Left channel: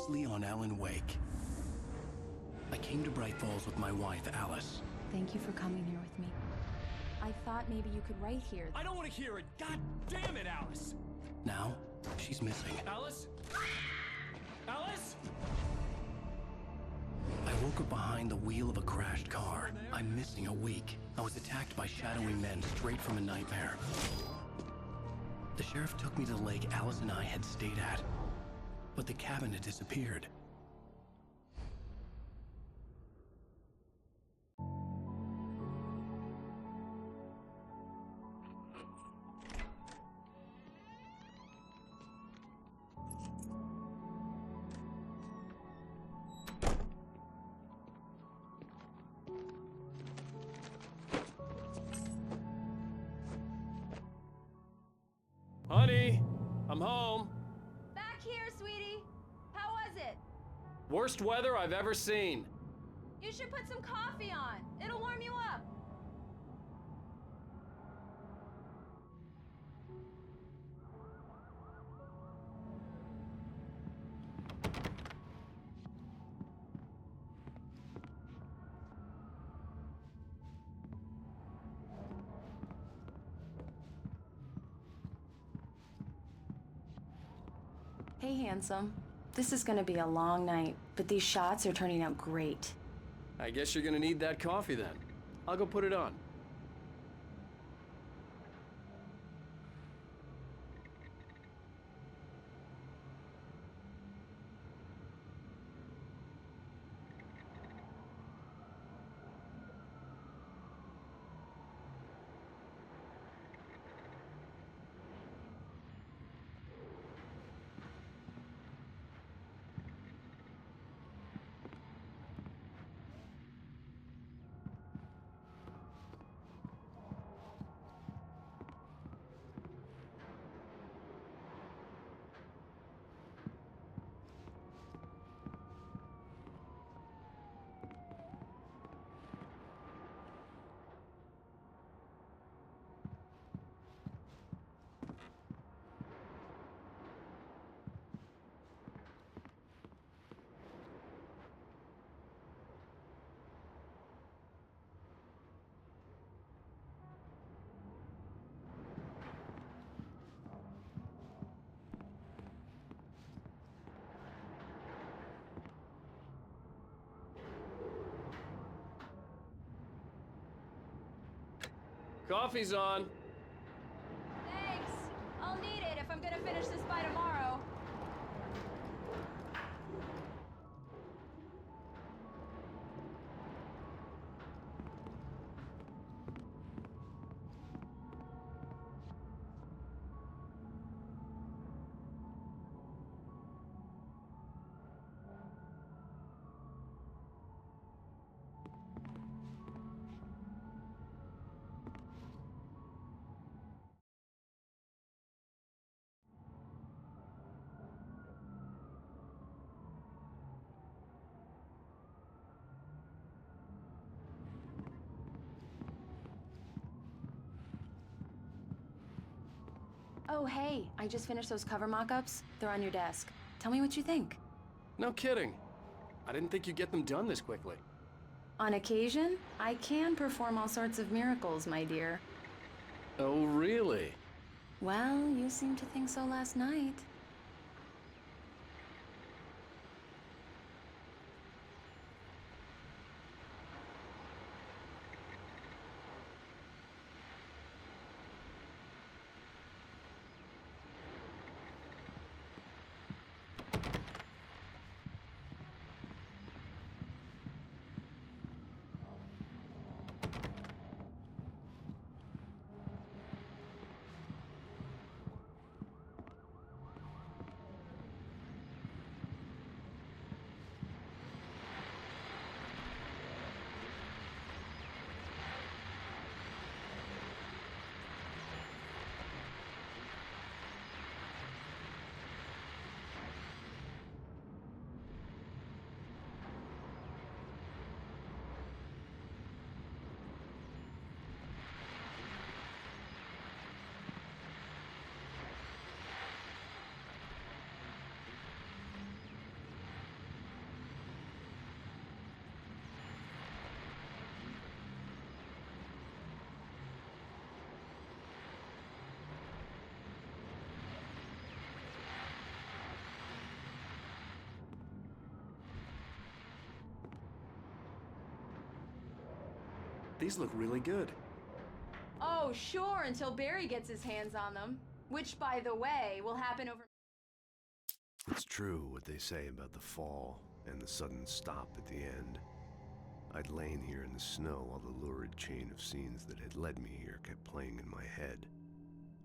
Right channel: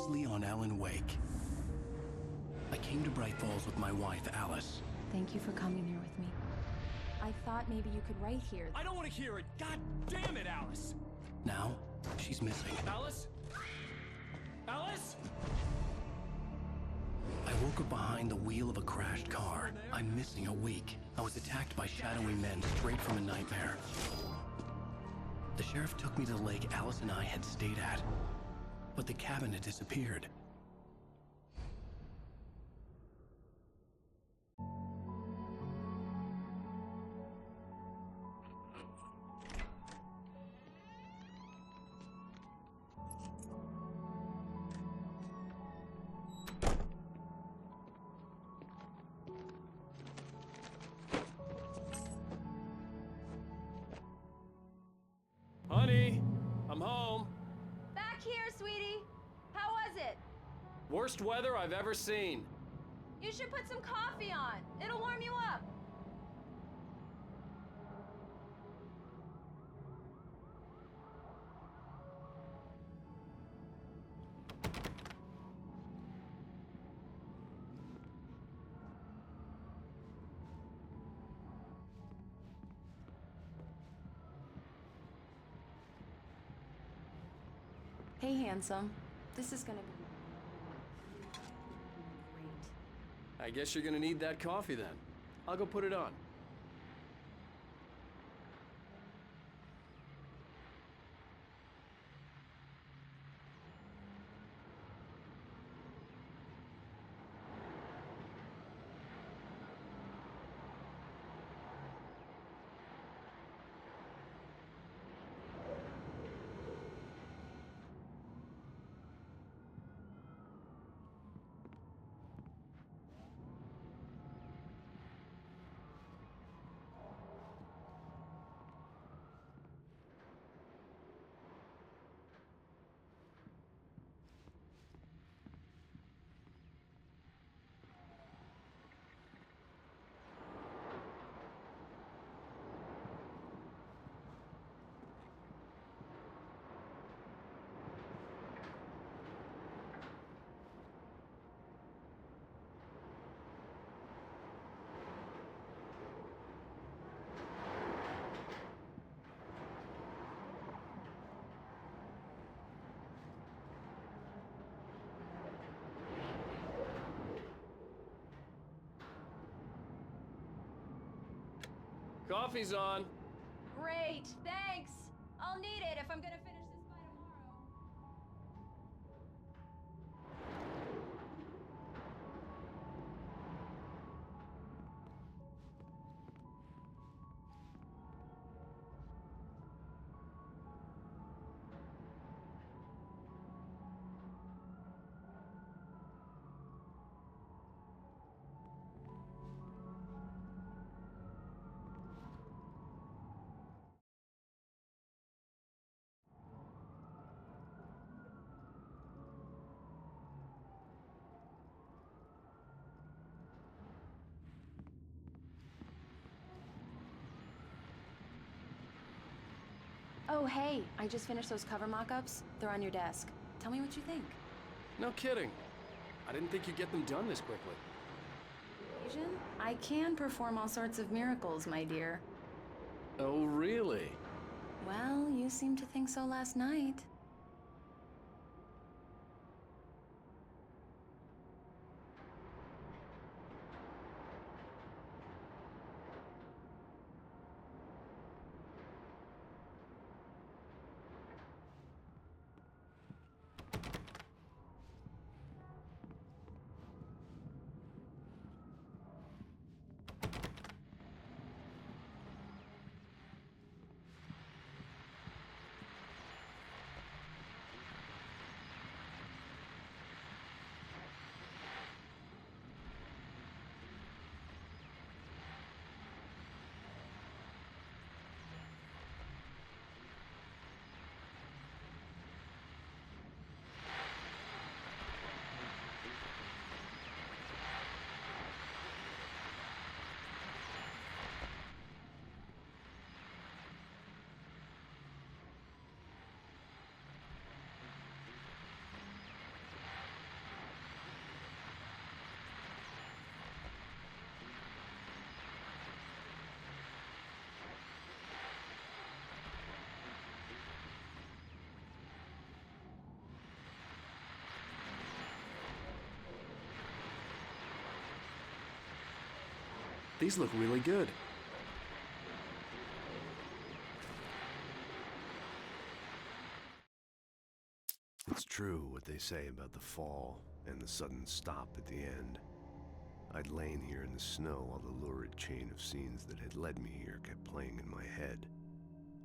is Leon Allen Wake. I came to Bright Falls with my wife, Alice. Thank you for coming here with me. I thought maybe you could write here. I don't want to hear it! God damn it, Alice! Now, she's missing. Alice? Alice? I woke up behind the wheel of a crashed car. I'm missing a week. I was attacked by shadowy men straight from a nightmare. The sheriff took me to the lake Alice and I had stayed at, but the cabin had disappeared. Honey, I'm home. Back here, sweetie. How was it? Worst weather I've ever seen. You should put some coffee on. It'll warm you up. Hey, handsome. This is gonna be a long night, but these shots are turning out great. I guess you're gonna need that coffee then. I'll go put it on. Coffee's on. Great, thanks. I'll need it if I'm gonna finish this by tomorrow. Oh, hey, I just finished those cover mock-ups. They're on your desk. Tell me what you think. No kidding. I didn't think you'd get them done this quickly. On occasion, I can perform all sorts of miracles, my dear. Oh, really? Well, you seemed to think so last night. These look really good. Oh, sure, until Barry gets his hands on them. Which, by the way, will happen over... It's true what they say about the fall and the sudden stop at the end. I'd lain here in the snow while the lurid chain of scenes that had led me here kept playing in my head.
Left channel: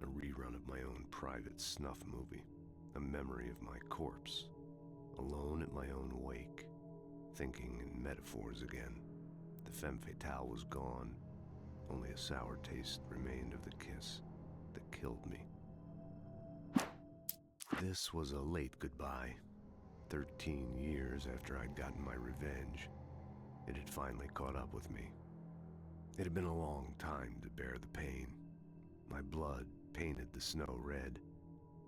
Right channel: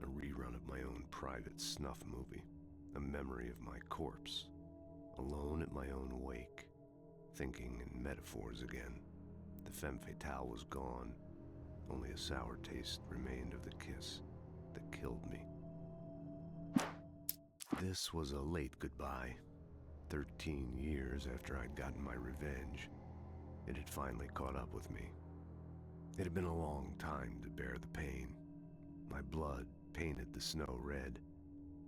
A rerun of my own private snuff movie. A memory of my corpse. Alone at my own wake. Thinking in metaphors again. The femme fatale was gone. Only a sour taste remained of the kiss that killed me. This was a late goodbye. 13 years after I'd gotten my revenge, it had finally caught up with me. It had been a long time to bear the pain. My blood painted the snow red.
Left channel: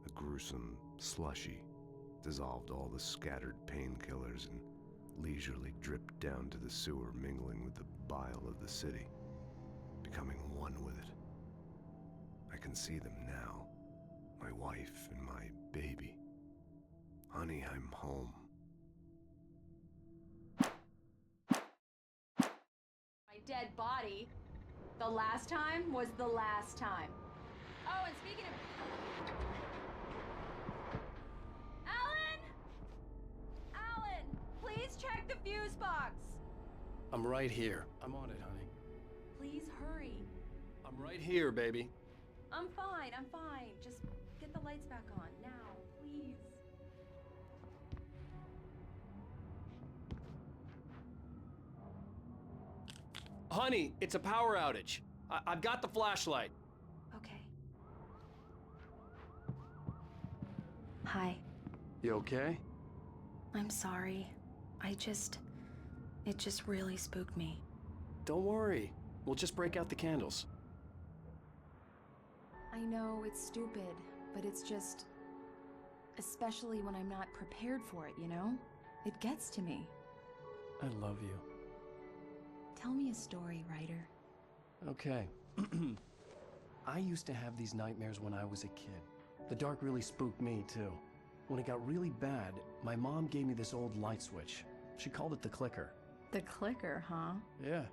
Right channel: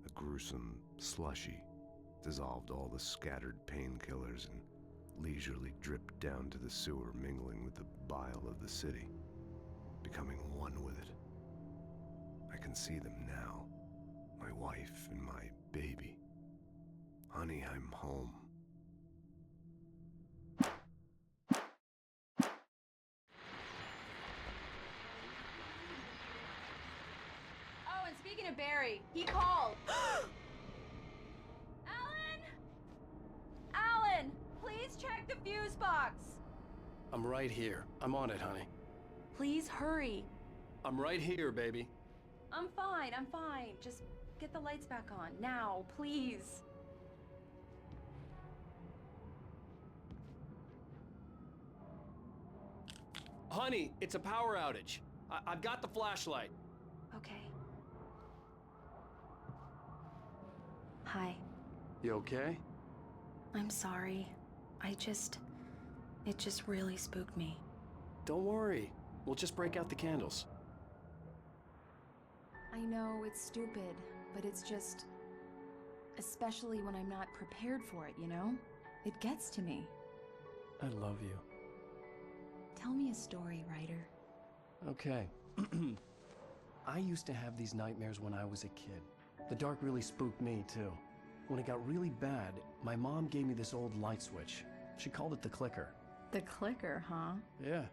A gruesome slushy dissolved all the scattered painkillers and leisurely dripped down to the sewer, mingling with the bile of the city, becoming one with it. I can see them now. My wife and my baby. Honey, I'm home. my dead body. The last time was the last time. Oh, and speaking of Barry, he called. Alan! Alan! Please check the fuse box! I'm right here. I'm on it, honey. Please hurry. I'm right here, baby. I'm fine, I'm fine. Just get the lights back on. Now, please. Honey, it's a power outage. I've got the flashlight. Okay. Hi. You okay? I'm sorry. It just really spooked me. Don't worry. We'll just break out the candles. I know it's stupid, but it's just... Especially when I'm not prepared for it, you know? It gets to me. I love you. Tell me a story, writer. Okay. I used to have these nightmares when I was a kid. The dark really spooked me, too. When it got really bad, my mom gave me this old light switch. She called it the clicker. The clicker, huh? Yeah.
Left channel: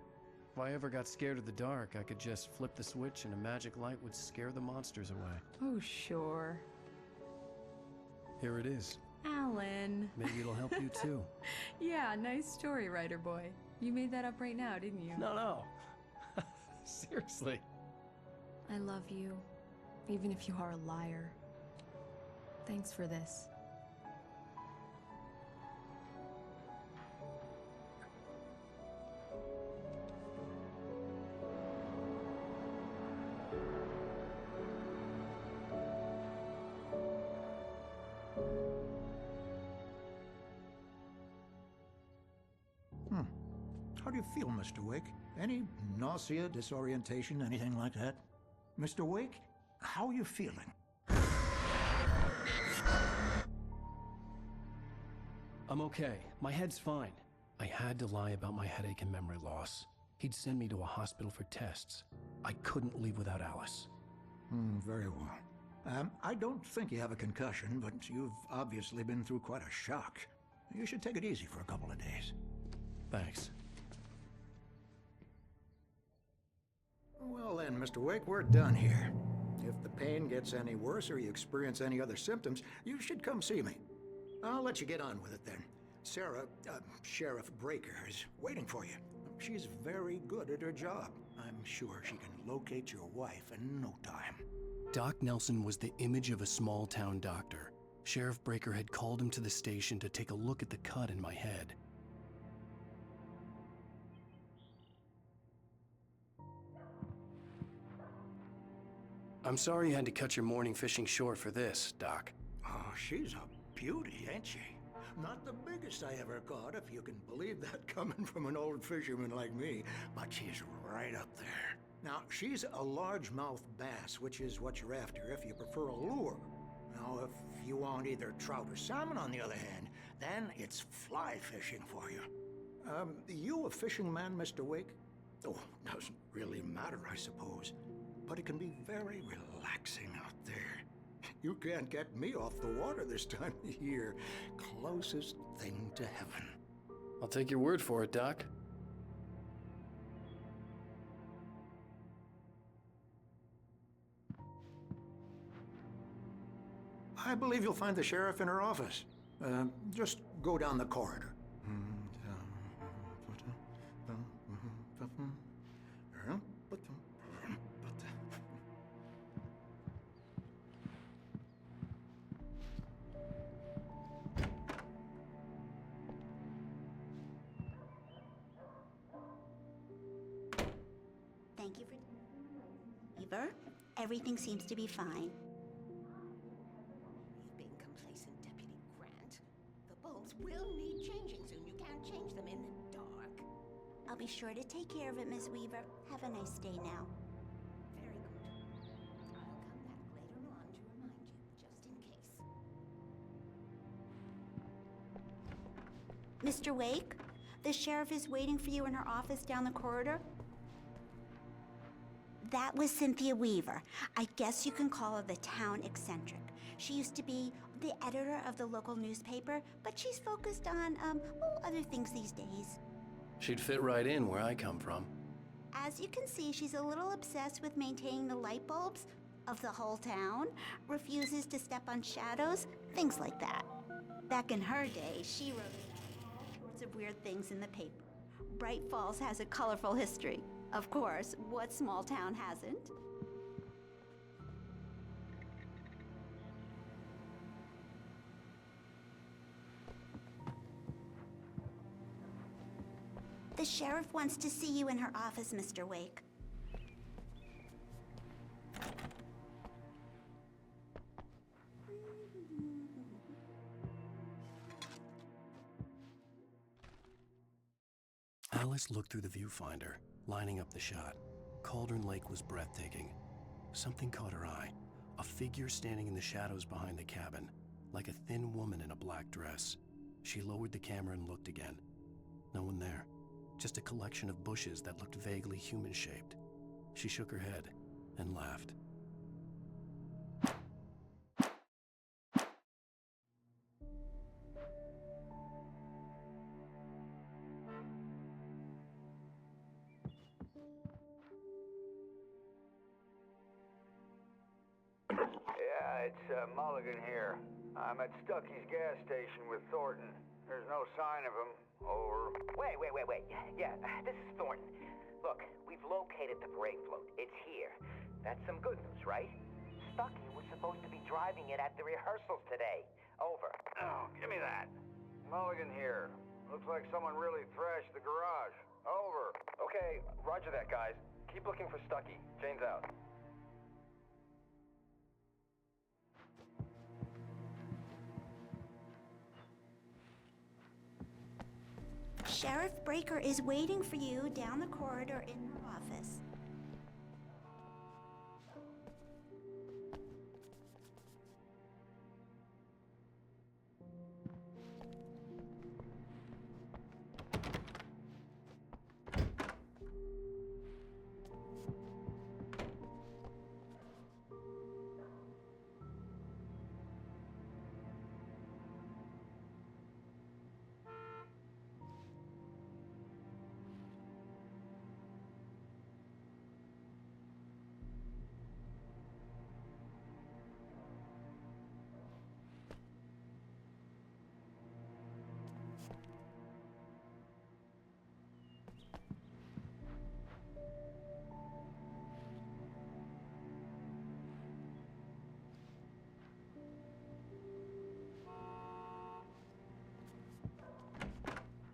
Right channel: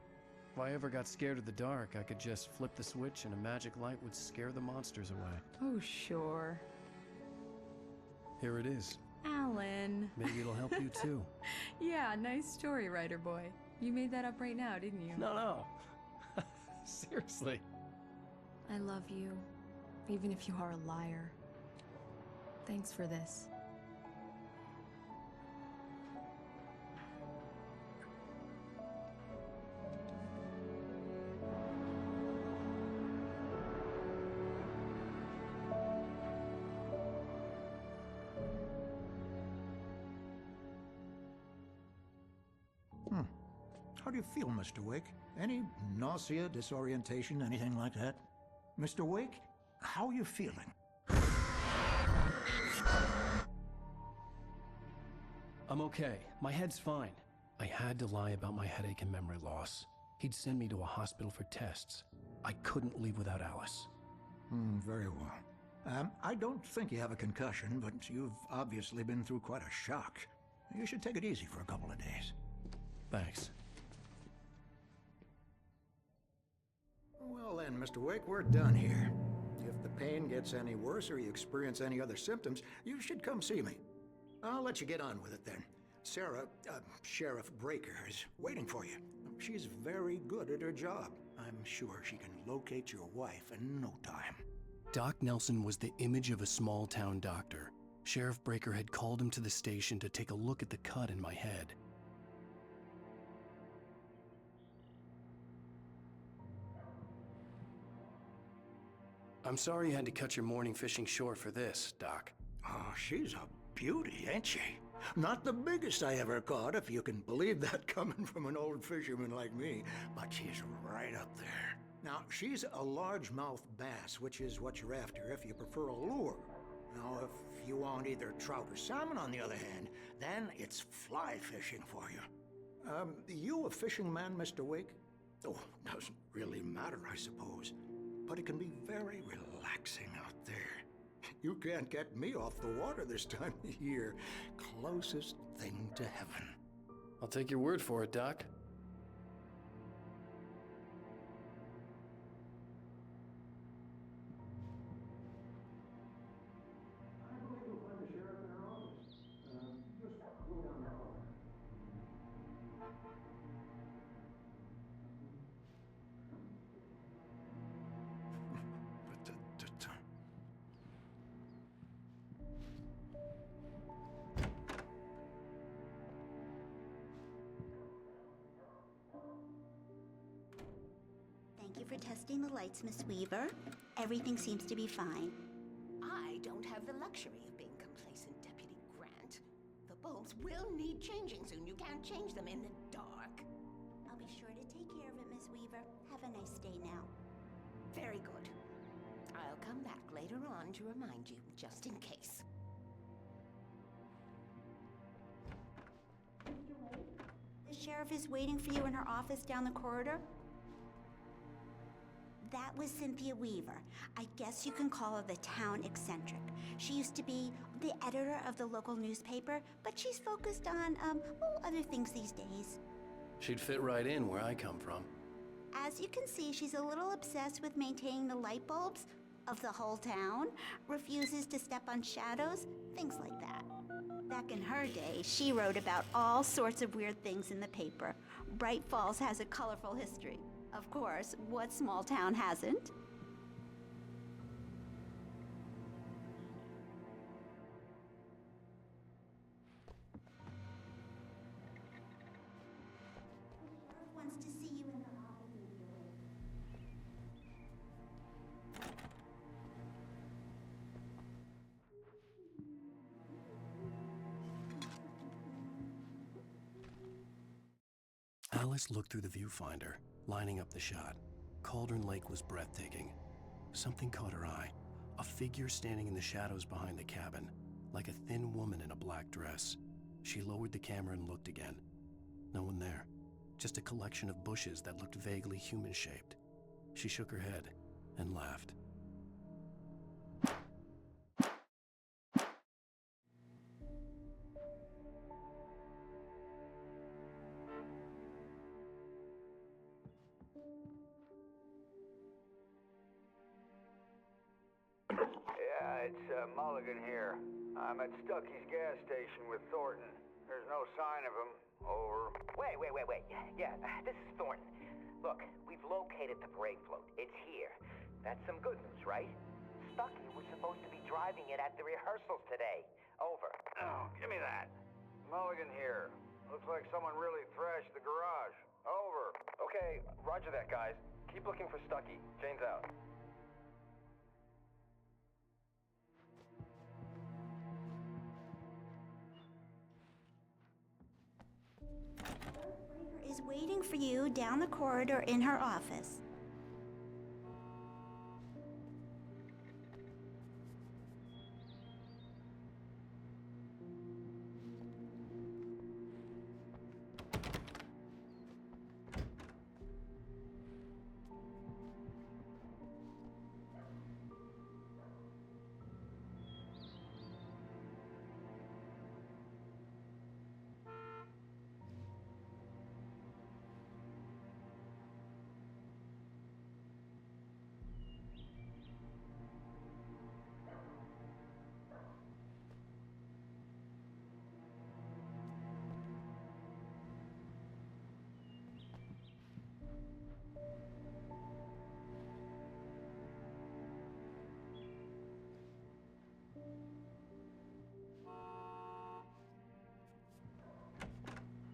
If I ever got scared of the dark, I could just flip the switch and a magic light would scare the monsters away. Oh, sure. Here it is. Alan. Maybe it'll help you, too. Yeah, nice story, writer boy. You made that up right now, didn't you? No. Seriously. I love you, even if you are a liar. Thanks for this. How do you feel, Mr. Wake? Any nausea, disorientation, anything like that? Mr. Wake, how are you feeling? I'm okay. My head's fine. I had to lie about my headache and memory loss. He'd send me to a hospital for tests. I couldn't leave without Alice. Very well. I don't think you have a concussion, but you've obviously been through quite a shock. You should take it easy for a couple of days. Thanks. Well then, Mr. Wake, we're done here. If the pain gets any worse or you experience any other symptoms, you should come see me. I'll let you get on with it then. Sarah, Sheriff Breaker, is waiting for you. She's very good at her job. I'm sure she can locate your wife in no time. Doc Nelson was the image of a small-town doctor. Sheriff Breaker had called him to the station to take a look at the cut in my head. I'm sorry you had to cut your morning fishing short for this, Doc. Oh, she's a beauty, ain't she? Not the biggest I ever caught, if you can believe that coming from an old fisherman like me, but she's right up there. Now, she's a largemouth bass, which is what you're after if you prefer a lure. Now, if you want either trout or salmon, on the other hand, then it's fly fishing for you. You a fishing man, Mr. Wake? Oh, doesn't really matter, I suppose. But it can be very relaxing out there. You can't get me off the water this time of year. Closest thing to heaven. I'll take your word for it, Doc. I believe you'll find the sheriff in her office. Just go down the corridor. Thank you for testing the lights, Miss Weaver. Everything seems to be fine. I don't have the luxury of being complacent, Deputy Grant. The bulbs will need changing soon. You can't change them in the dark. I'll be sure to take care of it, Miss Weaver. Have a nice day now. Very good. I'll come back later on to remind you, just in case. Mr. Wake, the sheriff is waiting for you in her office down the corridor. That was Cynthia Weaver. I guess you can call her the town eccentric. She used to be the editor of the local newspaper, but she's focused on, other things these days. She'd fit right in where I come from. As you can see, she's a little obsessed with maintaining the light bulbs of the whole town, refuses to step on shadows, things like that. Back in her day, she wrote about all sorts of weird things in the paper. Bright Falls has a colorful history. Of course, what small town hasn't? The sheriff wants to see you in her office, Mr. Wake. Alice looked through the viewfinder, lining up the shot. Cauldron Lake was breathtaking. Something caught her eye. A figure standing in the shadows behind the cabin, like a thin woman in a black dress. She lowered the camera and looked again. No one there. Just a collection of bushes that looked vaguely human-shaped. She shook her head and laughed. Yeah, it's Mulligan here. I'm at Stucky's gas station with Thornton. There's no sign of him. Over. Wait. Yeah, this is Thornton. Look, we've located the brake float. It's here. That's some good news, right? Stucky was supposed to be driving it at the rehearsals today. Over. Oh, give me that. Mulligan here. Looks like someone really thrashed the garage. Over. Okay, roger that, guys. Keep looking for Stucky. Jane's out. Sheriff Breaker is waiting for you down the corridor in her office.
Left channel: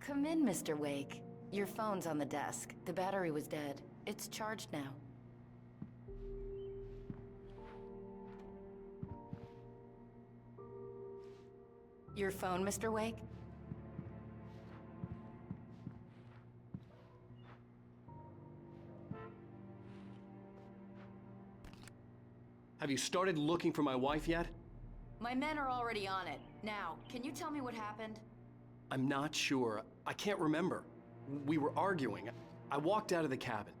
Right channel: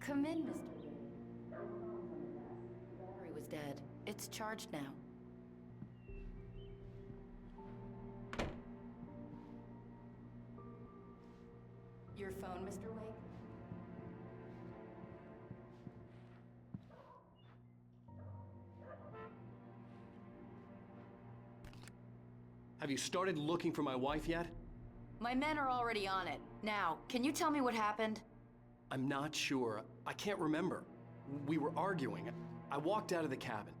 Come in, Mr. Wake. Your phone's on the desk. The battery was dead. It's charged now. Your phone, Mr. Wake? Have you started looking for my wife yet? My men are already on it. Now, can you tell me what happened? I'm not sure. I can't remember. We were arguing. I walked out of the cabin.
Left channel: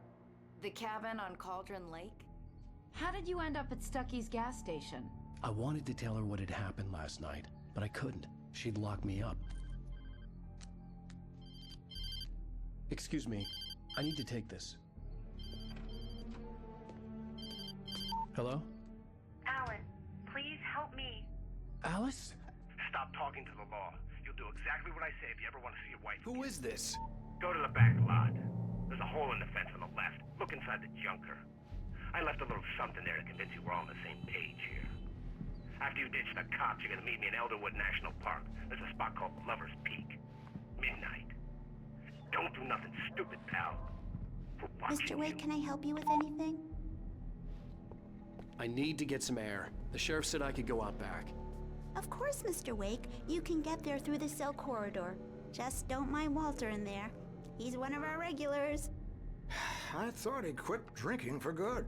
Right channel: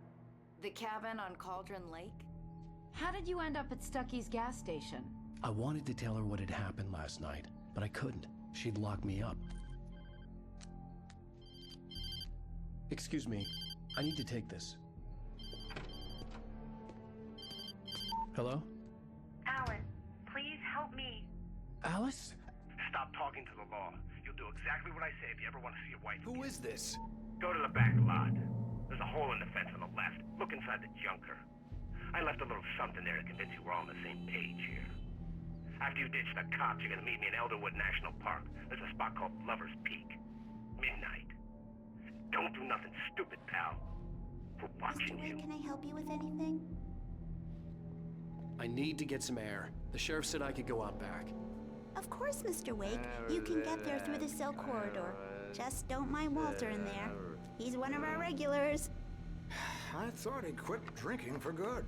The cabin on Cauldron Lake? How did you end up at Stucky's gas station? I wanted to tell her what had happened last night, but I couldn't. She'd lock me up. Excuse me. I need to take this. Hello? Alan, please help me. Alice? Stop talking to the law. You'll do exactly what I say if you ever want to see your wife. Who is this? Go to the back lot. There's a hole in the fence on the left. Look inside the junker. I left a little something there to convince you we're all on the same page here. After you ditch the cops, you're gonna meet me in Elderwood National Park. There's a spot called Lover's Peak. Midnight. Don't do nothing stupid, pal. We're watching Mr. Wake, you. can I help you with anything? I need to get some air. The sheriff said I could go out back. Of course, Mr. Wake. You can get there through the cell corridor. Just don't mind Walter in there. He's one of our regulars. I thought he quit drinking for good.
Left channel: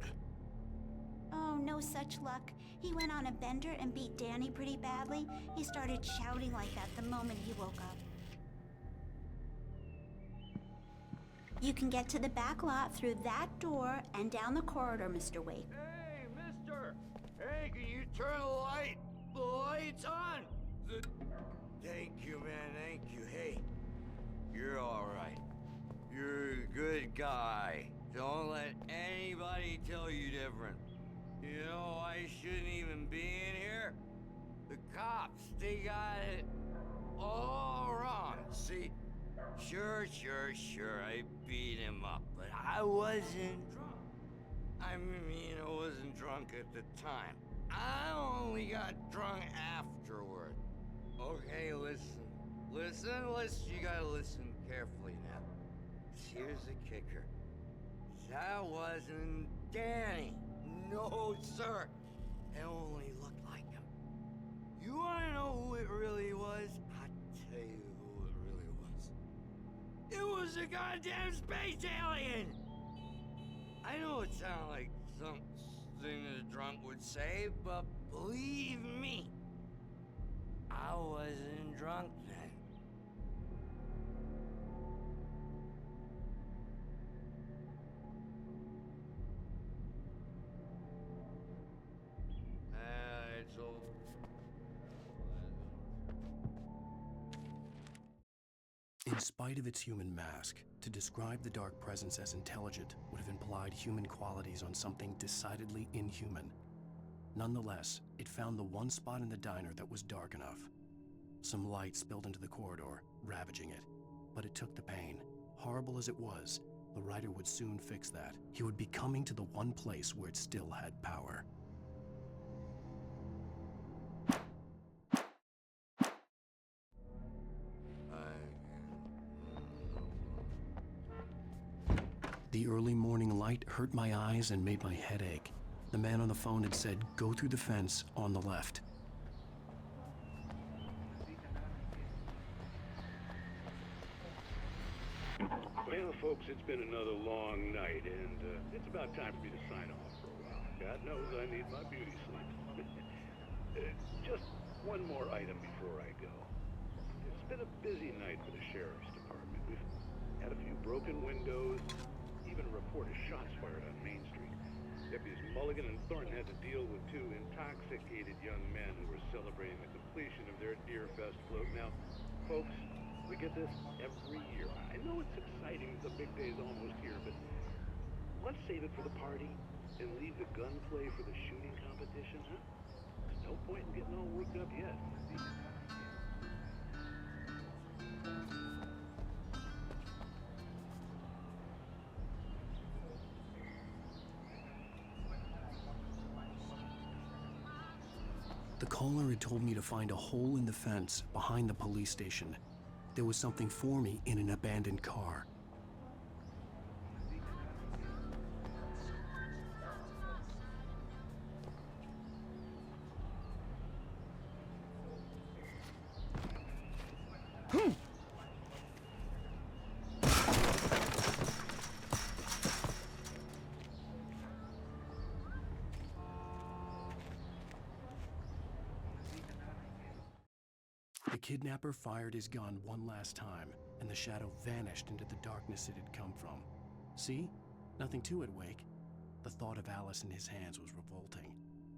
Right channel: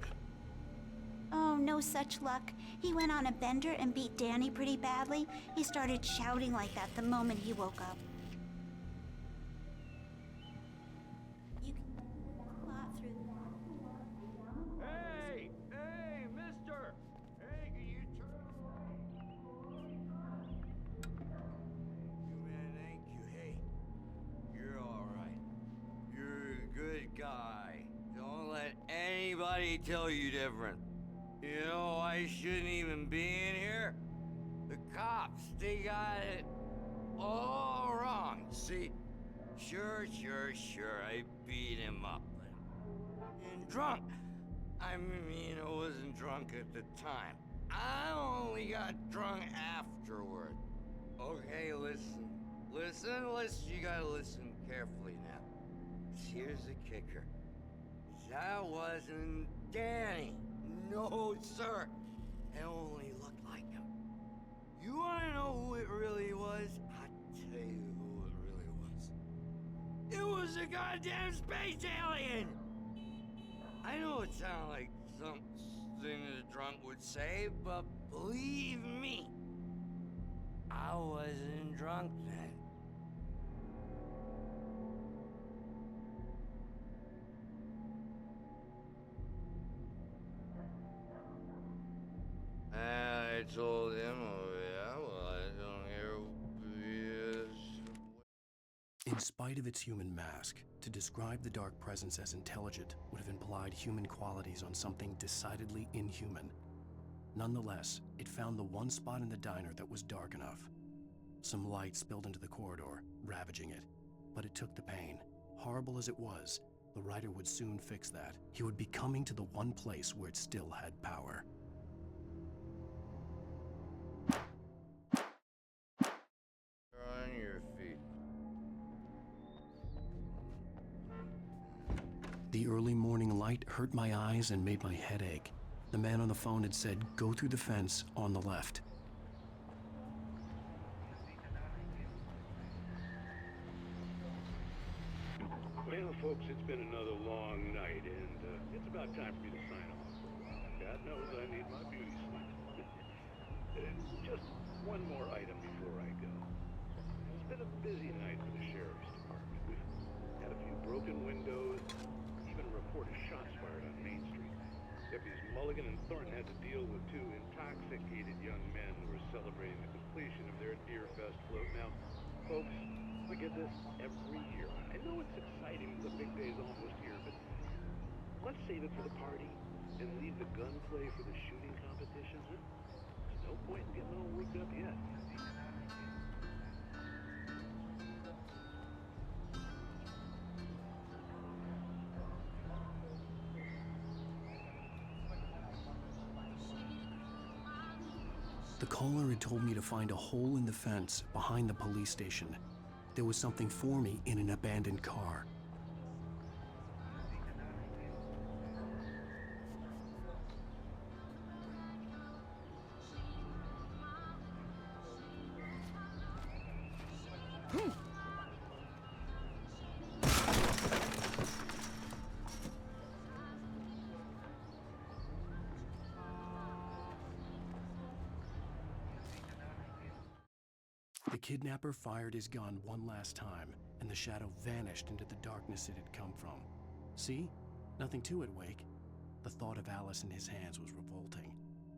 Oh, no such luck. He went on a bender and beat Danny pretty badly. He started shouting like that the moment he woke up. You can get to the back lot through that door and down the corridor, Mr. Wake. Hey, mister! Hey, can you turn the light? The light's on! Thank you, man, thank you. Hey, you're all right. You're a good guy. Don't let anybody tell you different. You know, I shouldn't even be in here. The cops, they got it all wrong. See, sure, I beat him up, but I wasn't drunk. I mean, I wasn't drunk at the time. I only got drunk afterward. Okay, listen. You gotta listen carefully now. Here's the kicker. That wasn't Danny. No, sir. It only looked like him. You wanna know who it really was? I'll tell you who it really was. It was a goddamn space alien! I know it sounds like something a drunk would say, but believe me, I wasn't drunk then. I told him, oh yeah, well, I don't hear who he is. In spite of its human mask, to describe the dark presence as intelligent would have implied human qualities on something decidedly inhuman. Nonetheless, it found the one spot in the diner that was dark enough. Some light spilled into the corridor, ravaging it. But it took the pain. Horrible as it was, the writer would soon fix that. He would be coming to the one place where it still had power. On your feet. The early morning light hurt my eyes and made my head ache. The man on the phone had said, "Go through the fence on the left." Well, folks, it's been another long night, and it's about time for me to sign off for a while. God knows I need my beauty sleep. Just one more item before I go. It's been a busy night for the sheriff's department. We've had a few broken windows, even a report of shots fired on Main Street. Deputies Mulligan and Thornton had to deal with two intoxicated young men who were celebrating the completion of their Deer Fest float. Now, folks, we get this every year. I know it's exciting, the big day's almost here, but let's save it for the party and leave the gunplay for the shooting competition, huh? There's no point in getting all worked up yet. The caller had told me to find a hole in the fence behind the police station. There was something for me in an abandoned car. The kidnapper fired his gun one last time, and the shadow vanished into the darkness it had come from. See? Nothing to it, Wake. The thought of Alice in his hands was revolting.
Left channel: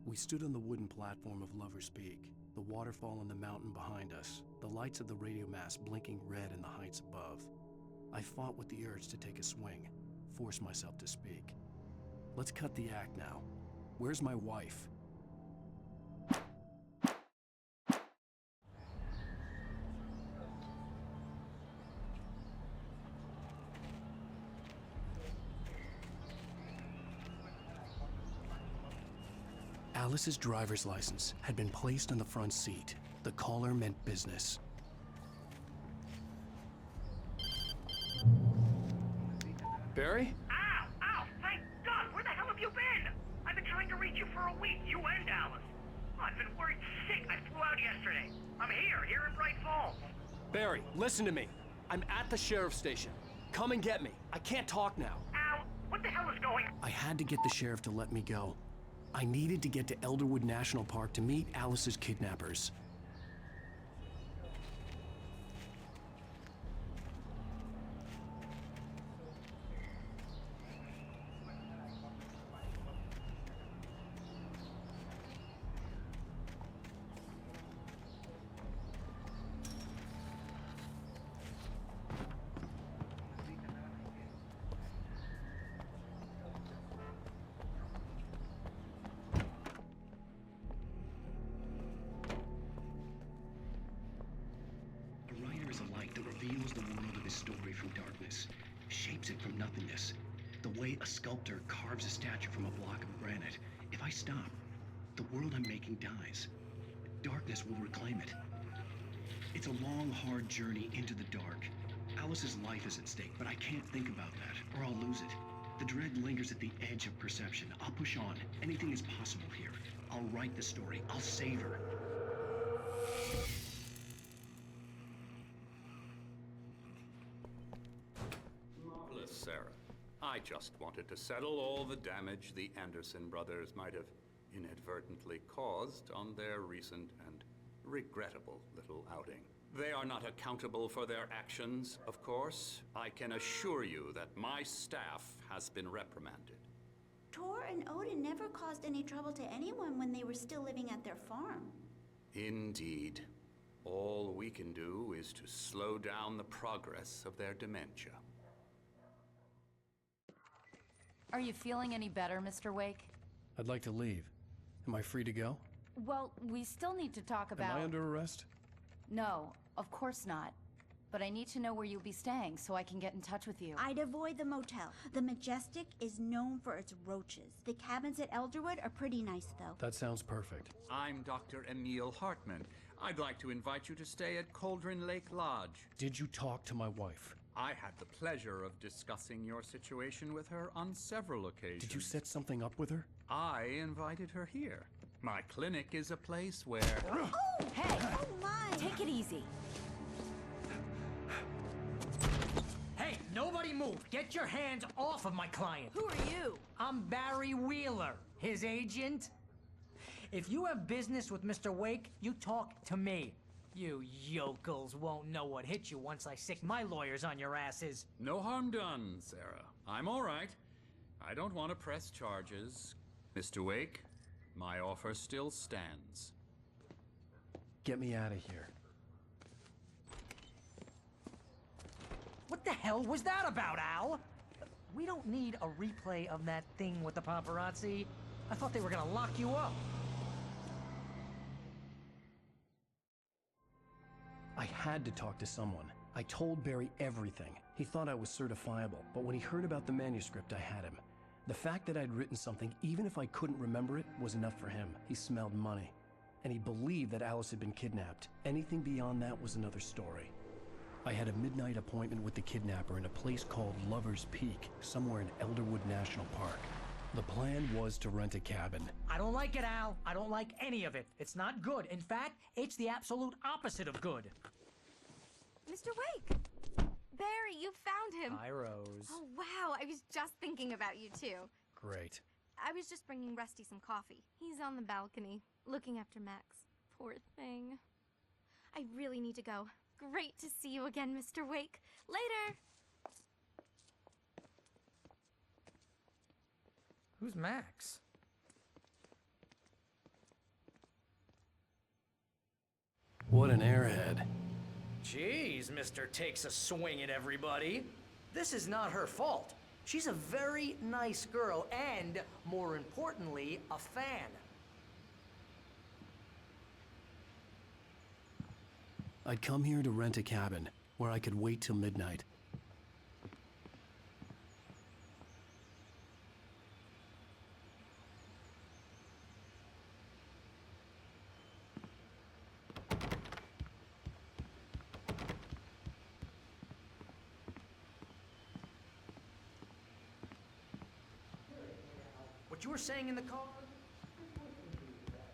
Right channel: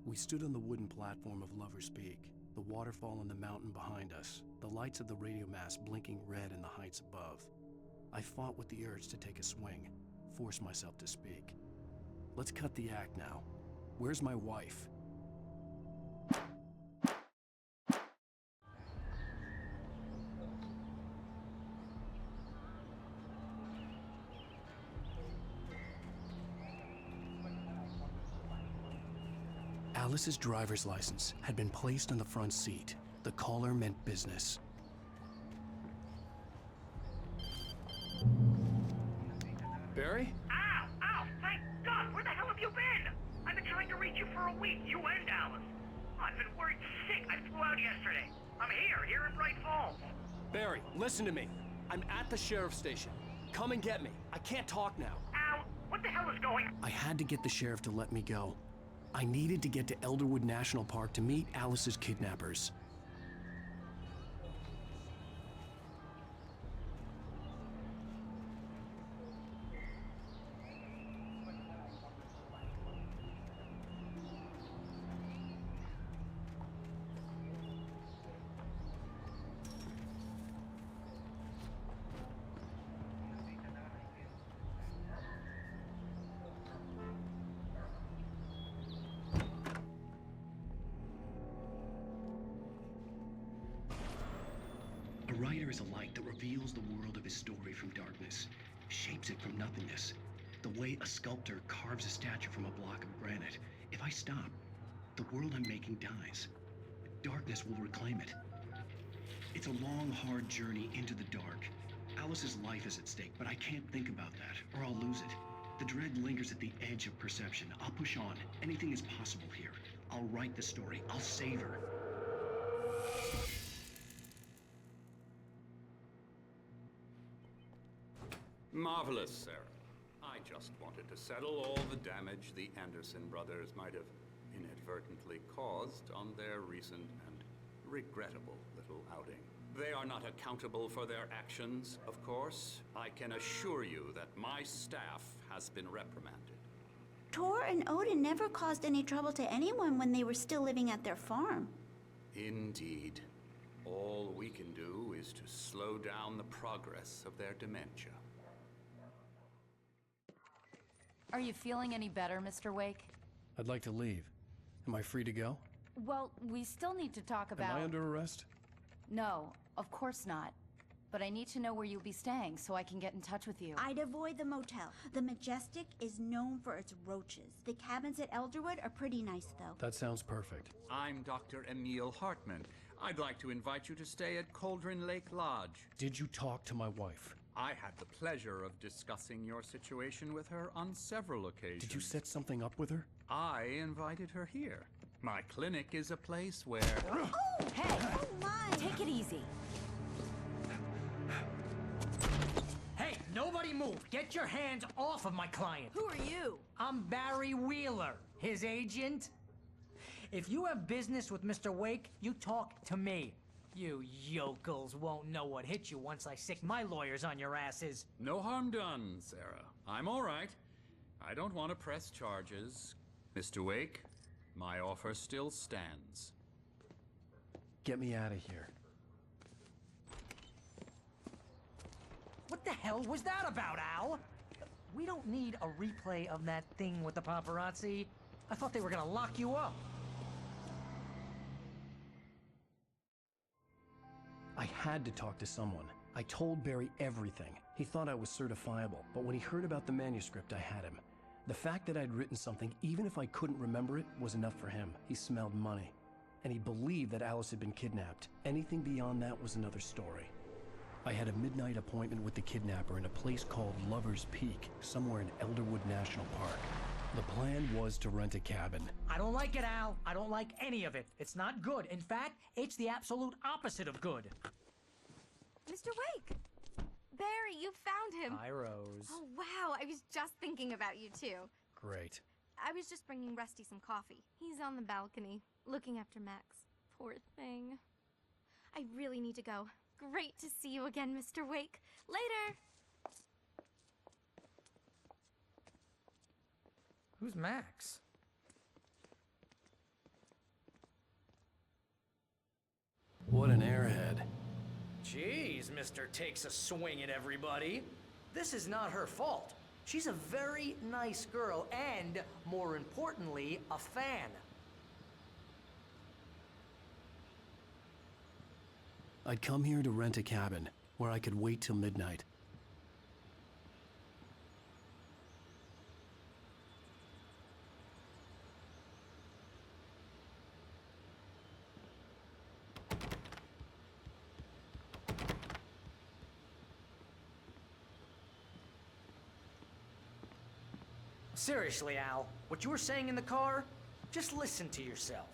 We stood on the wooden platform of Lover's Peak, the waterfall on the mountain behind us, the lights of the radio mast blinking red in the heights above. I fought with the urge to take a swing, force myself to speak. Let's cut the act now. Where's my wife? Alice's driver's license had been placed on the front seat. The caller meant business. Barry? Ow! Ow! Thank God! Where the hell have you been? I've been trying to reach you for a week, you and Alice. I've been worried sick. I flew out yesterday. I'm here in Bright Falls. Barry, listen to me. I'm at the sheriff's station. Come and get me. I can't talk now. Al, what the hell is going on? I had to get the sheriff to let me go. I needed to get to Elderwood National Park to meet Alice's kidnappers. A writer is a light that reveals the world of his story from darkness, shapes it from nothingness. The way a sculptor carves a statue from a block of granite. If I stop, the world I'm making dies. Darkness will reclaim it. It's a long, hard journey into the dark. Alice's life is at stake, but I can't think about that, or I'll lose it. The dread lingers at the edge of perception. I'll push on. Anything is possible here. I'll write the story. I'll save her. Marvelous, Sarah. I just wanted to settle all the damage the Anderson brothers might have inadvertently caused on their recent and regrettable little outing. They are not accountable for their actions, of course. I can assure you that my staff has been reprimanded. Tor and Odin never caused any trouble to anyone when they were still living at their farm. Indeed. All we can do is to slow down the progress of their dementia. Are you feeling any better, Mr. Wake? I'd like to leave. Am I free to go? Well, we still need to talk about... Am I under arrest? No, of course not. But I need to know where you'll be staying so I can get in touch with you. I'd avoid the motel. The Majestic is known for its roaches. The cabins at Elderwood are pretty nice, though. That sounds perfect. I'm Dr. Emil Hartman. I'd like to invite you to stay at Cauldron Lake Lodge. Did you talk to my wife? I had the pleasure of discussing your situation with her on several occasions. Did you set something up with her? I invited her here. My clinic is a place where... Oh! Hey! Oh, my! Take it easy. Hey, nobody move! Get your hands off of my client! Who are you? I'm Barry Wheeler, his agent. If you have business with Mr. Wake, you talk to me. You yokels won't know what hit you once I sick my lawyers on your asses. No harm done, Sarah. I'm all right. I don't want to press charges. Mr. Wake, my offer still stands. Get me out of here. What the hell was that about, Al? We don't need a replay of that thing with the paparazzi. I thought they were gonna lock you up. I had to talk to someone. I told Barry everything. He thought I was certifiable, but when he heard about the manuscript, I had him. The fact that I'd written something, even if I couldn't remember it, was enough for him. He smelled money. And he believed that Alice had been kidnapped. Anything beyond that was another story. I had a midnight appointment with the kidnapper in a place called Lover's Peak, somewhere in Elderwood National Park. The plan was to rent a cabin. I don't like it, Al. I don't like any of it. It's not good. In fact, it's the absolute opposite of good. Mr. Wake! Barry, you found him! Hi, Rose. Oh, wow, I was just thinking about you, too. Great. I was just bringing Rusty some coffee. He's on the balcony, looking after Max. Poor thing. I really need to go. Great to see you again, Mr. Wake. Later! Who's Max? What an airhead. Jeez, Mr. Takes a swing at everybody. This is not her fault. She's a very nice girl and, more importantly, a fan. I'd come here to rent a cabin, where I could wait till midnight. Seriously, Al, what you were saying in the car, just listen to yourself.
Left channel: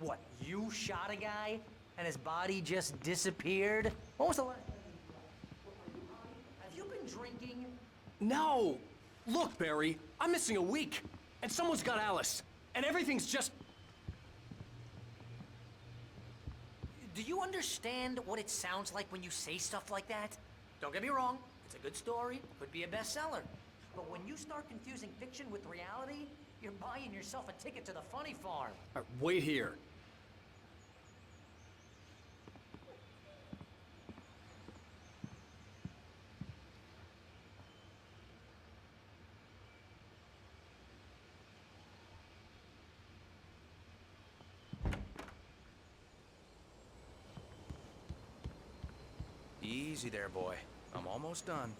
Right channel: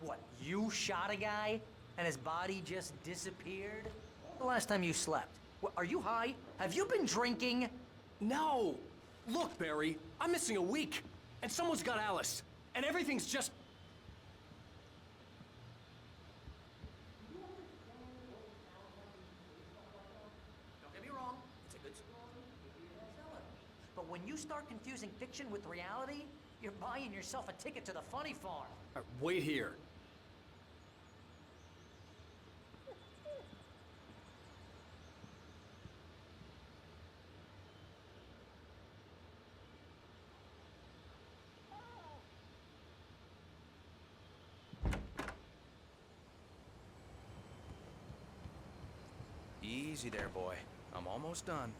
What, you shot a guy and his body just disappeared? When was the last time you slept? Are you high? Have you been drinking? No! Look, Barry, I'm missing a week, and someone's got Alice, and everything's just... Do you understand what it sounds like when you say stuff like that? Don't get me wrong, it's a good story, could be a bestseller. But when you start confusing fiction with reality, you're buying yourself a ticket to the funny farm. Wait here. Easy there, boy. I'm almost done.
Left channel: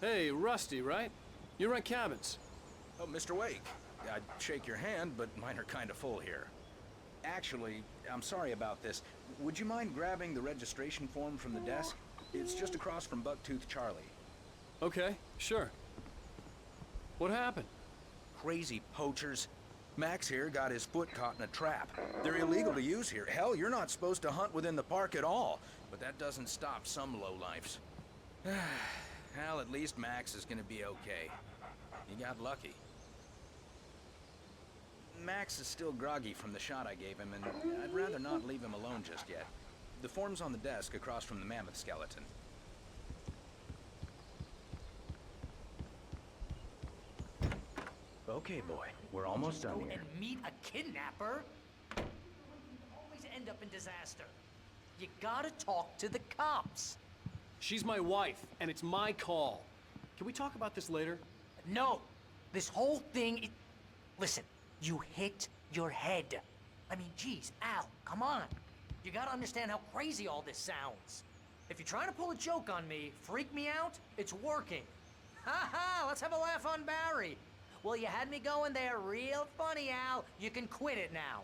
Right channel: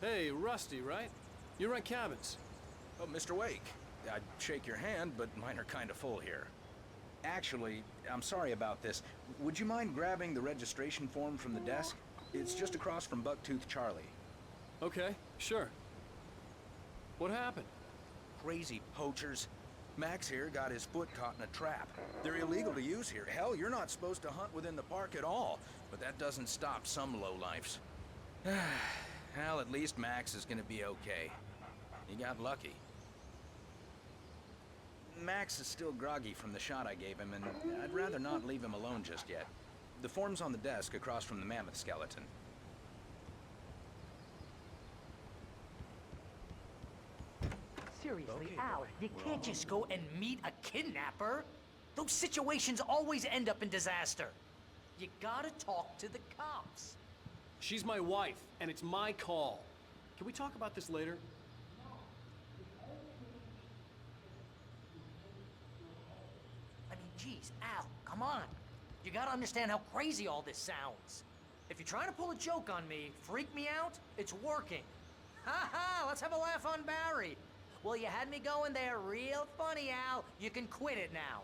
Hey, Rusty, right? You rent cabins. Oh, Mr. Wake. I'd shake your hand, but mine are kind of full here. Actually, I'm sorry about this. Would you mind grabbing the registration form from the desk? It's just across from Bucktooth Charlie. Okay, sure. What happened? Crazy poachers. Max here got his foot caught in a trap. They're illegal to use here. Hell, you're not supposed to hunt within the park at all. But that doesn't stop some lowlifes. Well, at least Max is gonna be okay. He got lucky. Max is still groggy from the shot I gave him, and I'd rather not leave him alone just yet. The form's on the desk across from the mammoth skeleton. Seriously, Okay, Al, boy. You We're can't almost just done go here. and meet a kidnapper. Those situations always end up in disaster. You gotta talk to the cops. She's my wife, and it's my call. Can we talk about this later? No, this whole thing is... Listen, you hit your head. I mean, geez, Al, come on. You gotta understand how crazy all this sounds. If you're trying to pull a joke on me, freak me out, it's working. Ha ha, let's have a laugh on Barry. Well, you had me going there real funny, Al. You can quit it now.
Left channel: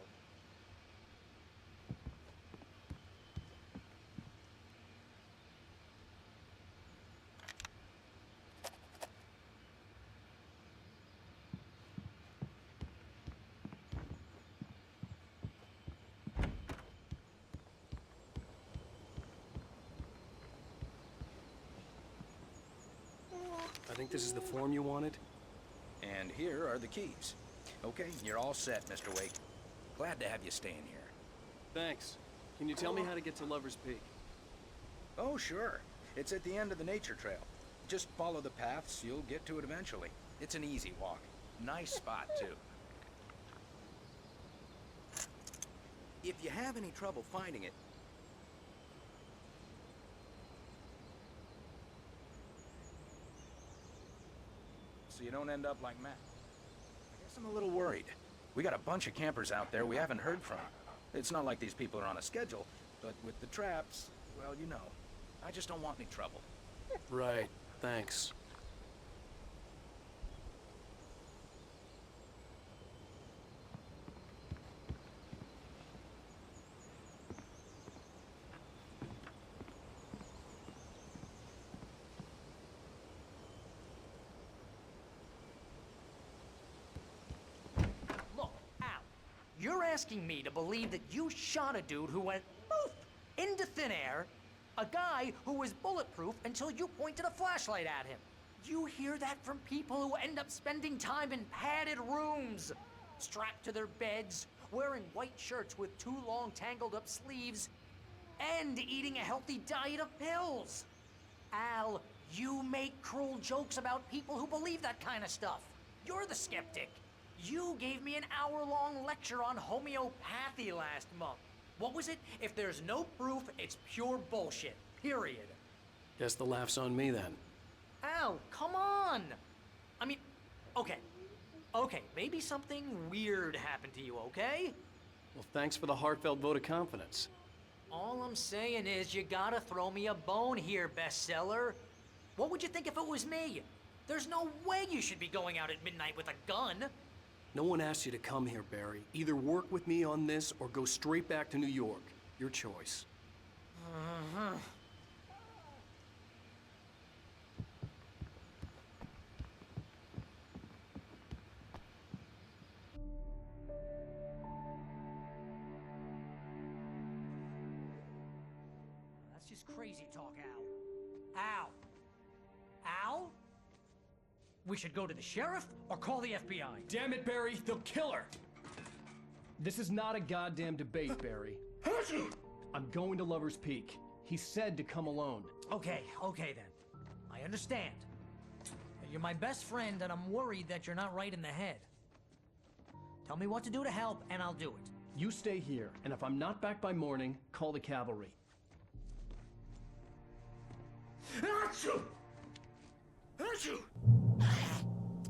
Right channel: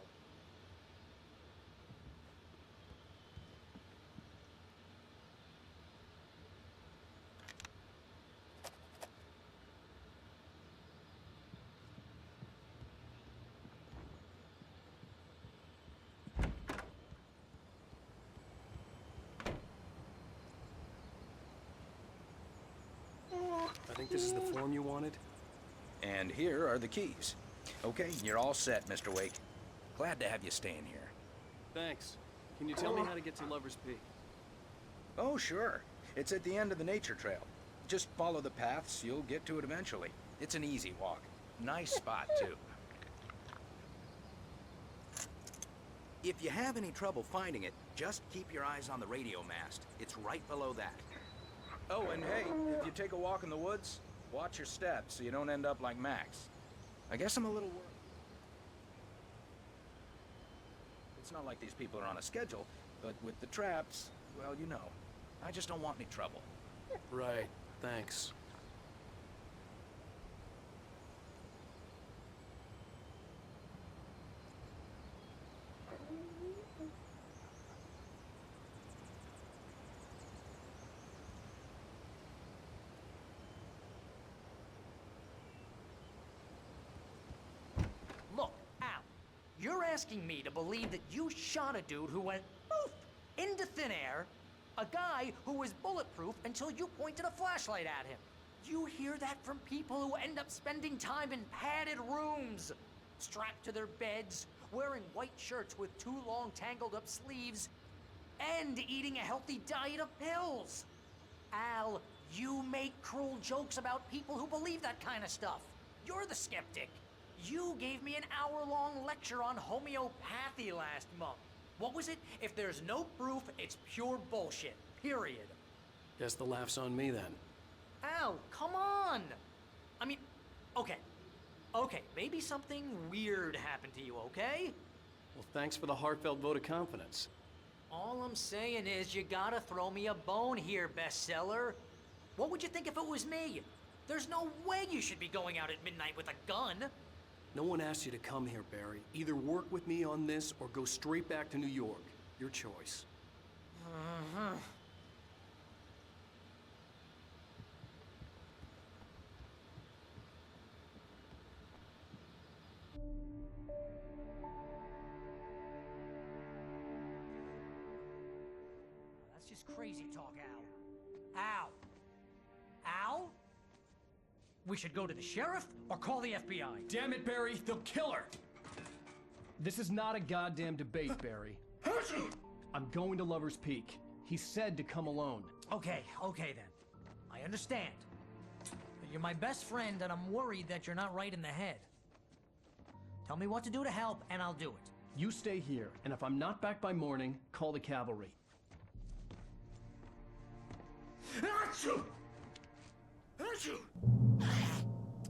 I think this is the form you wanted. And here are the keys. Okay, you're all set, Mr. Wake. Glad to have you staying here. Thanks. Can you tell me how to get to Lover's Peak? Oh, sure. It's at the end of the nature trail. Just follow the paths, you'll get to it eventually. It's an easy walk. Nice spot, too. If you have any trouble finding it, just keep your eyes on the radio mast. It's right below that. Oh, and hey, if you take a walk in the woods, watch your steps so you don't end up like Max. I guess I'm a little worried. We got a bunch of campers out there we haven't heard from. It's not like these people are on a schedule, but with the traps, well, you know. I just don't want any trouble. Right, thanks. Look, Al, you're asking me to believe that you shot a dude who went poof into thin air, a guy who was bulletproof until you pointed a flashlight at him. You hear that from people who end up spending time in padded rooms, strapped to their beds, wearing white shirts with too long tangled up sleeves, and eating a healthy diet of pills. Al, you make cruel jokes about people who believe that kind of stuff. You're the skeptic. You gave me an hour-long lecture on homeopathy last month. What was it? If there's no proof, it's pure bullshit. Period. Guess the laugh's on me then. Al, come on! I mean, okay. Okay, maybe something weird happened to you, okay? Well, thanks for the heartfelt vote of confidence. All I'm saying is you gotta throw me a bone here, bestseller. What would you think if it was me? There's no way you should be going out at midnight with a gun. No one asked you to come here, Barry. Either work with me on this or go straight back to New York. Your choice. That's just crazy talk, Al. Al! Al? We should go to the sheriff or call the FBI. Damn it, Barry, they'll kill her! This is not a goddamn debate, Barry. I'm going to Lover's Peak. He said to come alone. Okay then. I understand. But you're my best friend and I'm worried that you're not right in the head. Tell me what to do to help and I'll do it. You stay here, and if I'm not back by morning, call the cavalry. Achoo! Achoo!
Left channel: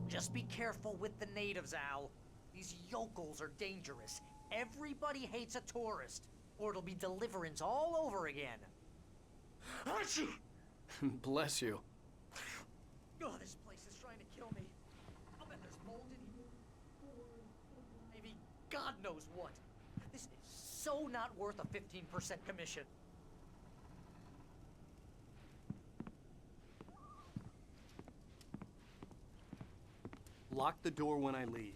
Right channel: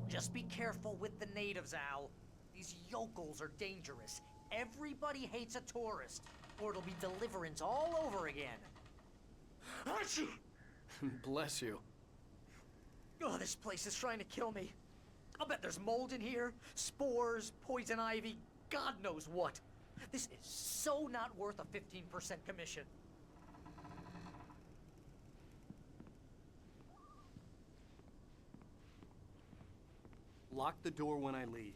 Just be careful with the natives, Al. These yokels are dangerous. Everybody hates a tourist, or it'll be Deliverance all over again. Achoo! Bless you. Oh, this place is trying to kill me. I'll bet there's mold in here, spores, poison ivy, God knows what. This is so not worth a 15% commission. Lock the door when I leave.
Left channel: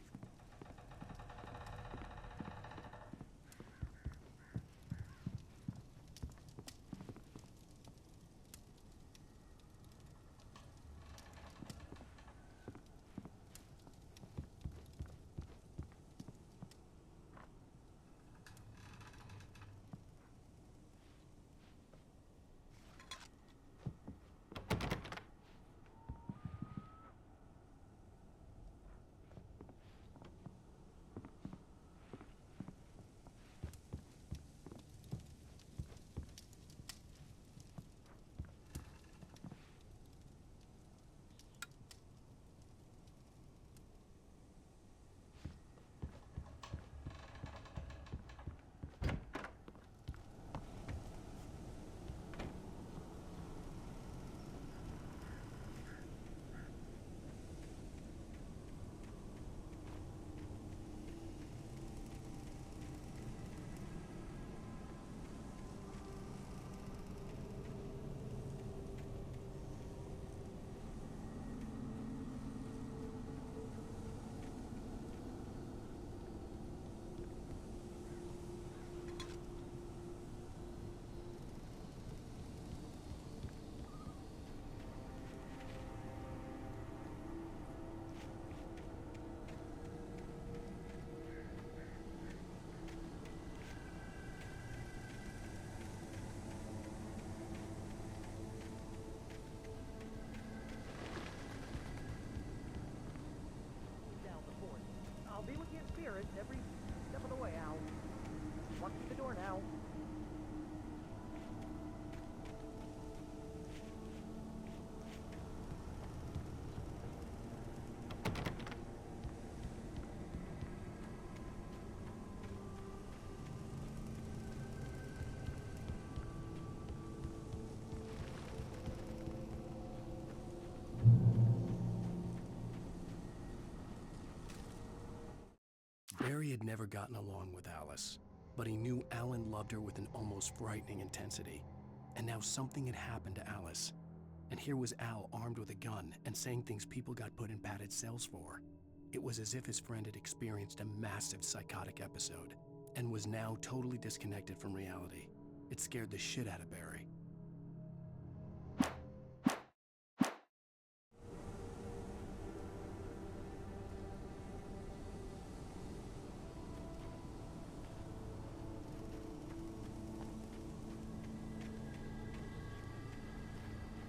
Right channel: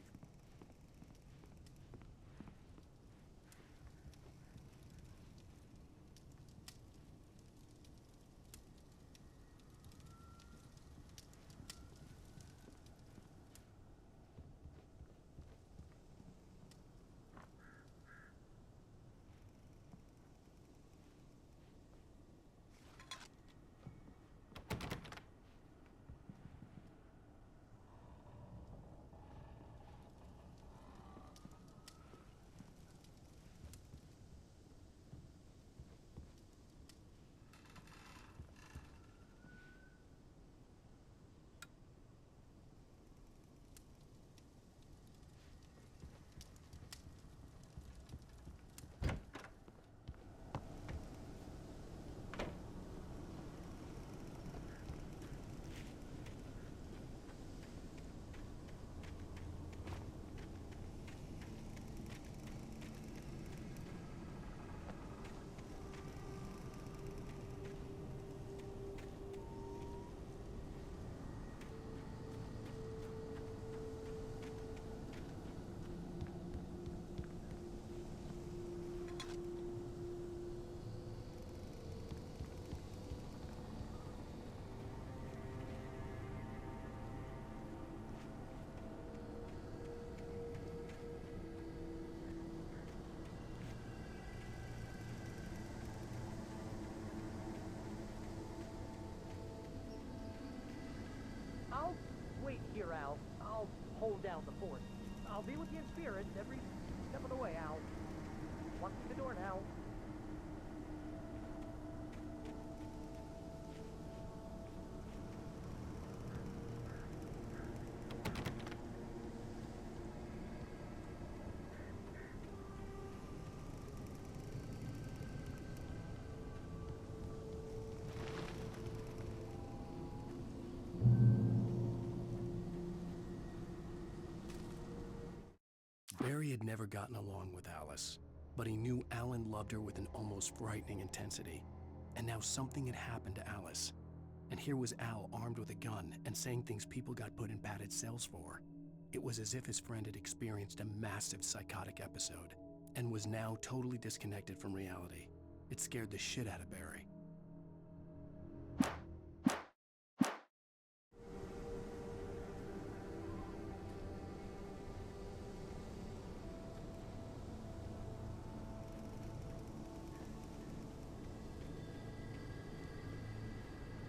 Hold down the fort. I'll be with you in spirit every step of the way, Al. Locking the door now. Barry had never gotten along with Alice, but he knew Alan loved her with an almost frightening intensity. And now something had happened to Alice. And here was Al armed with a gun and saying things people got put in padded cells for. It was as if his friend had experienced a massive psychotic episode and was now totally disconnected from reality. It scared the shit out of Barry.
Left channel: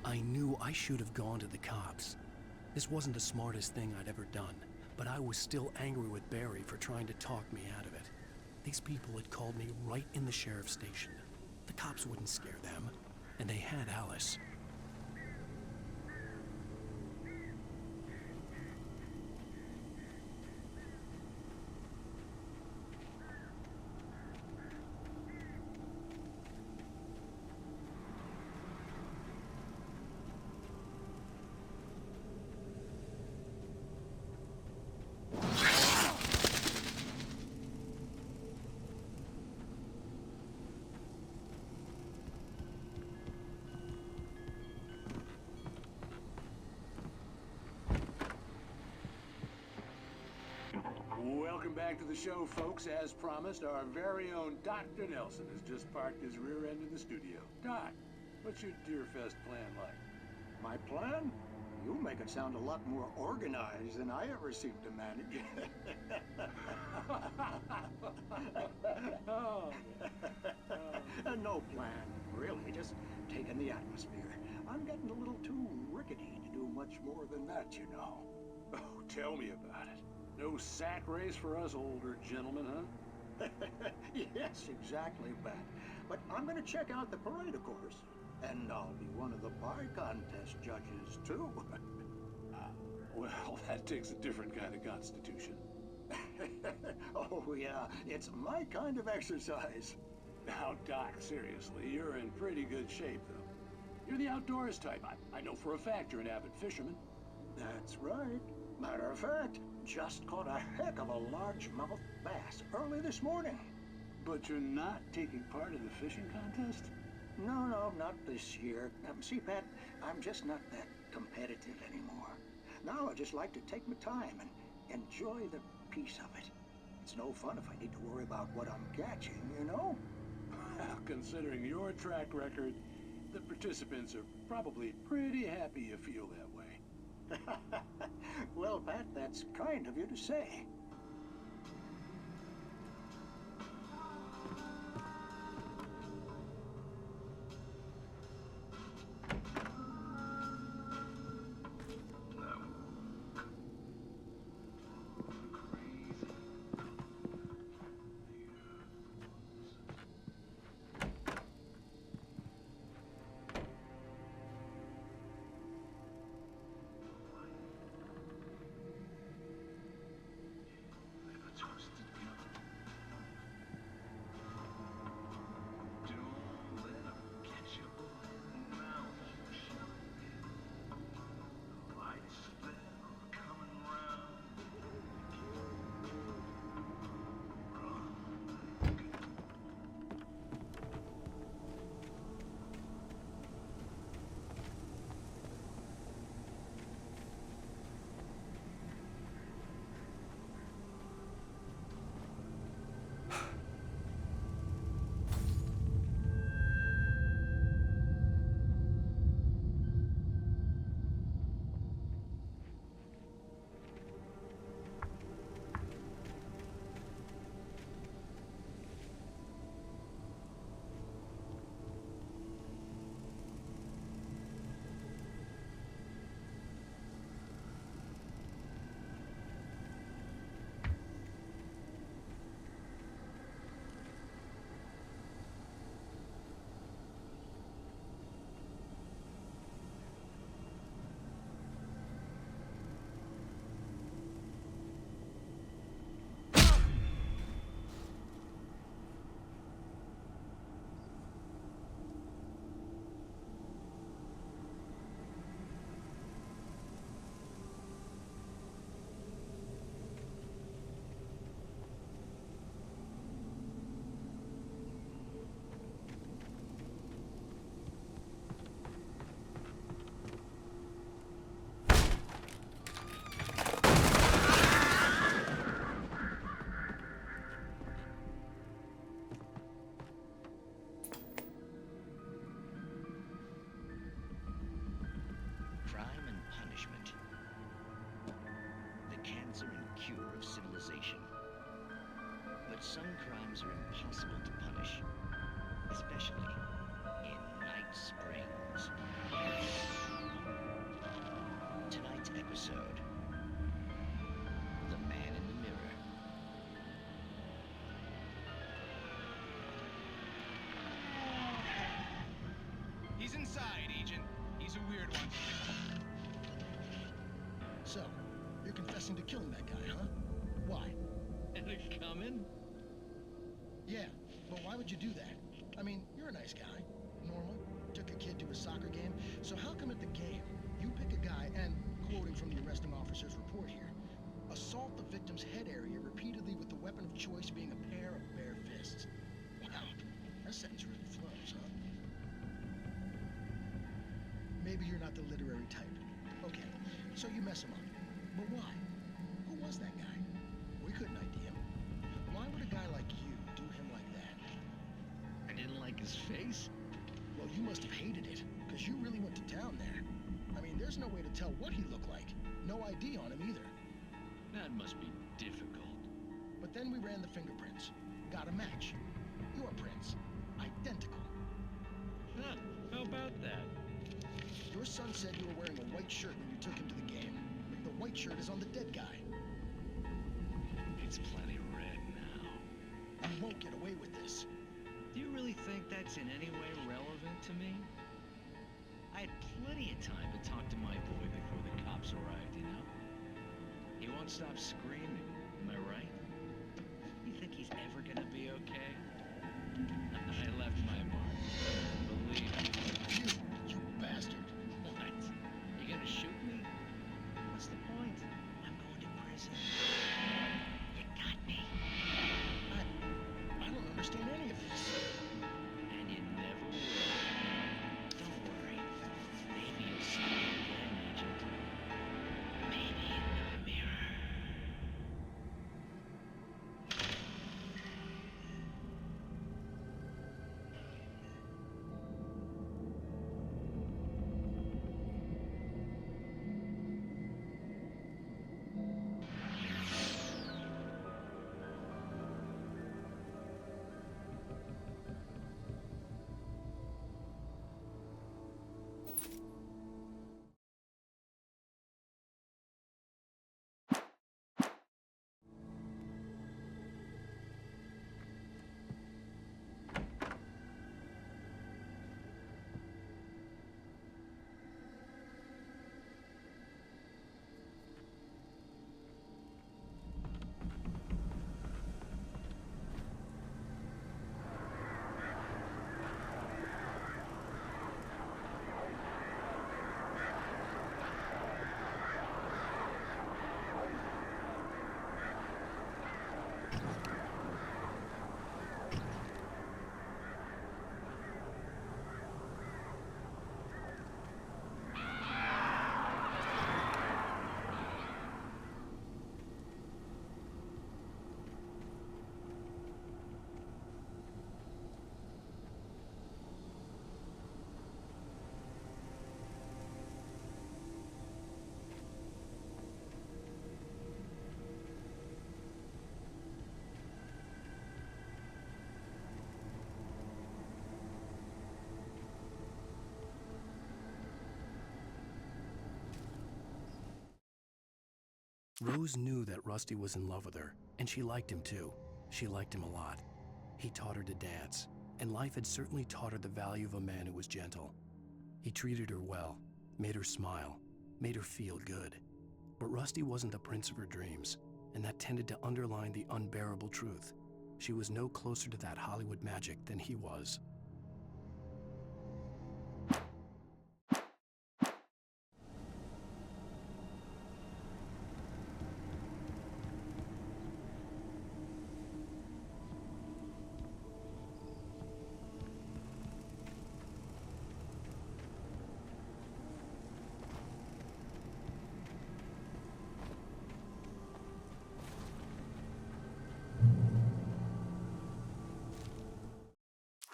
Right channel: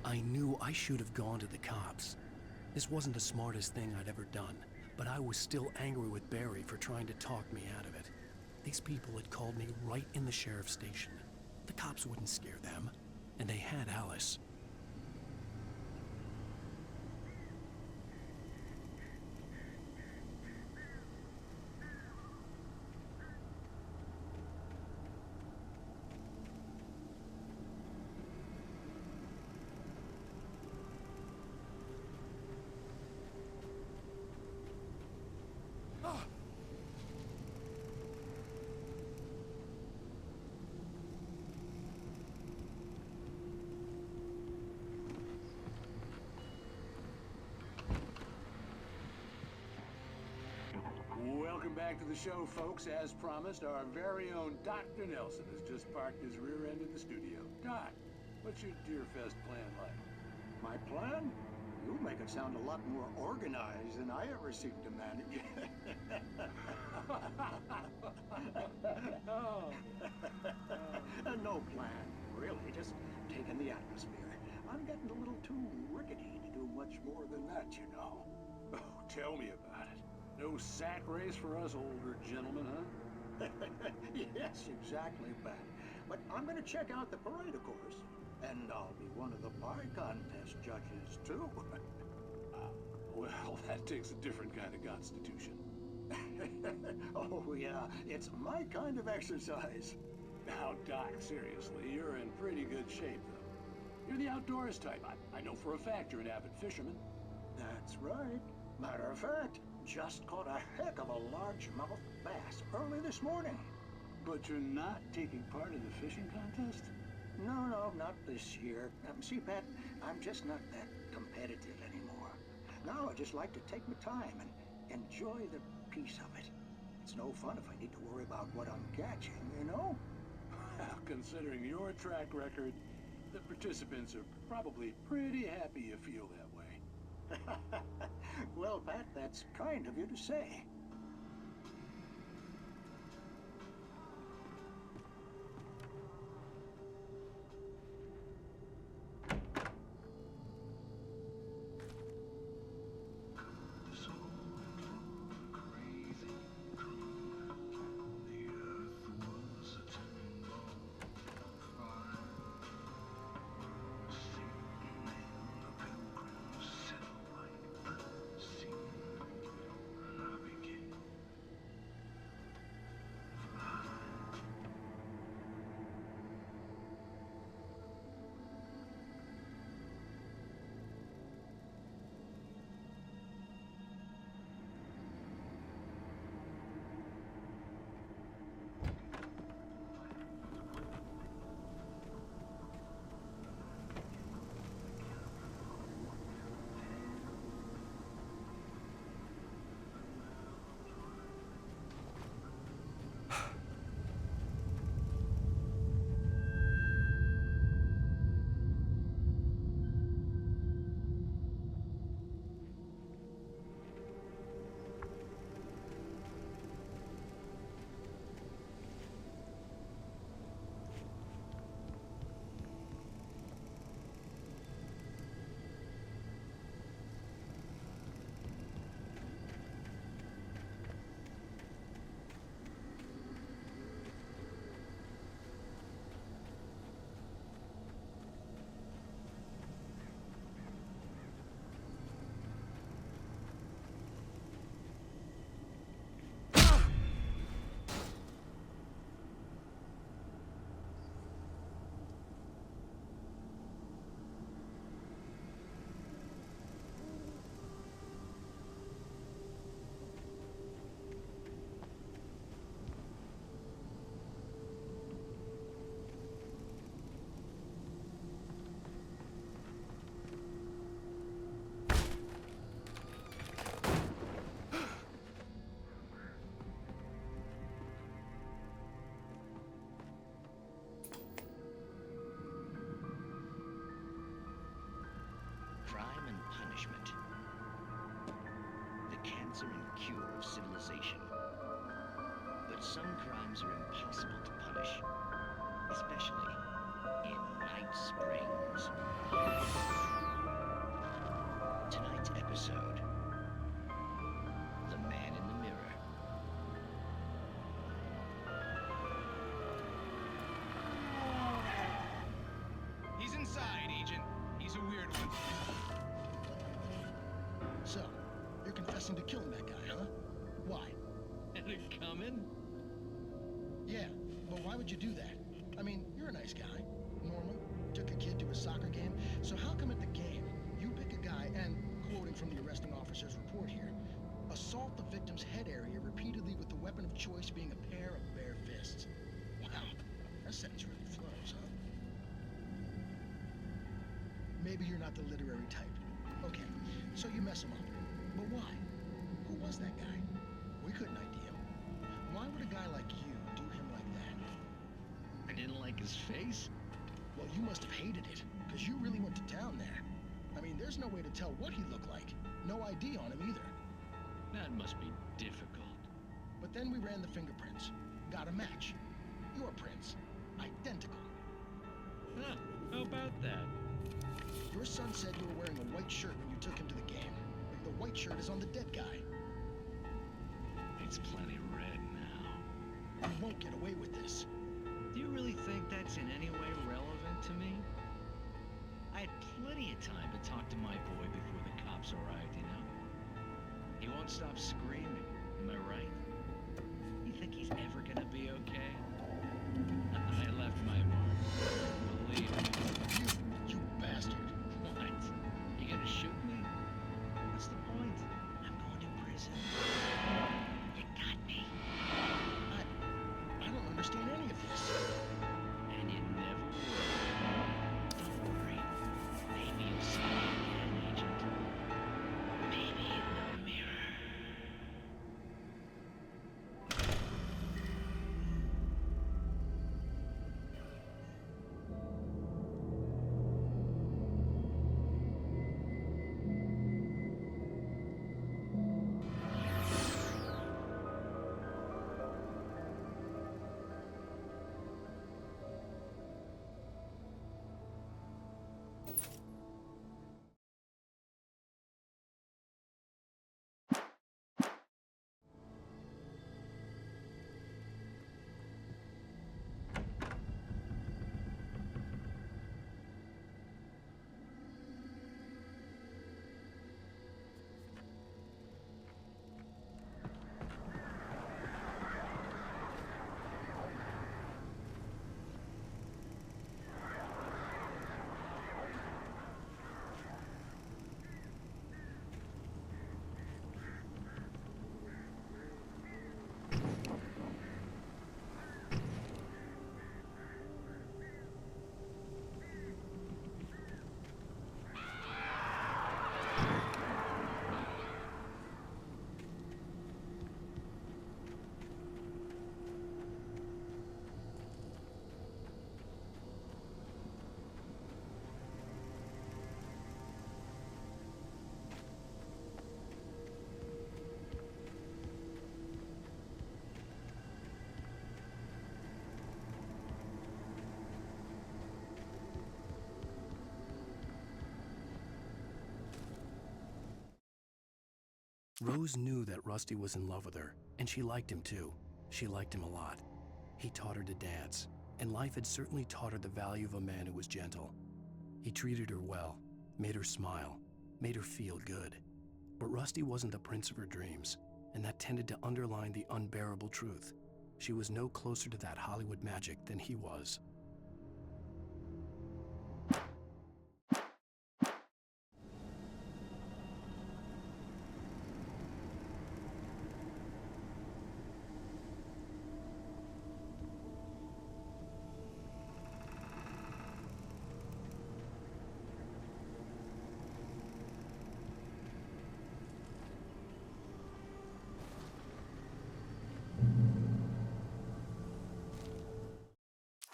I knew I should have gone to the cops. This wasn't the smartest thing I'd ever done, But I was still angry with Barry for trying to talk me out of it. These people had called me right in the sheriff's station. The cops wouldn't scare them, and they had Alice. Welcome back to the show, folks. As promised, our very own Dr. Nelson has just parked his rear end in the studio. Doc, what's your Deerfest plan like? My plan? You make it sound a lot more organized than I ever seem to manage. No plan, really. Just taking the atmosphere. I'm getting a little too rickety to do much more than that, you know. Oh, tell me about it. No sack race for us older gentlemen, huh? Yes, exactly, Bat. But I'm going to check out the parade, of course. And I'll be one of the pie contest judges, too. Well, that takes a different kind of constitution. Oh, yeah. It's my kind of exercise. Now, Doc, seriously, you're in pretty good shape, though. You're the outdoors type. I know for a fact you're an avid fisherman. That's right. Matter of fact, just caught a heck of a largemouth bass early this morning. But you're not taking part in the fishing contest? No, not this year. See, Pat, I'm just not that competitive anymore. Now I just like to take my time and enjoy the peace of it. It's no fun if I need to worry about what I'm catching, you know? Well, considering your track record, the participants are probably pretty happy you feel that way. Well, Pat, that's kind of you to say. Crime and punishment. The cancer and cure of civilization. But some crimes are impossible to punish, especially in Night Springs. Tonight's episode, inside, Agent. He's a weird one. So, you're confessing to killing that guy, huh? Why? Had it coming? Yeah, but why would you do that? I mean, you're a nice guy. Normal. Took a kid to a soccer game. So how come at the game, you pick a guy and, quoting from the arresting officer's report here, assault the victim's head area repeatedly with the weapon of choice being a pair of bare fists? Wow, that sentence really flows, huh? Maybe you're not the literary type. Okay, so you mess him up. But why? Who was that guy? We couldn't ID him. Why would a guy like you do him like that? I didn't like his face? Well, you must have hated it, because you really went to town there. I mean, there's no way to tell what he looked like. No ID on him either. That must be difficult. But then we ran the fingerprints. Got a match. Your prints. Identical. Huh, how about that? Your son said you were wearing a white shirt when you took him to the game. The white shirt is on the dead guy. It's plenty red now. You won't get away with this. Do you really think that's in any way relevant to me? I had plenty of time to talk to my boy before the cops arrived, you know? He won't stop screaming, am I right? You think he's ever gonna be okay? I left my mark. Believe me. You bastard. What? You gonna shoot me? What's the point? I'm going to prison. You got me. I don't understand any of this. And you never will. Don't worry. Maybe you'll see me again, Agent. Maybe in the mirror. Rose knew that Rusty was in love with her, and she liked him too. She liked him a lot. He taught her to dance, and life had certainly taught her the value of a man who was gentle. He treated her well, made her smile, made her feel good. But Rusty wasn't the prince of her dreams, and that tended to underline the unbearable truth. She was no closer to that Hollywood magic than he was.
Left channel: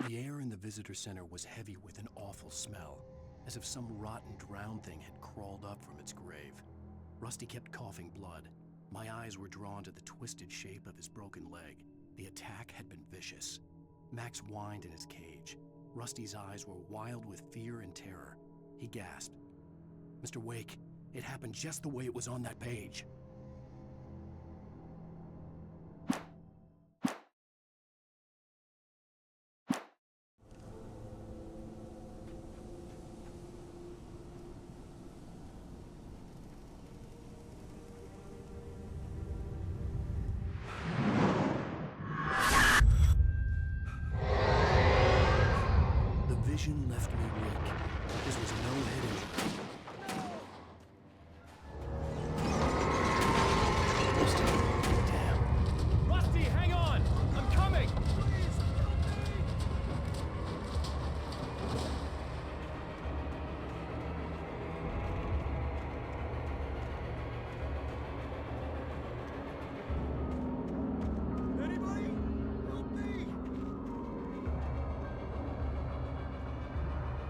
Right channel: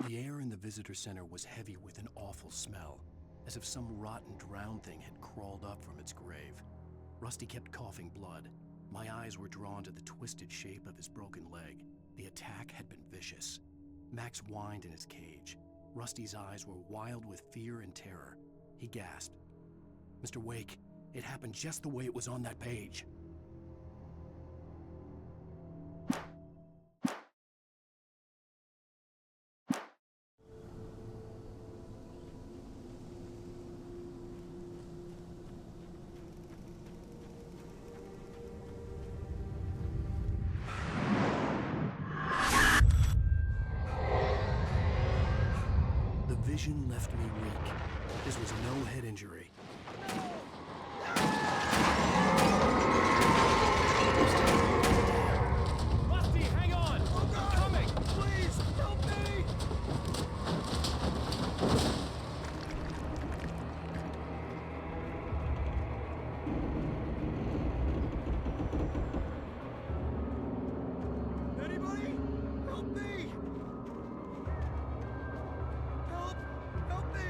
The air in the visitor center was heavy with an awful smell, as if some rotten drowned thing had crawled up from its grave. Rusty kept coughing blood. My eyes were drawn to the twisted shape of his broken leg. The attack had been vicious. Max whined in his cage. Rusty's eyes were wild with fear and terror. He gasped. "Mr. Wake, it happened just the way it was on that page." vision left me weak. This was no head injury. Rusty, hang on! I'm coming! Please, help me! Anybody? Help me! Help me!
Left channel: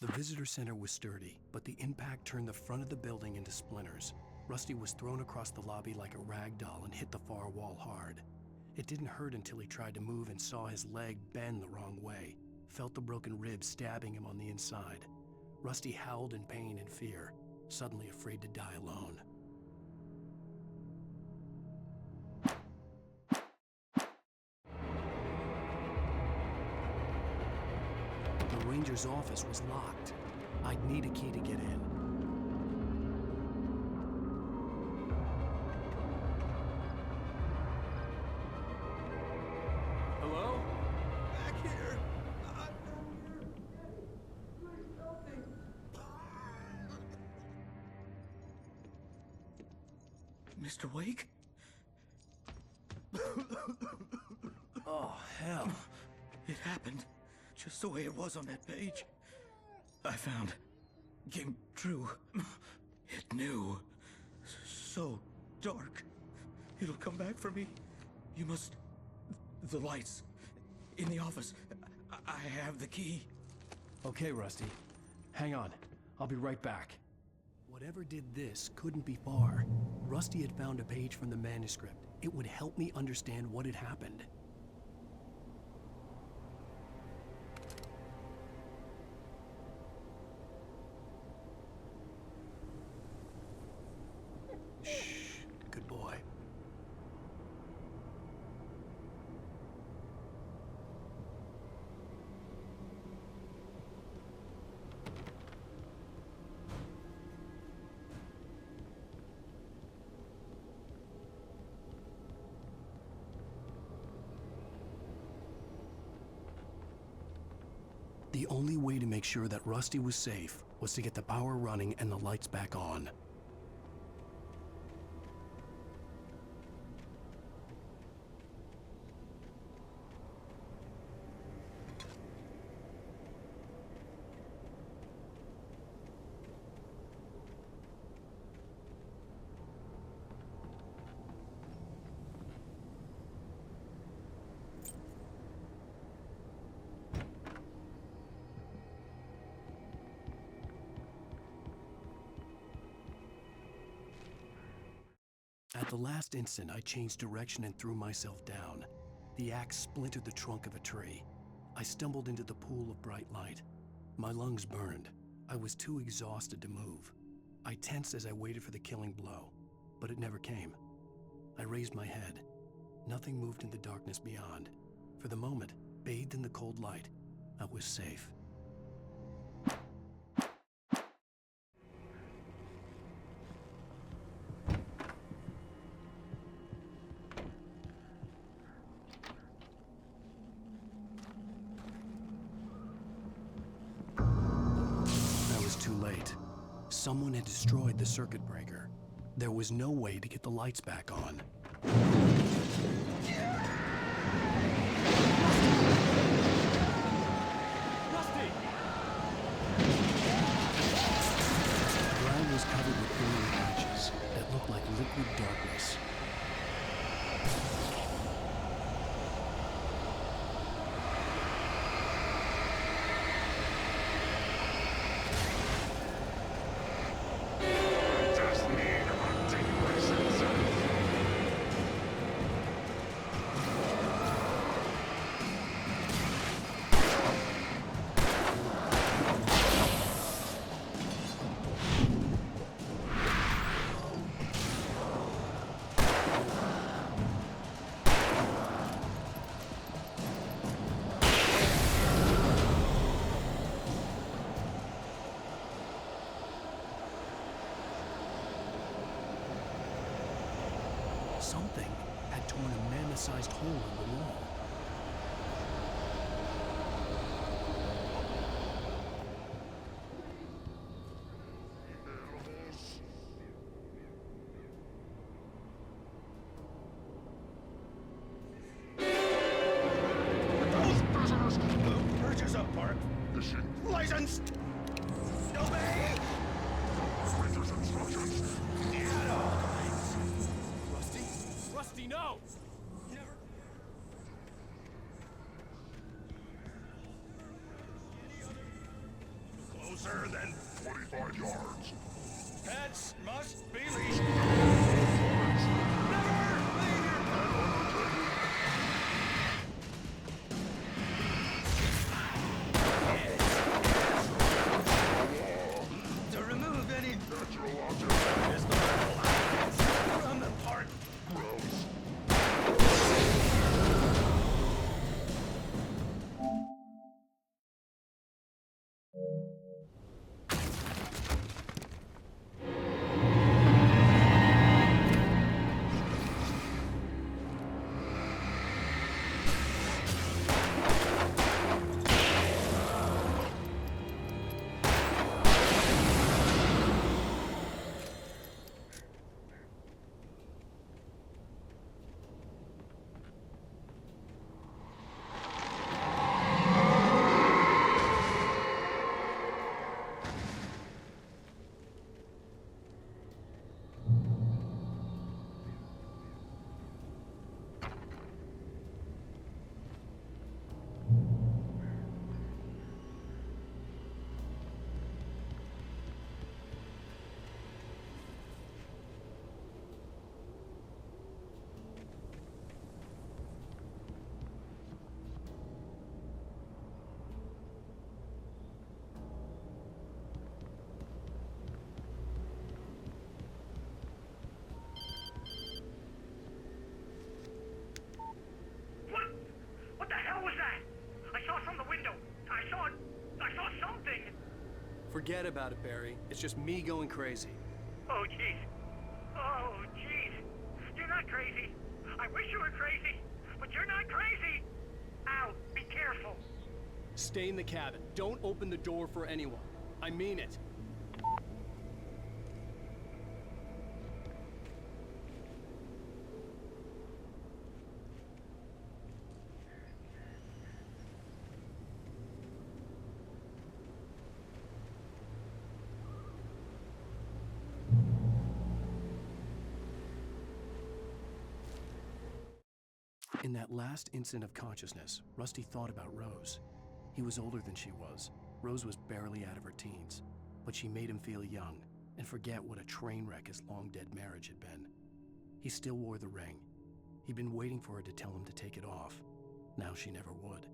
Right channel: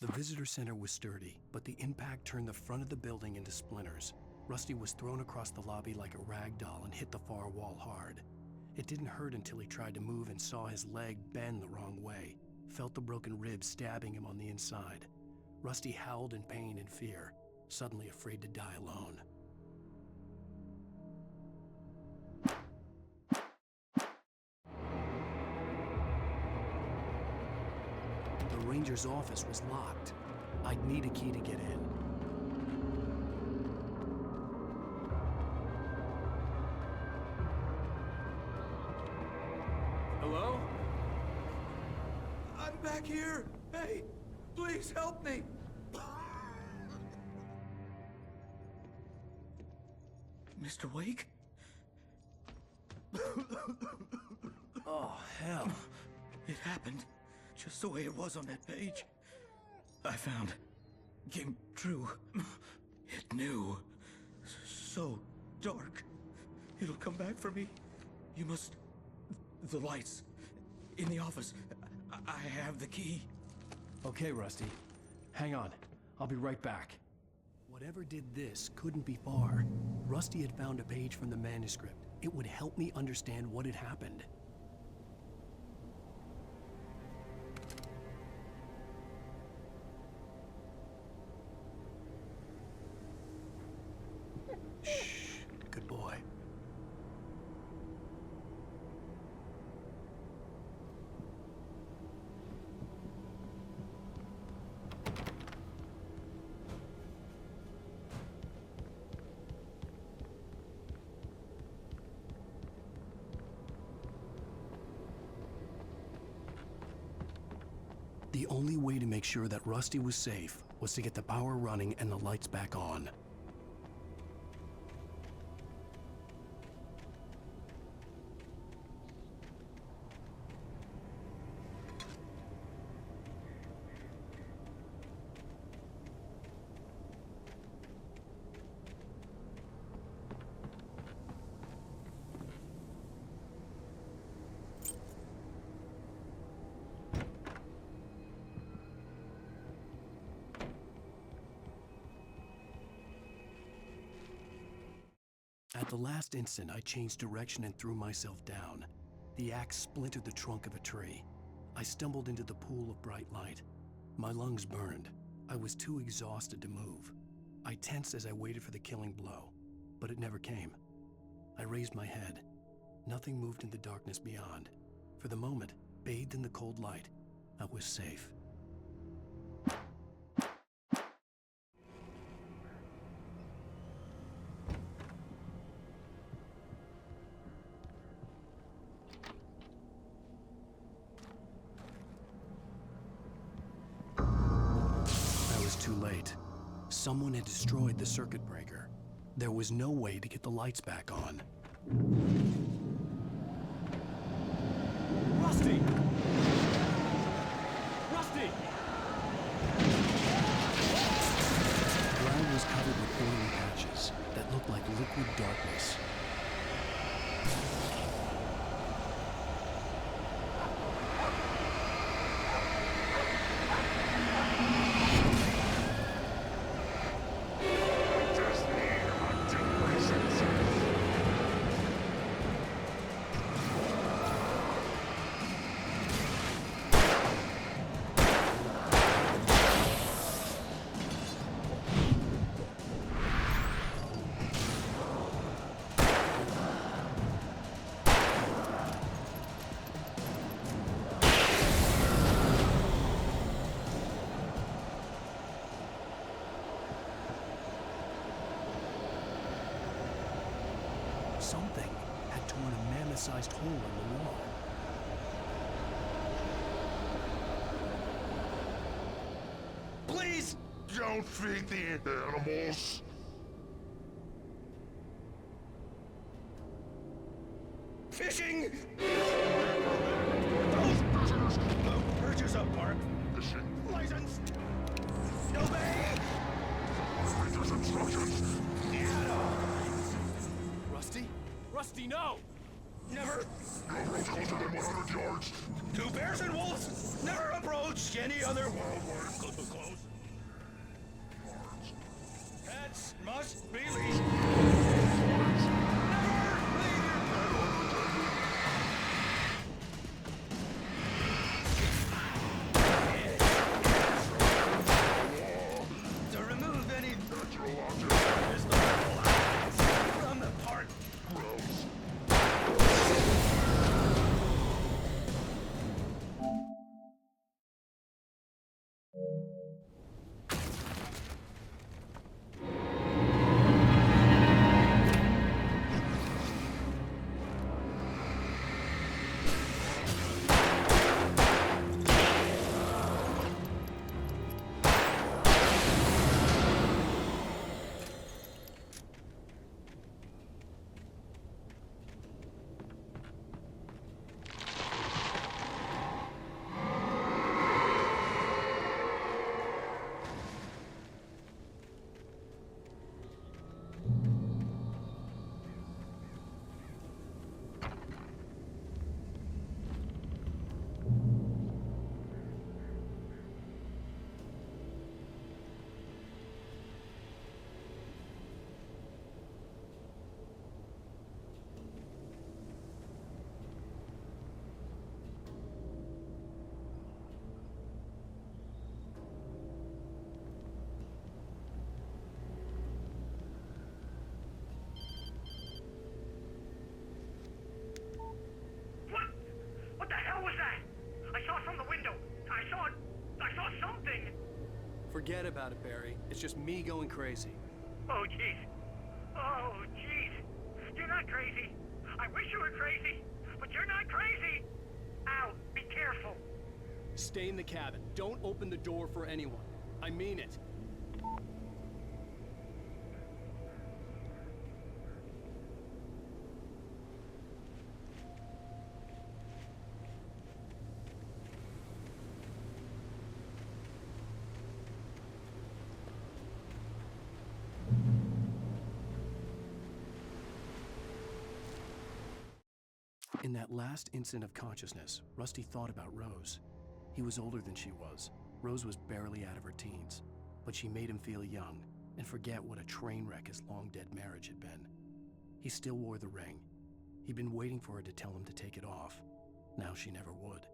The visitor center was sturdy, but the impact turned the front of the building into splinters. Rusty was thrown across the lobby like a rag doll and hit the far wall hard. It didn't hurt until he tried to move and saw his leg bend the wrong way, felt the broken rib stabbing him on the inside. Rusty howled in pain and fear, suddenly afraid to die alone. The ranger's office was locked. I'd need a key to get in. Hello? Back here! I'm back here! Hey, please help me! Mr. Wake? Oh, hell. It happened just the way it was on that page. I found. Came true. It knew. So dark. It'll come back for me. You must... The lights. In the office. I have the key. Okay, Rusty. Hang on. I'll be right back. Whatever did this couldn't be far. Rusty had found a page from the manuscript. It would help me understand what had happened. Shh. Good boy. The only way to make sure that Rusty was safe was to get the power running and the lights back on. At the last instant, I changed direction and threw myself down. The axe splintered the trunk of a tree. I stumbled into the pool of bright light. My lungs burned. I was too exhausted to move. I tensed as I waited for the killing blow, but it never came. I raised my head. Nothing moved in the darkness beyond. For the moment, bathed in the cold light, I was safe. Too late. Someone had destroyed the circuit breaker. There was no way to get the lights back on. Rusty! The ground was covered with oily patches that looked like liquid darkness. Something had torn a mammoth-sized hole in the wall. Please don't feed the animals. Fishing! For those visitors, who purchase a park fishing licensed. Obey! Operator's instructions. At all times. Rusty? Rusty, no! Never. No approach closer than 100 yards. To bears and wolves, never approach any other wildlife closer than 25 yards. pets must be leashed. Never leave your pet unattended. To remove any natural object historical objects from the park. Gross. What the hell was that? I saw from the window. I saw something. Forget about it, Barry. It's just me going crazy. Oh, jeez. Oh, jeez. You're not crazy. I wish you were crazy, but you're not crazy. Ow, be careful. Stay in the cabin. Don't open the door for anyone. I mean it. In that last instant of consciousness, Rusty thought about Rose. He was older than she was. Rose was barely out of her teens, but she made him feel young and forget what a train wreck his long-dead marriage had been. He still wore the ring. He'd been waiting for her to tell him to take it off. Now she never would.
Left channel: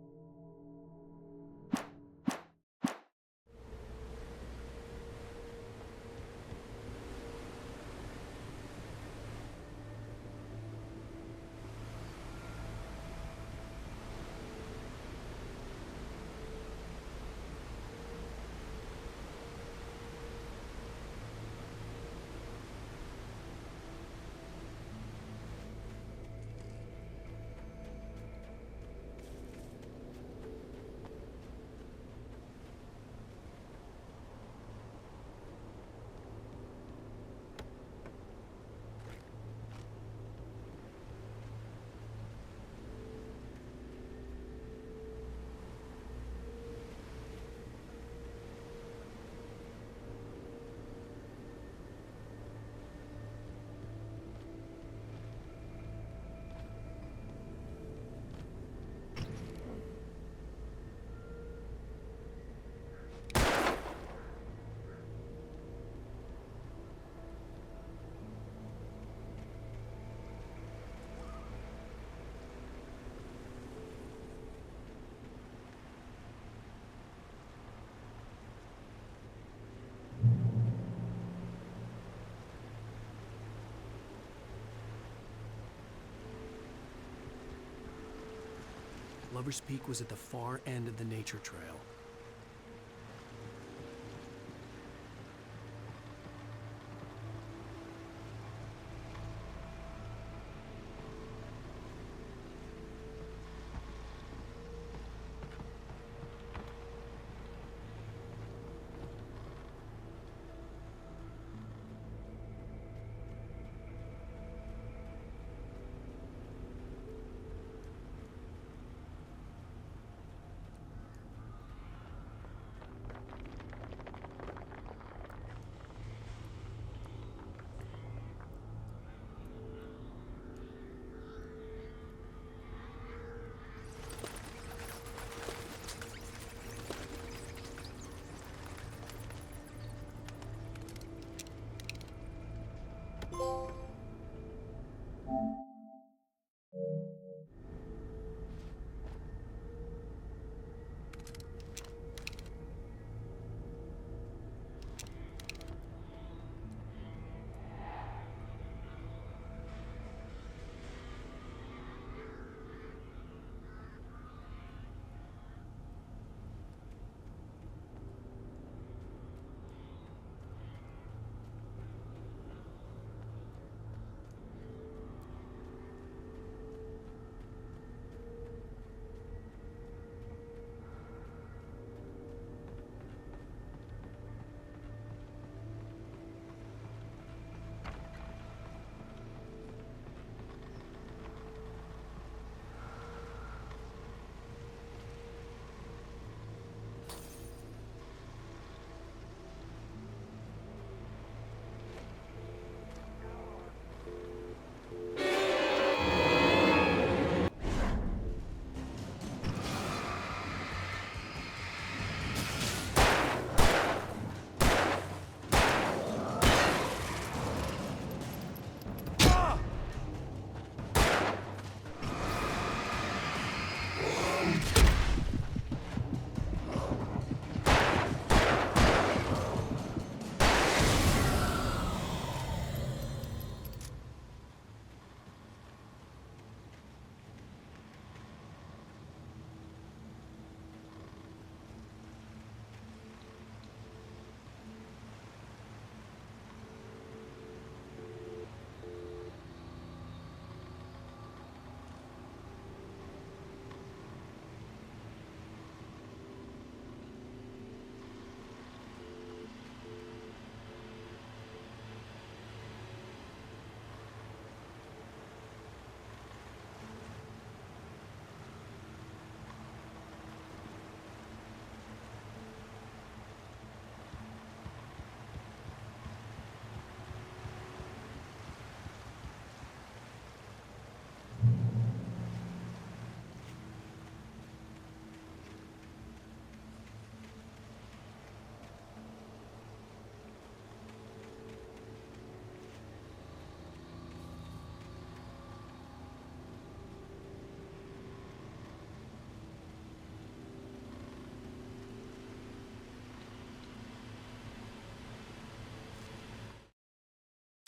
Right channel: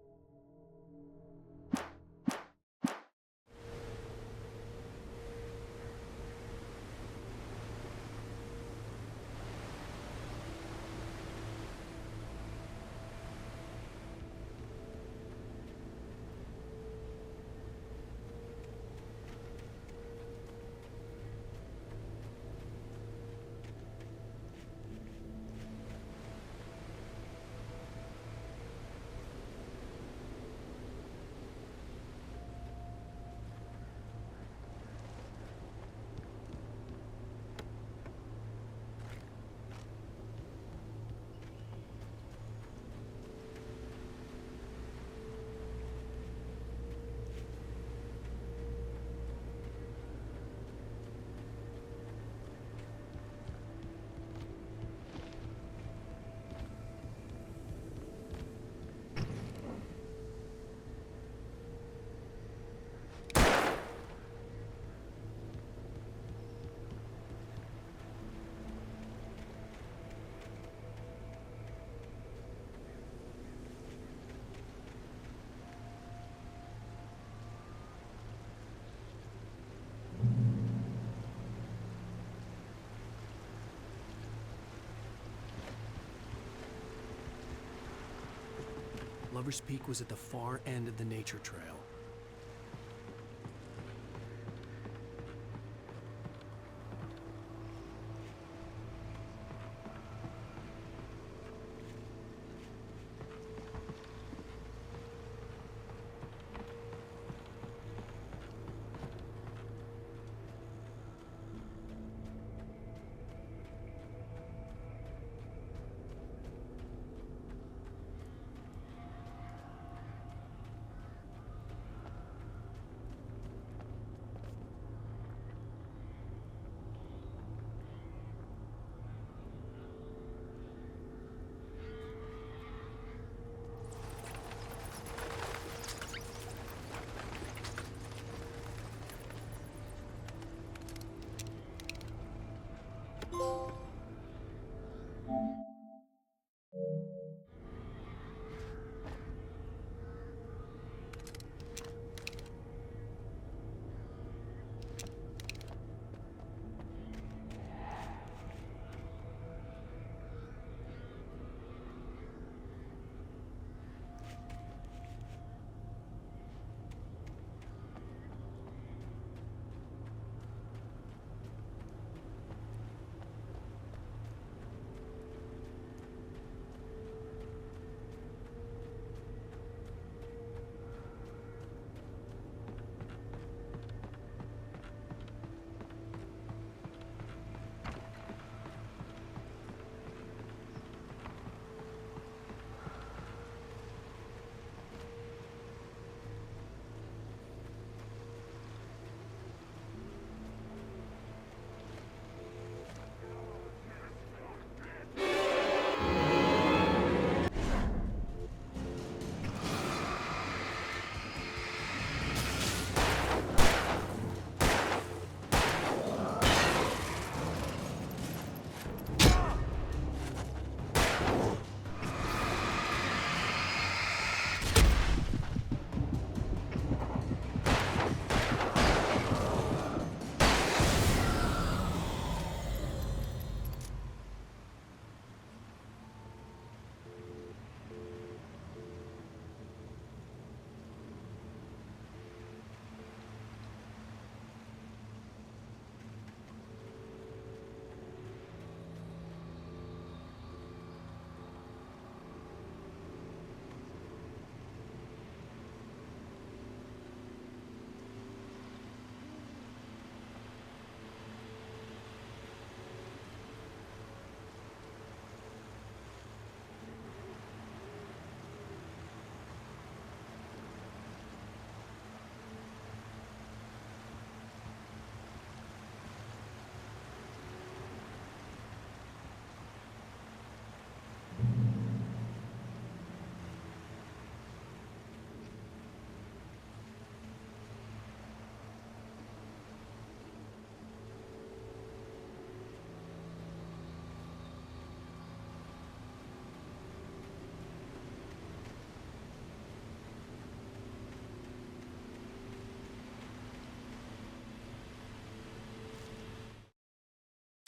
Lover's Peak was at the far end of the nature trail.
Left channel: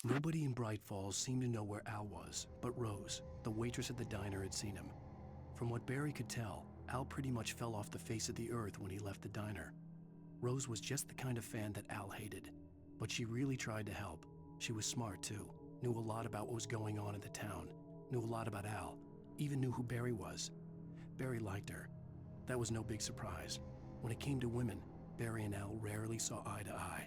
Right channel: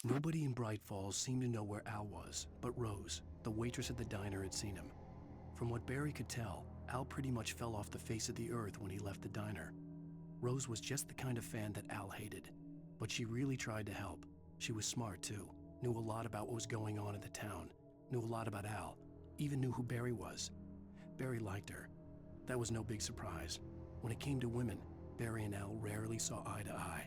Nobody in Bright Falls seemed to know where Al was, but Rose, the waitress at the diner, had seen him. From what Barry could tell, Al pretty much fell off the face of the earth when he left the diner. Rose was just the kind of fan that Al hated, but she really tried to help. She was smart too, knew a lot about what was going on in the town, knew a lot about Al, even knew who Barry was. Barry liked her. That was no big surprise. When it came to women, Barry and Al rarely saw eye to eye.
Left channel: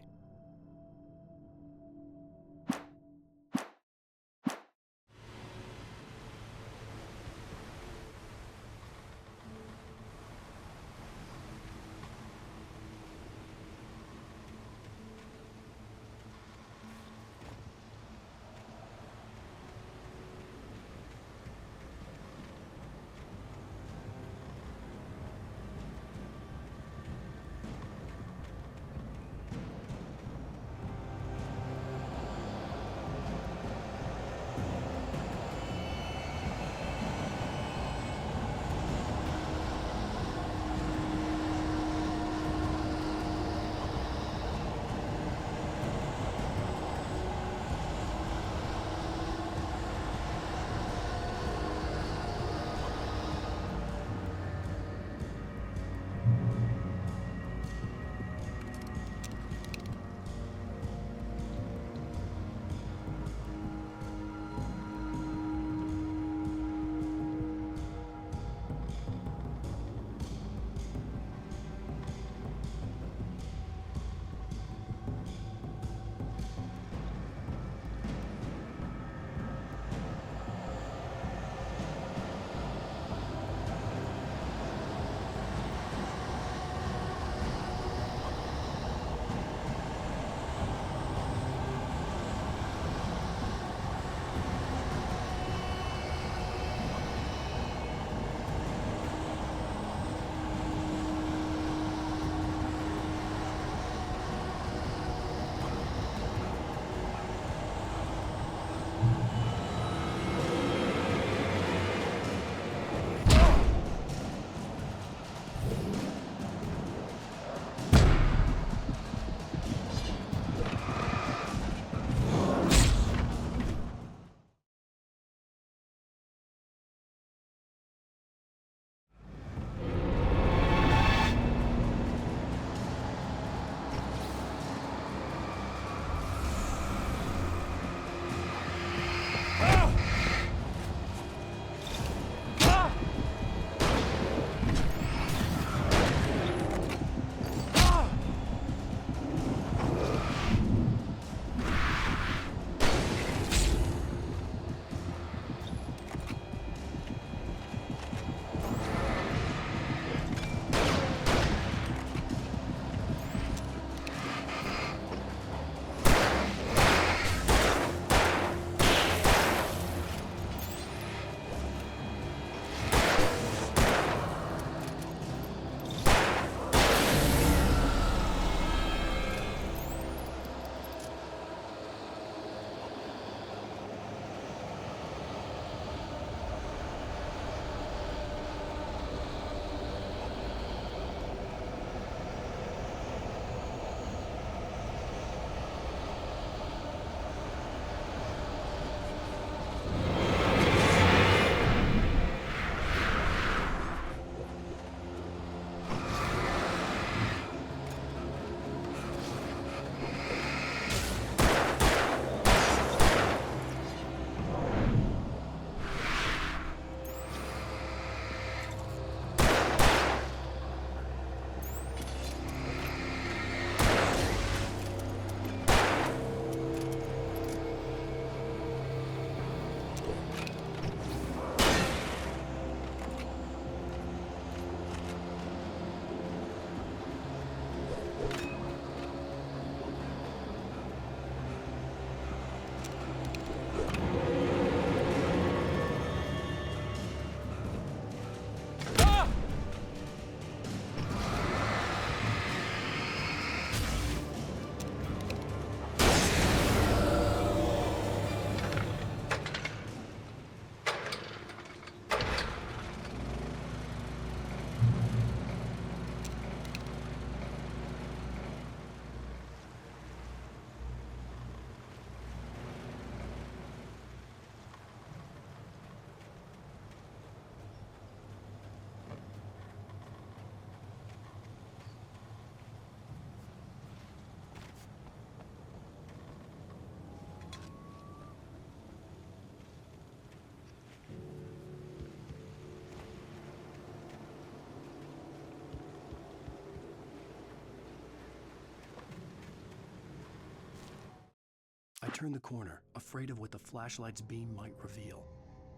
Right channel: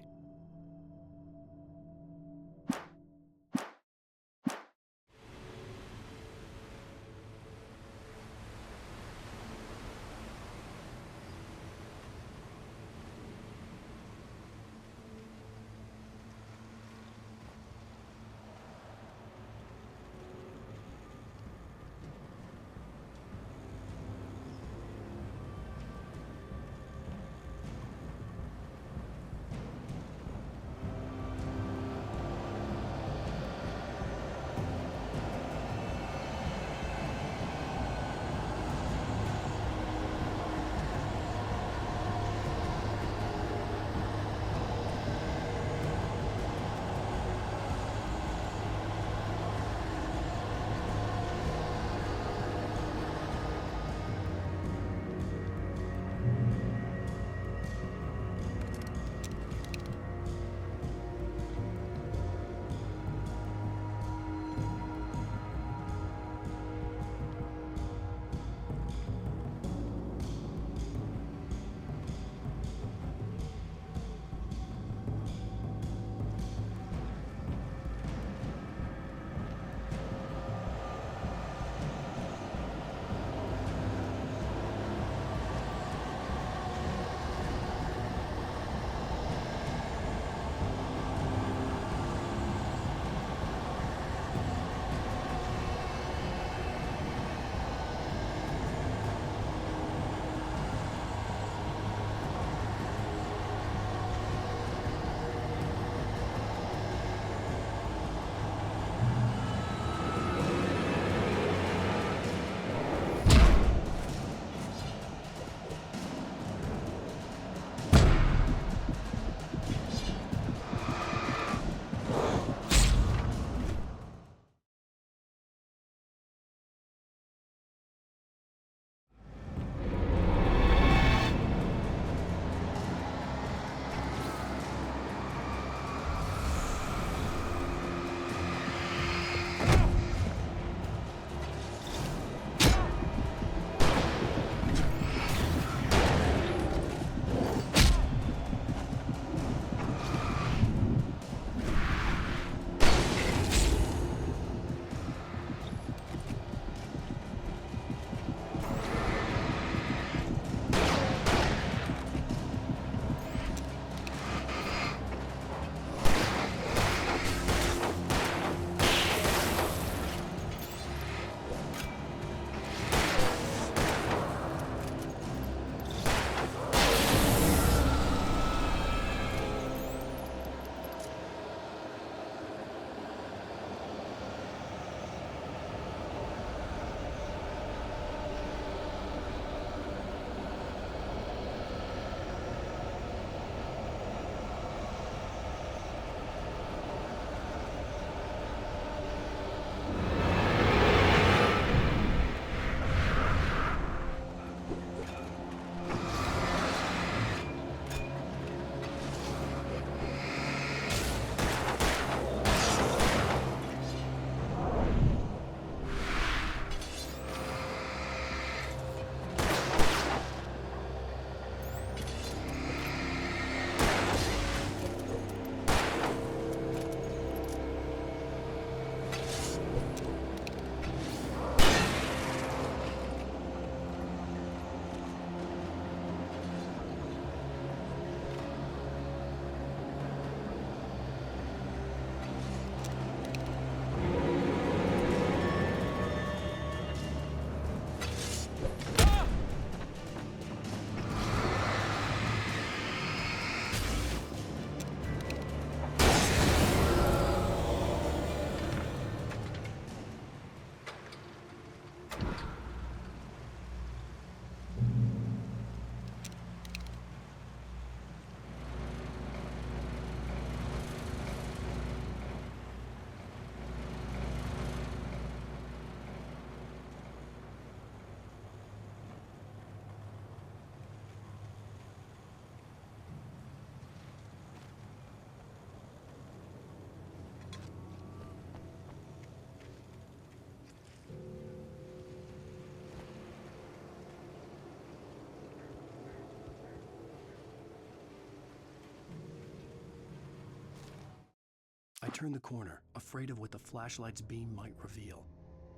I turned the corner, afraid of what the flashlight's beam might reveal.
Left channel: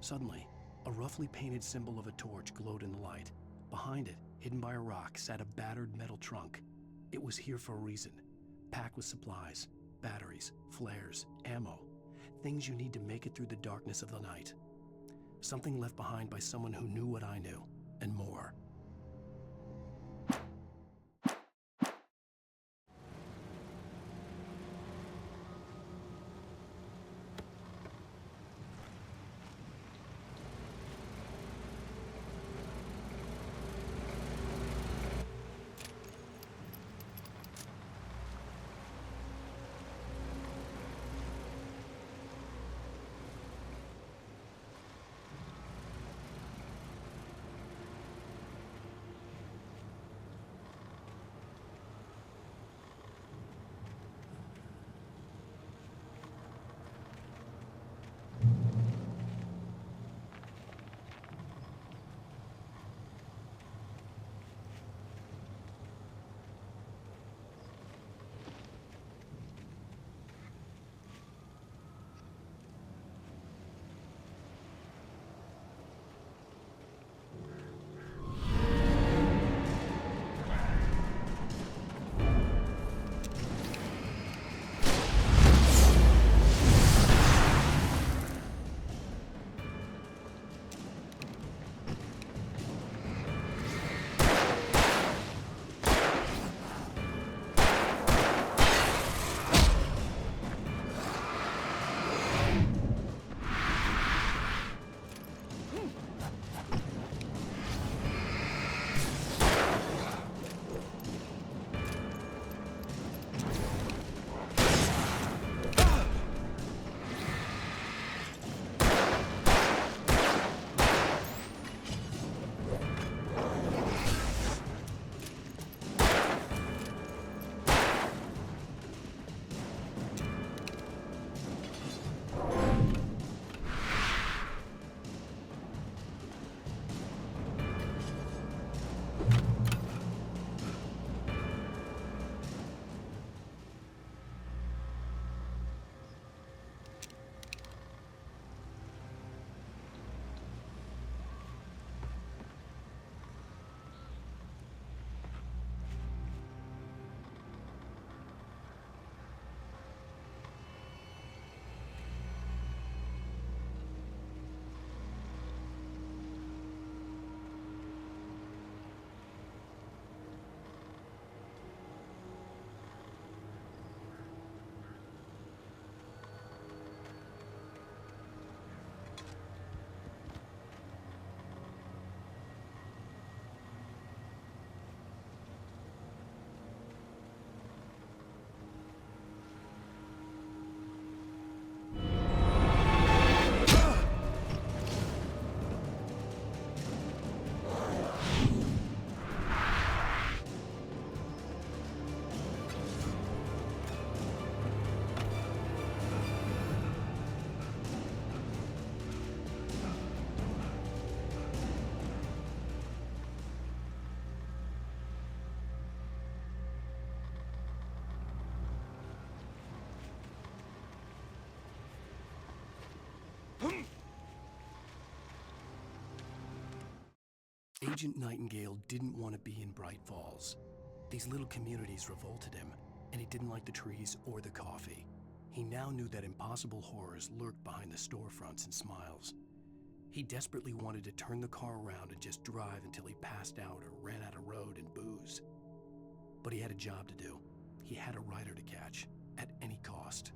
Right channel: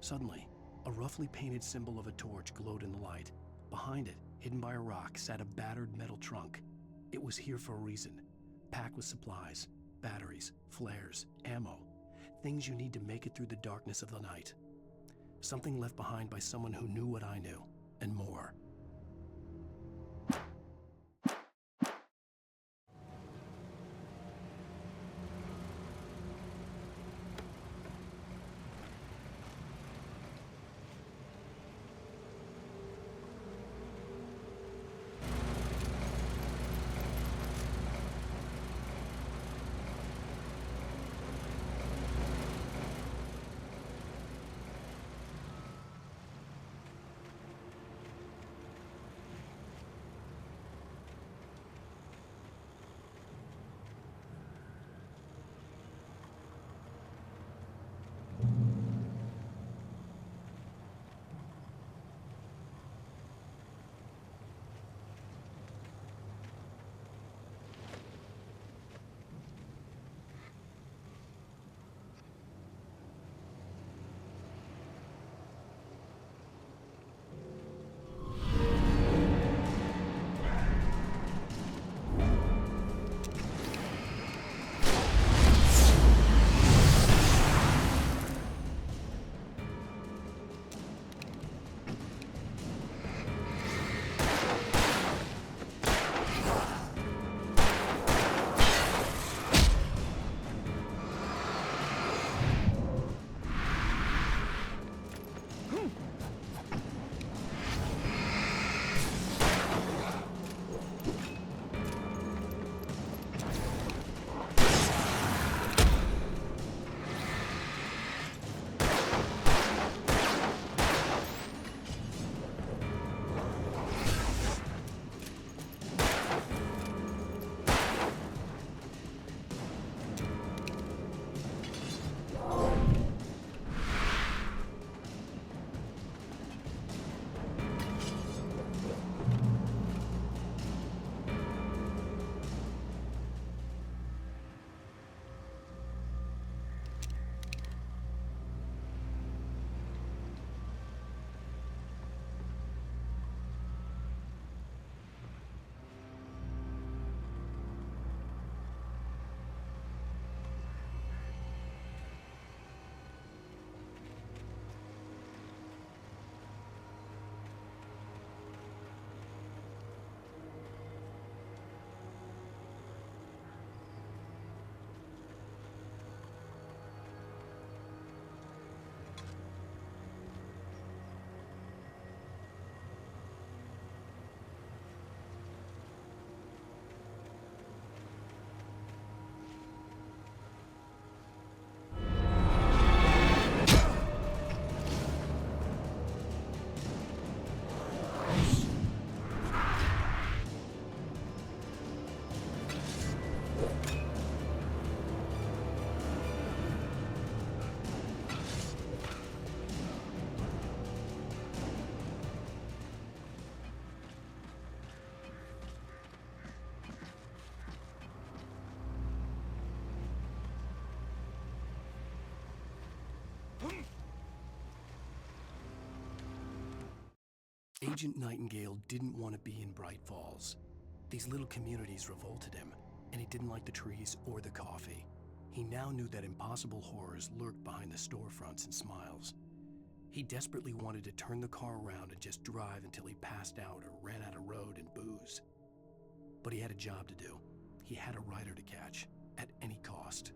Suddenly, a roughly painted symbol of a torch glowed in the light. Behind it, hidden by a rock, sat a battered metal trunk. It was here for a reason, packed with supplies, batteries, flares, ammo, things you need to make it through the darkness of the night. Something left behind by someone who knew what I knew, and more. Agent Nightingale didn't want to be in Bright Falls. These little communities revolted him, and he didn't like the trees or the coffee. He now knew that impossible horrors lurked behind the storefronts and smiles. He desperately wanted to turn the car around and just drive until he passed out or ran out of road and booze. But he had a job to do. He had a rider to catch, at any cost.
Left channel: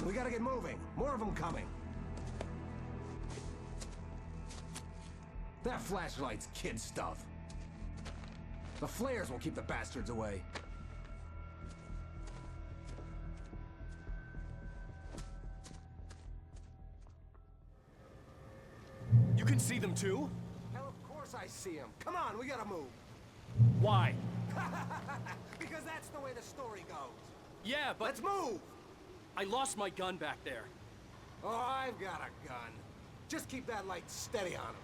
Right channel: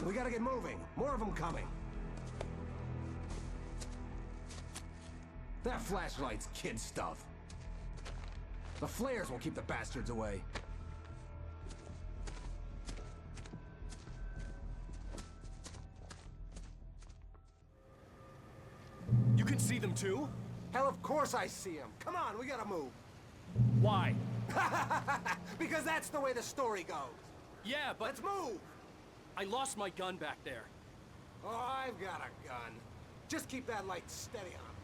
on, we gotta get moving. More of them coming. That flashlight's kid stuff. The flares will keep the bastards away. You can see them too? Hell, of course I see them. Come on, we gotta move. Why? Because that's the way the story goes. Yeah, but... Let's move! I lost my gun back there. Oh, I've got a gun. Just keep that light steady on him.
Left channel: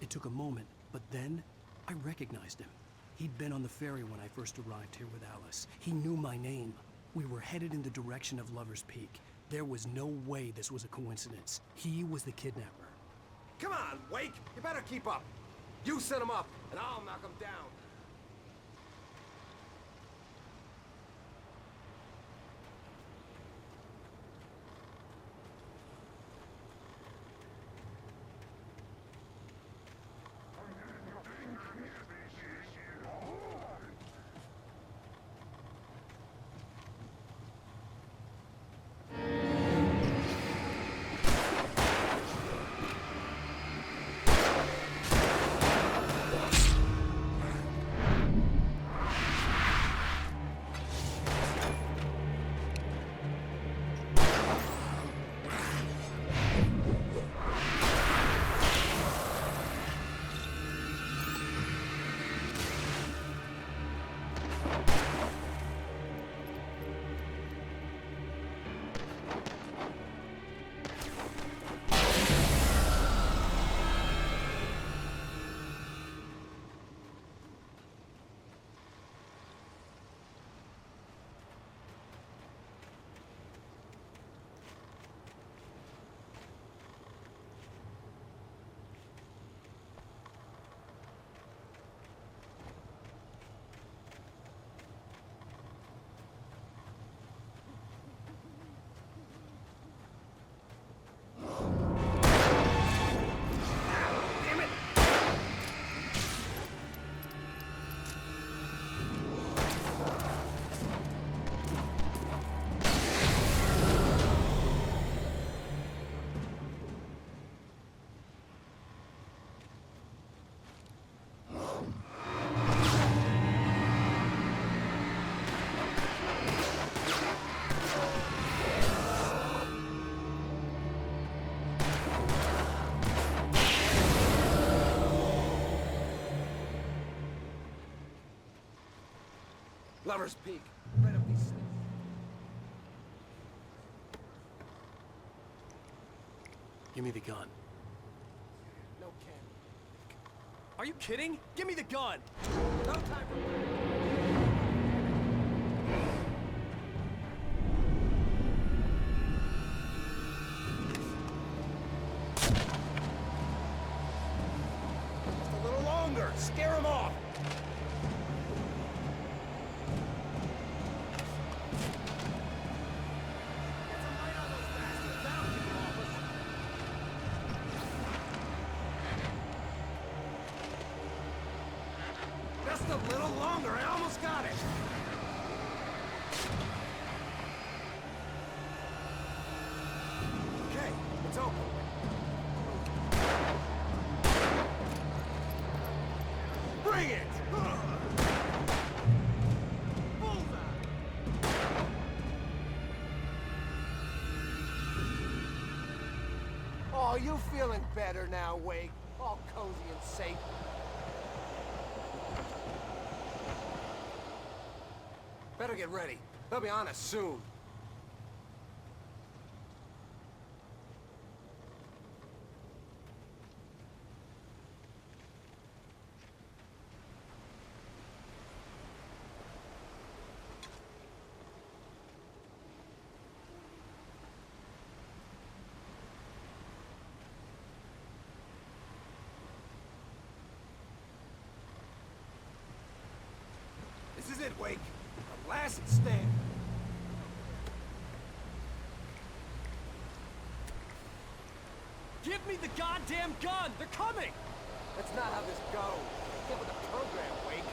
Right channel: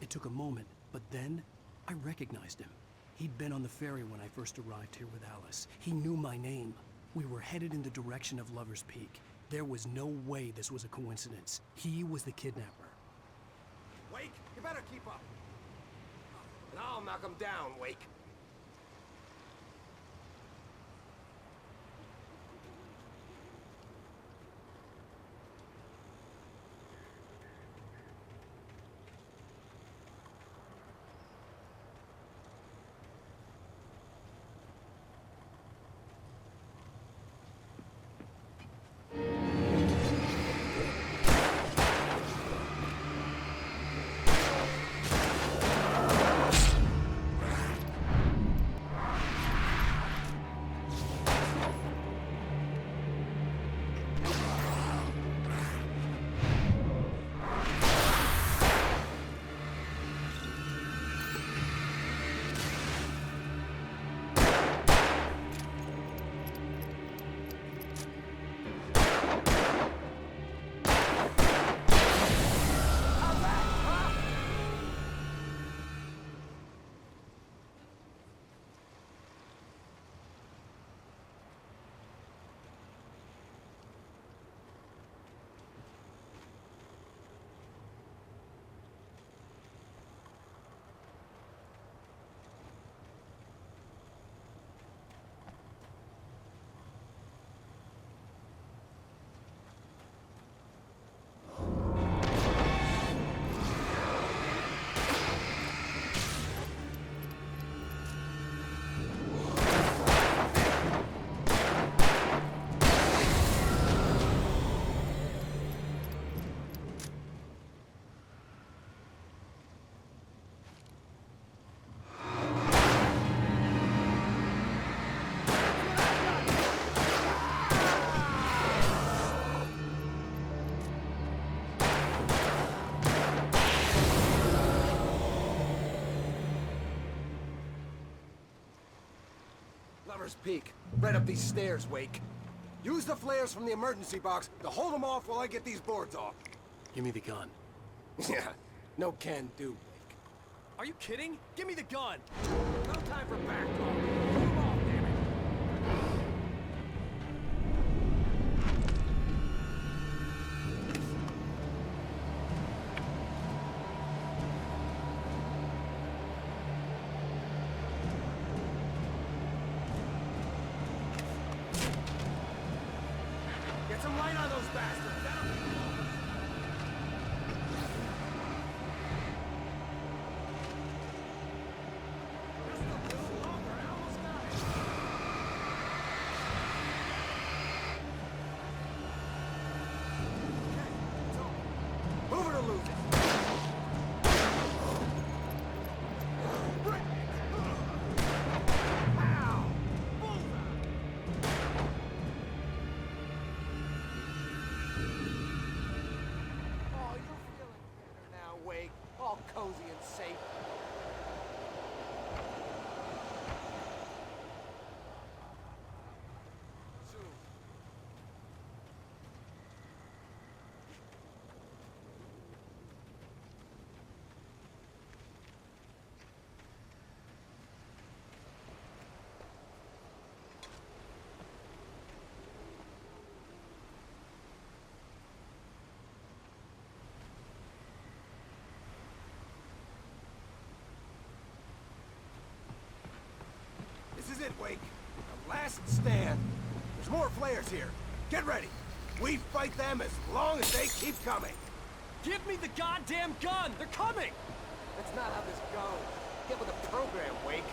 It took a moment, but then I recognized him. He'd been on the ferry when I first arrived here with Alice. He knew my name. We were headed in the direction of Lover's Peak. There was no way this was a coincidence. He was the kidnapper. Come on, Wake! You better keep up. You set him up, and I'll knock him down, Wake. Lover's Peak. Right up these stairs, Wake. Use the flares from the emergency box to hold them off while I get these boards off. Give me the gun. Yeah, no can do, Wake. Are you kidding? Give me the gun! No time for back talk. Pull them off, damn it! Just a little longer. Scare them off. Get some light on those bastards. That'll keep them off us. Just a little longer. I almost got it. Okay, it's open. Move it or lose it. Bring it! Ow! Bullseye! Oh, you feeling better now, Wake? All cozy and safe. Better get ready. They'll be on us soon. This is it, Wake. The last stand. There's more flares here. Get ready. We fight them as long as they keep coming. Give me the goddamn gun! They're coming! That's not how this goes. Get with the program, Wake.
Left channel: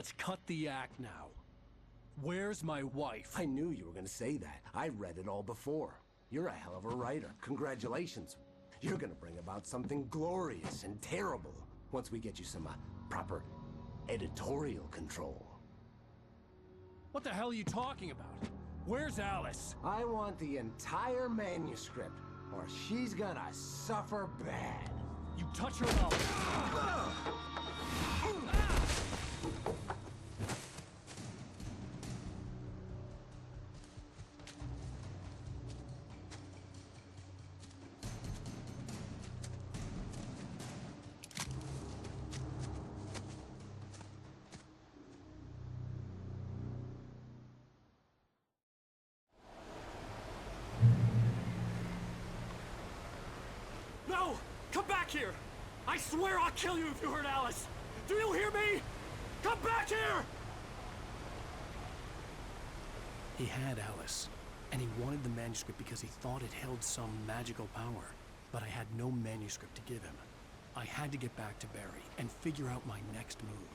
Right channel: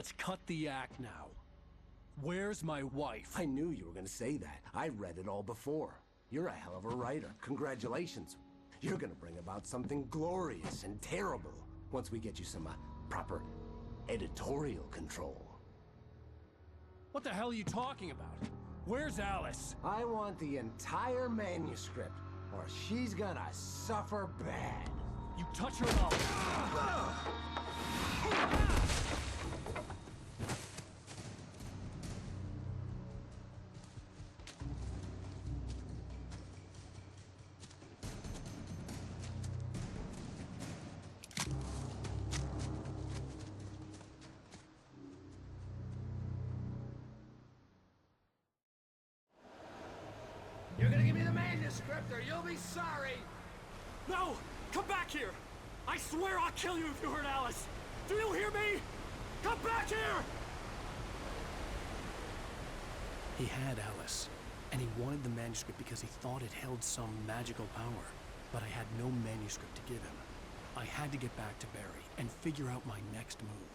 let's cut the act now. Where's my wife? I knew you were gonna say that. I read it all before. You're a hell of a writer. Congratulations. You're gonna bring about something glorious and terrible once we get you some proper editorial control. What the hell are you talking about? Where's Alice? I want the entire manuscript, or she's gonna suffer bad. You touch her and I'll... You're gonna give me the manuscript or you'll be sorry! No! Come back here! I swear I'll kill you if you hurt Alice! Do you hear me? Come back here! He had Alice, and he wanted the manuscript because he thought it held some magical power. But I had no manuscript to give him. I had to get back to Barry and figure out my next move.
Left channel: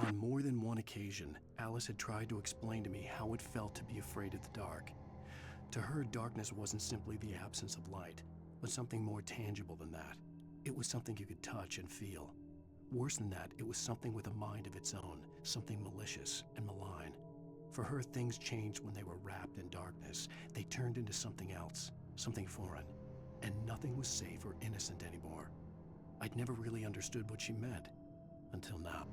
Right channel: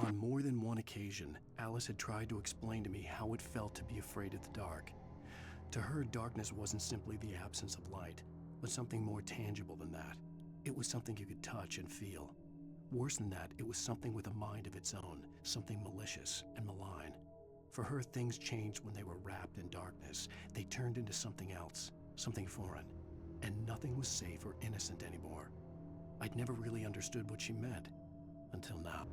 On more than one occasion, Alice had tried to explain to me how it felt to be afraid of the dark. To her, darkness wasn't simply the absence of light, but something more tangible than that. It was something you could touch and feel. Worse than that, it was something with a mind of its own, something malicious and malign. For her, things changed when they were wrapped in darkness. They turned into something else, something foreign, and nothing was safe or innocent anymore. I'd never really understood what she meant, until now.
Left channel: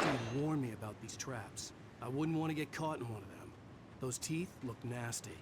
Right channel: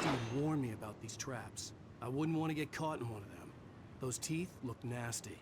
Steve warned me about these traps. I wouldn't want to get caught in one of them. Those teeth look nasty.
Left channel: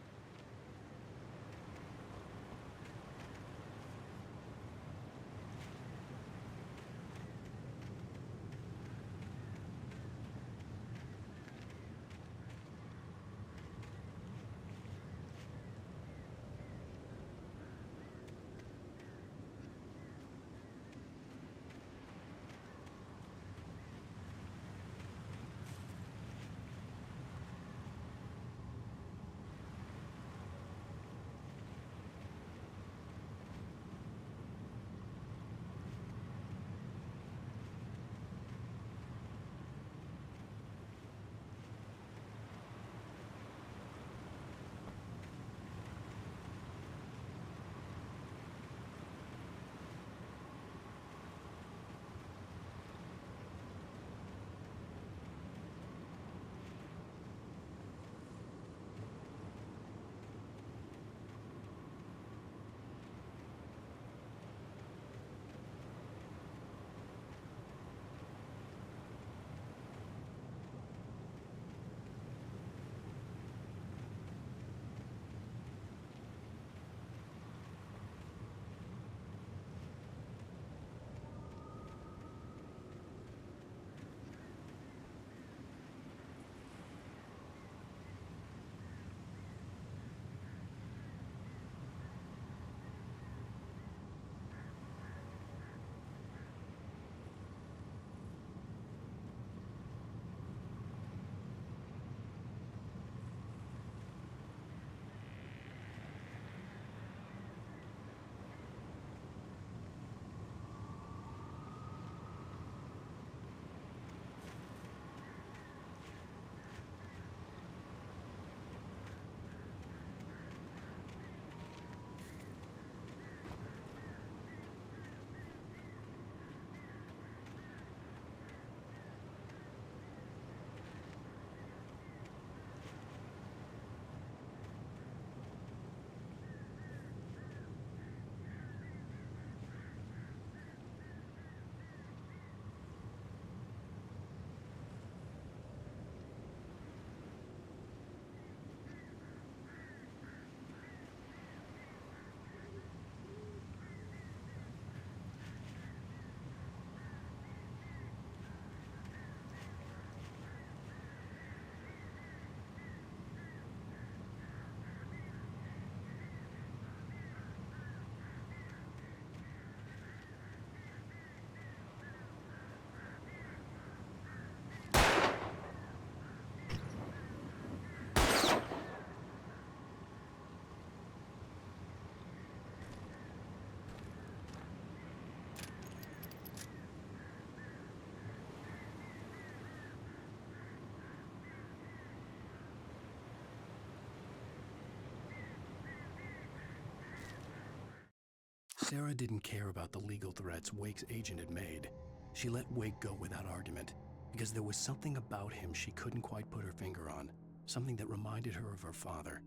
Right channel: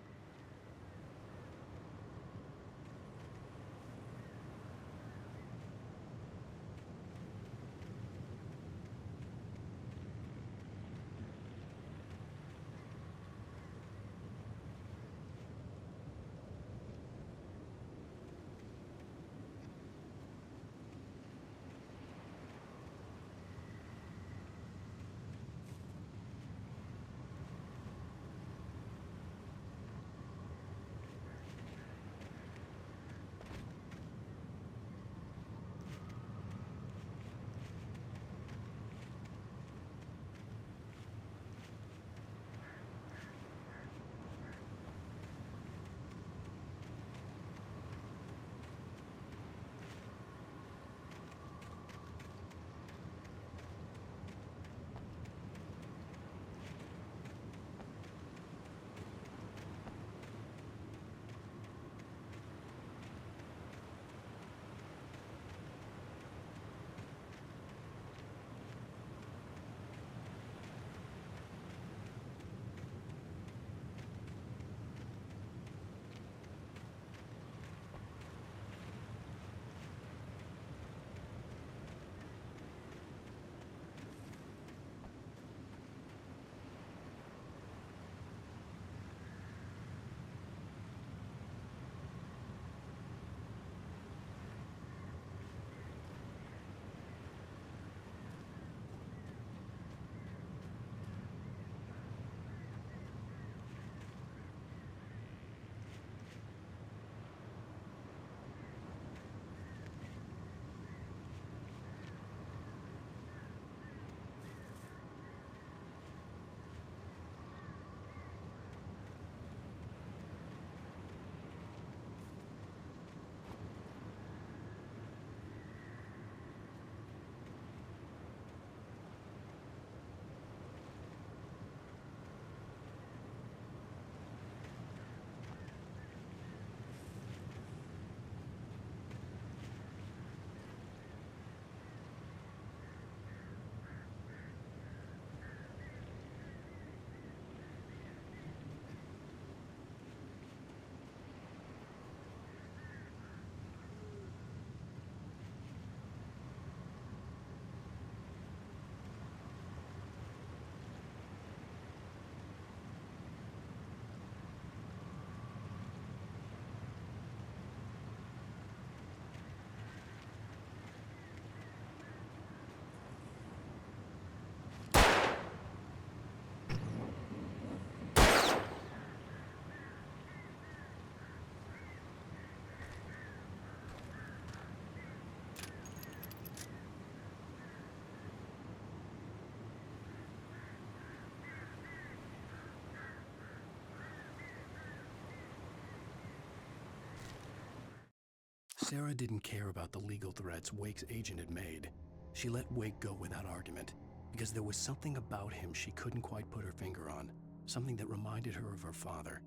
Sarah didn't care about the legal threats Wake's agent had made. She let Wake go without argument, because there was something about him she couldn't quite put her finger on, something that reminded her of her father.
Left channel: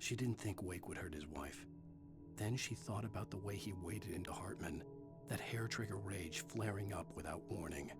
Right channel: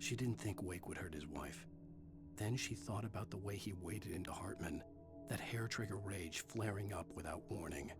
She didn't think Wake would hurt his wife. Then she thought about the way he waded into Hartman, that hair-trigger rage flaring up without warning.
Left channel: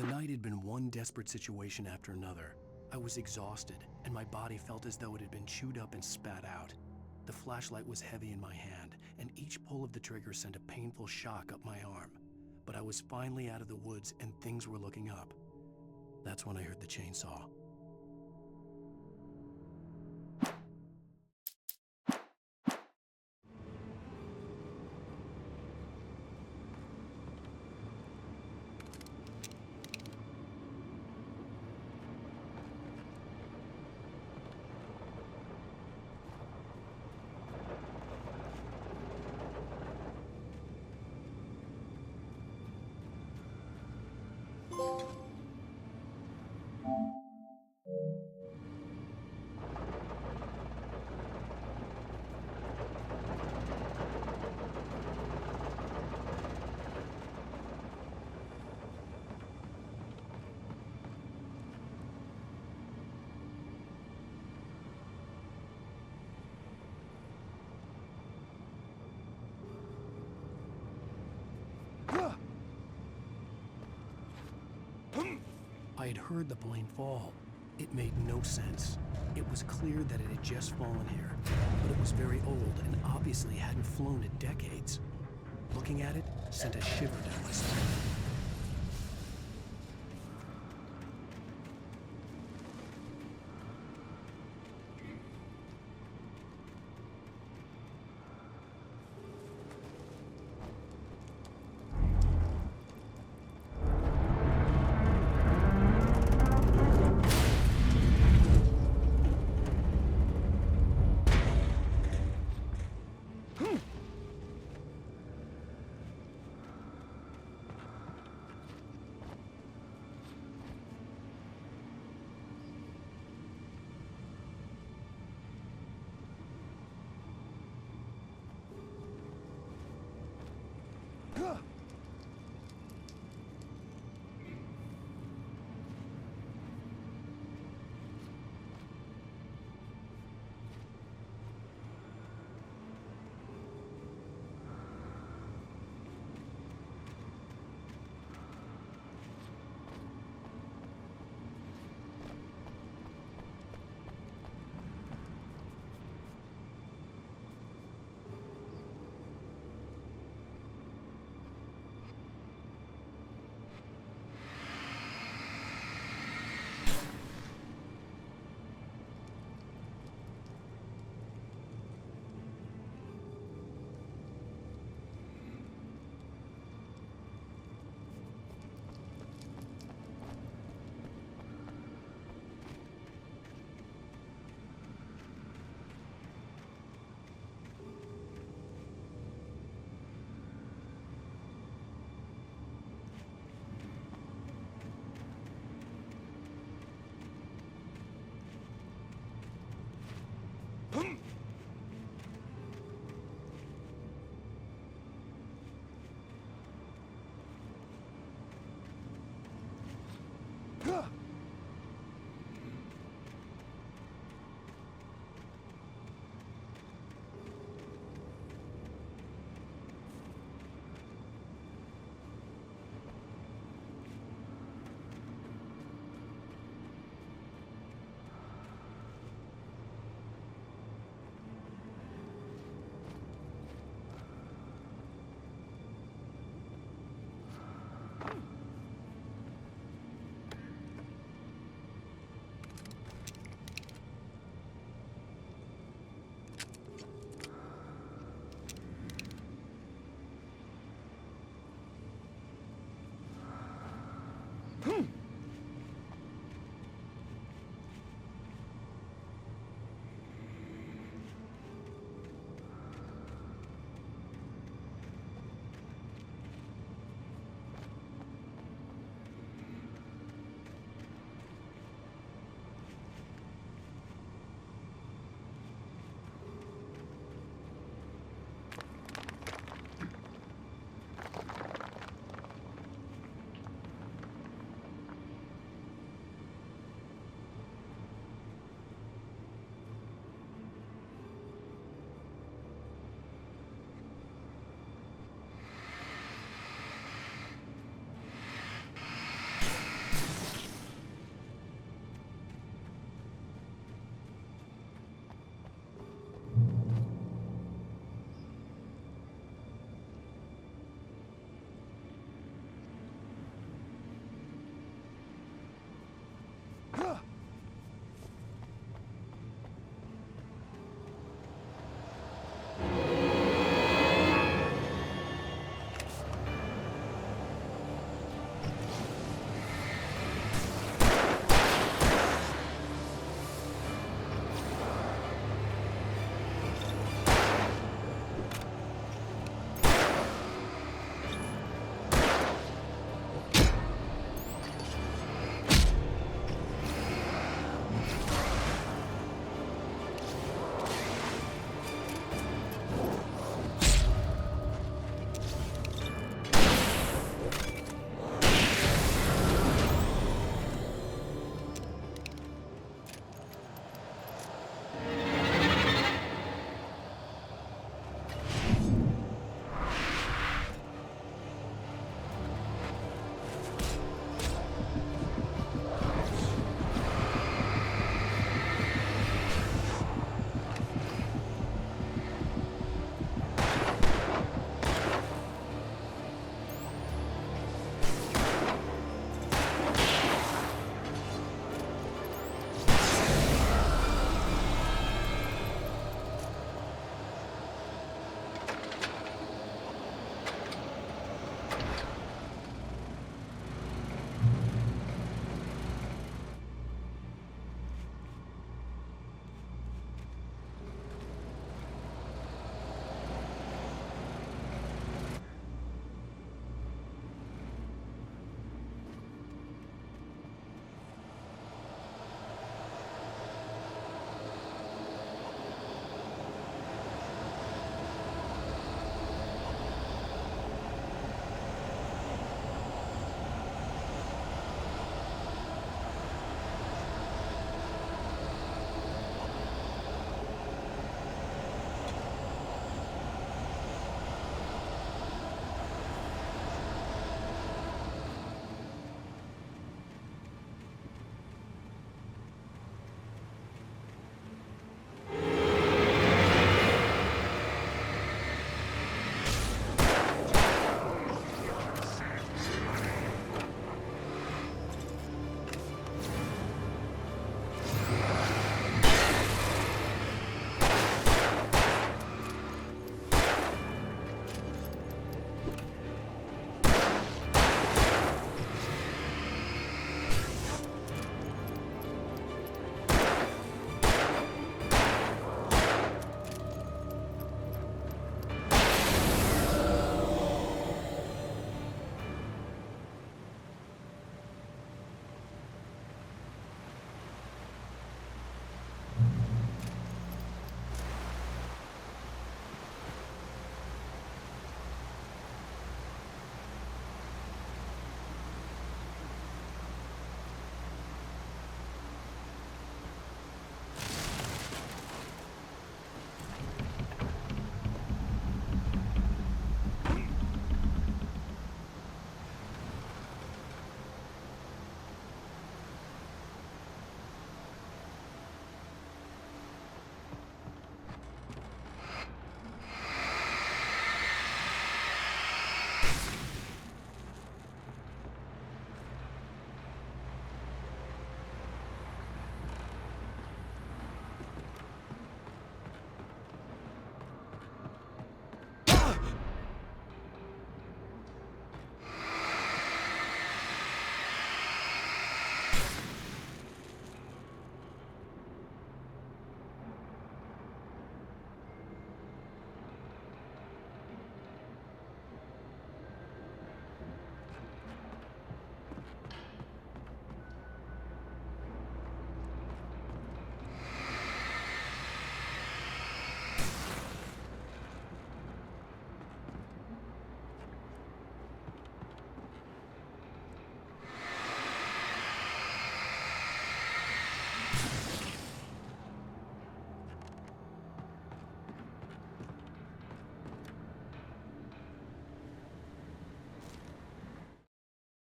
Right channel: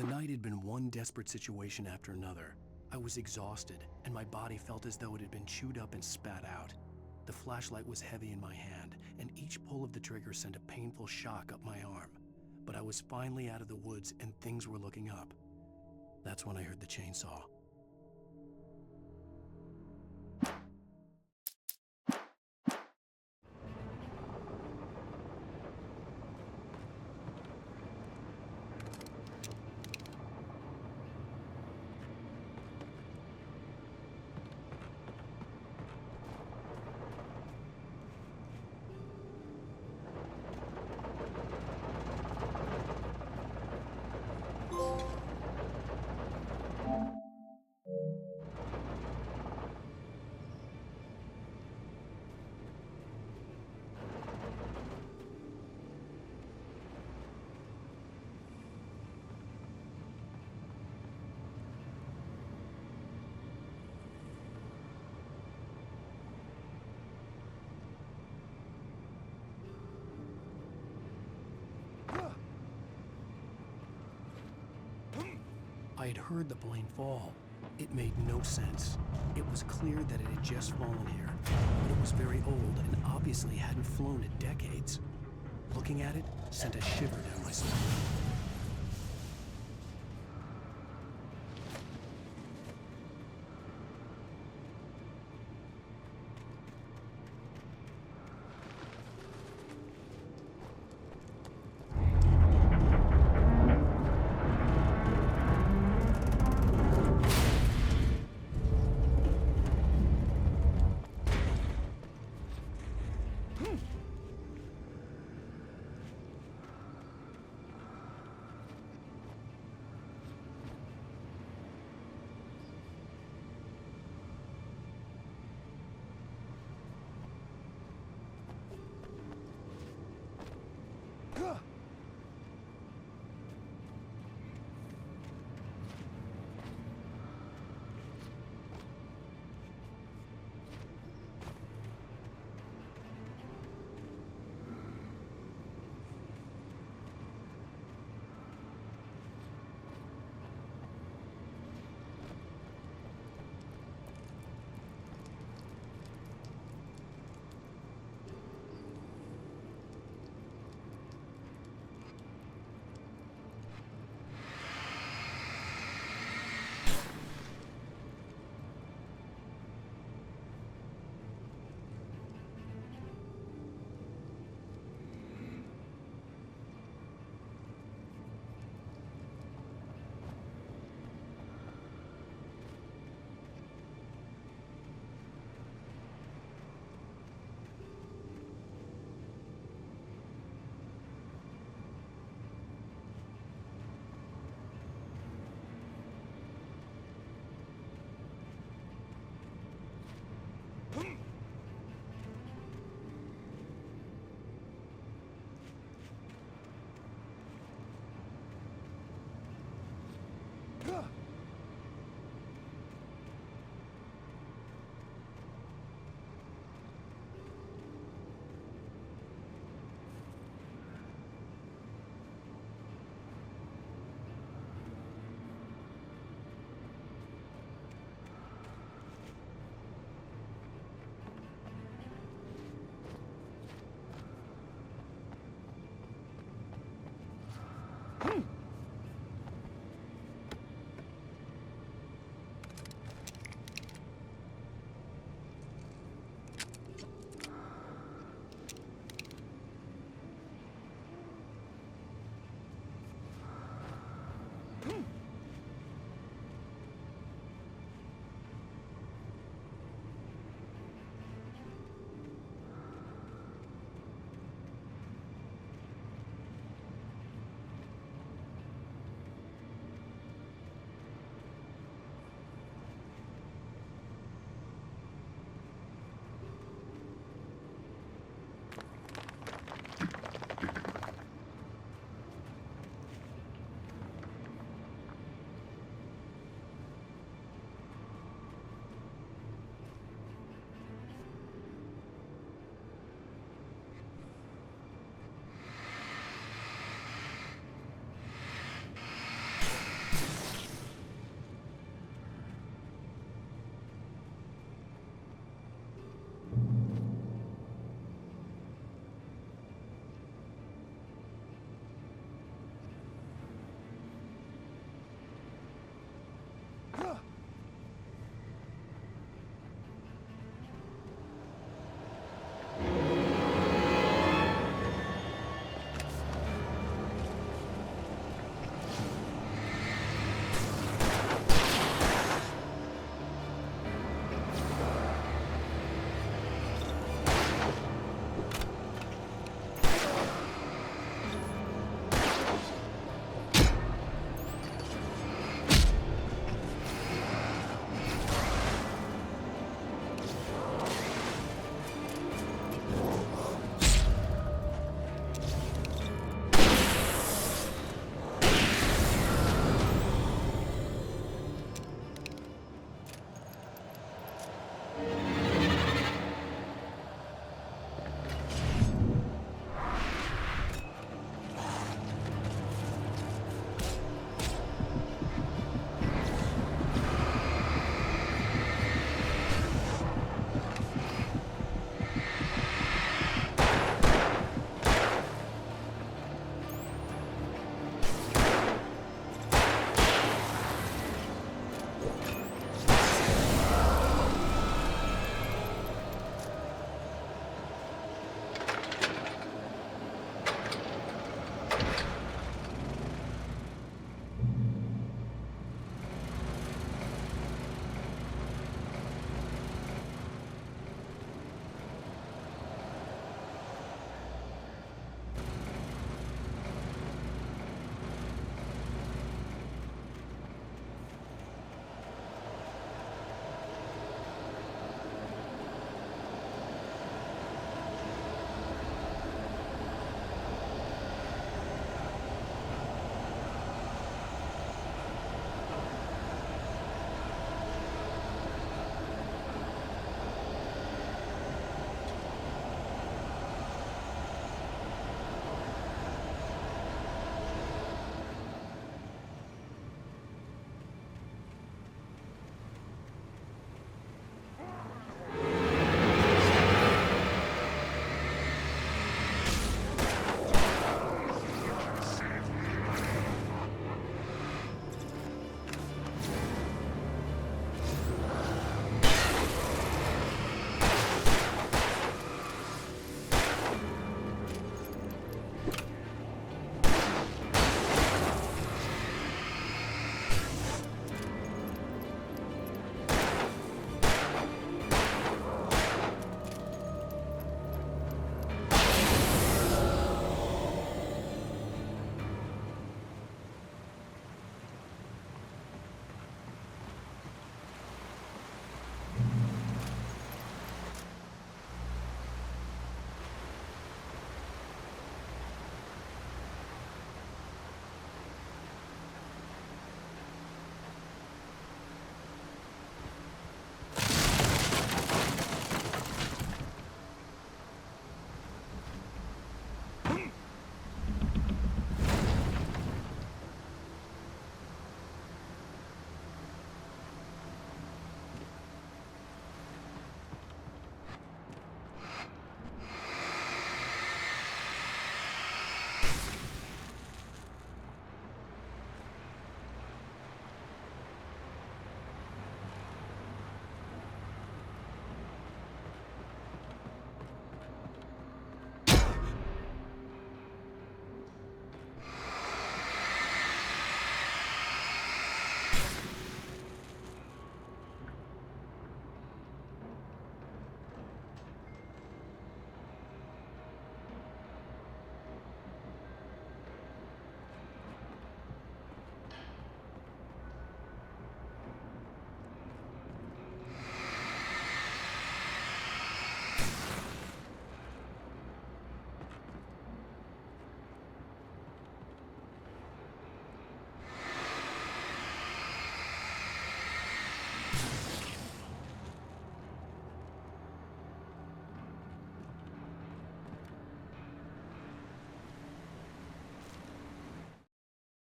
The night had been one desperate situation after another. I was exhausted, and my body felt as though it had been chewed up and spat out. The flashlight was heavy in my hand, and each pull of the trigger sent a painful shock up my arm. But I was finally out of the woods, and things were looking up. That's when I heard the chainsaw. I had heard the plane fall. It made no sense. It was clear that it had just fallen here, but it was very old and obviously hadn't flown in decades. Looking at it sent a shiver down my spine.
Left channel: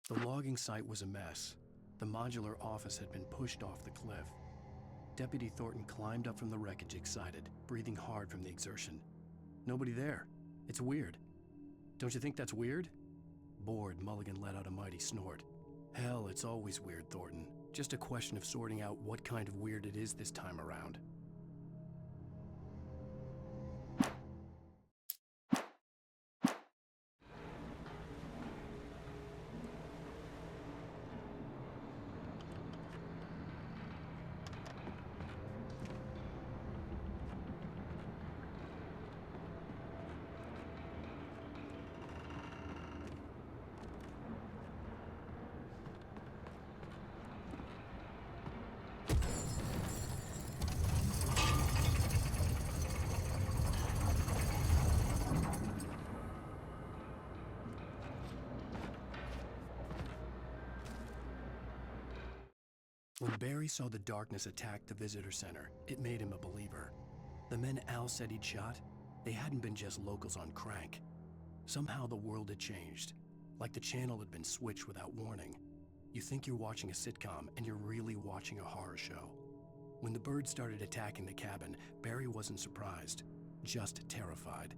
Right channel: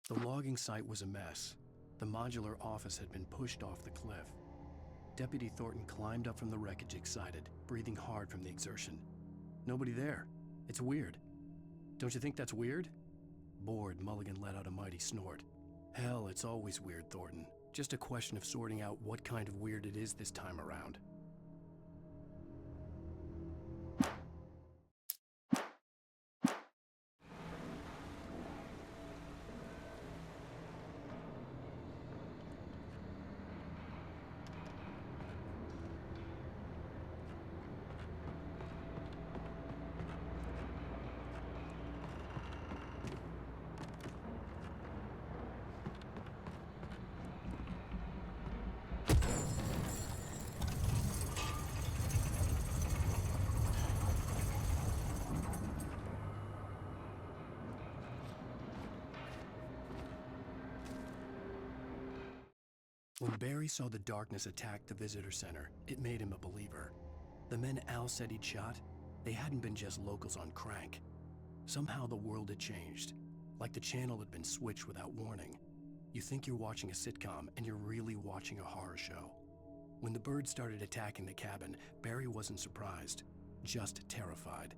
The logging site was a mess. The modular office had been pushed off the cliff. Deputy Thornton climbed up from the wreckage excited, breathing hard from the exertion. Nobody there. It's weird. Don't you think that's weird? Bored, Mulligan let out a mighty snort. Hell, it's always weird, Thornton. Just a question of sorting out what kind of weird it is this time around. When Barry saw the darkness attack the visitor center, it made him a believer. The men Al said he'd shot, they hadn't been just locals on crank. Somehow the world had changed, like the channel had been switched without warning. You think you're watching a sitcom, and you're really watching a horror show. When the birds started attacking the cabin, Barry wasn't surprised, just terrified.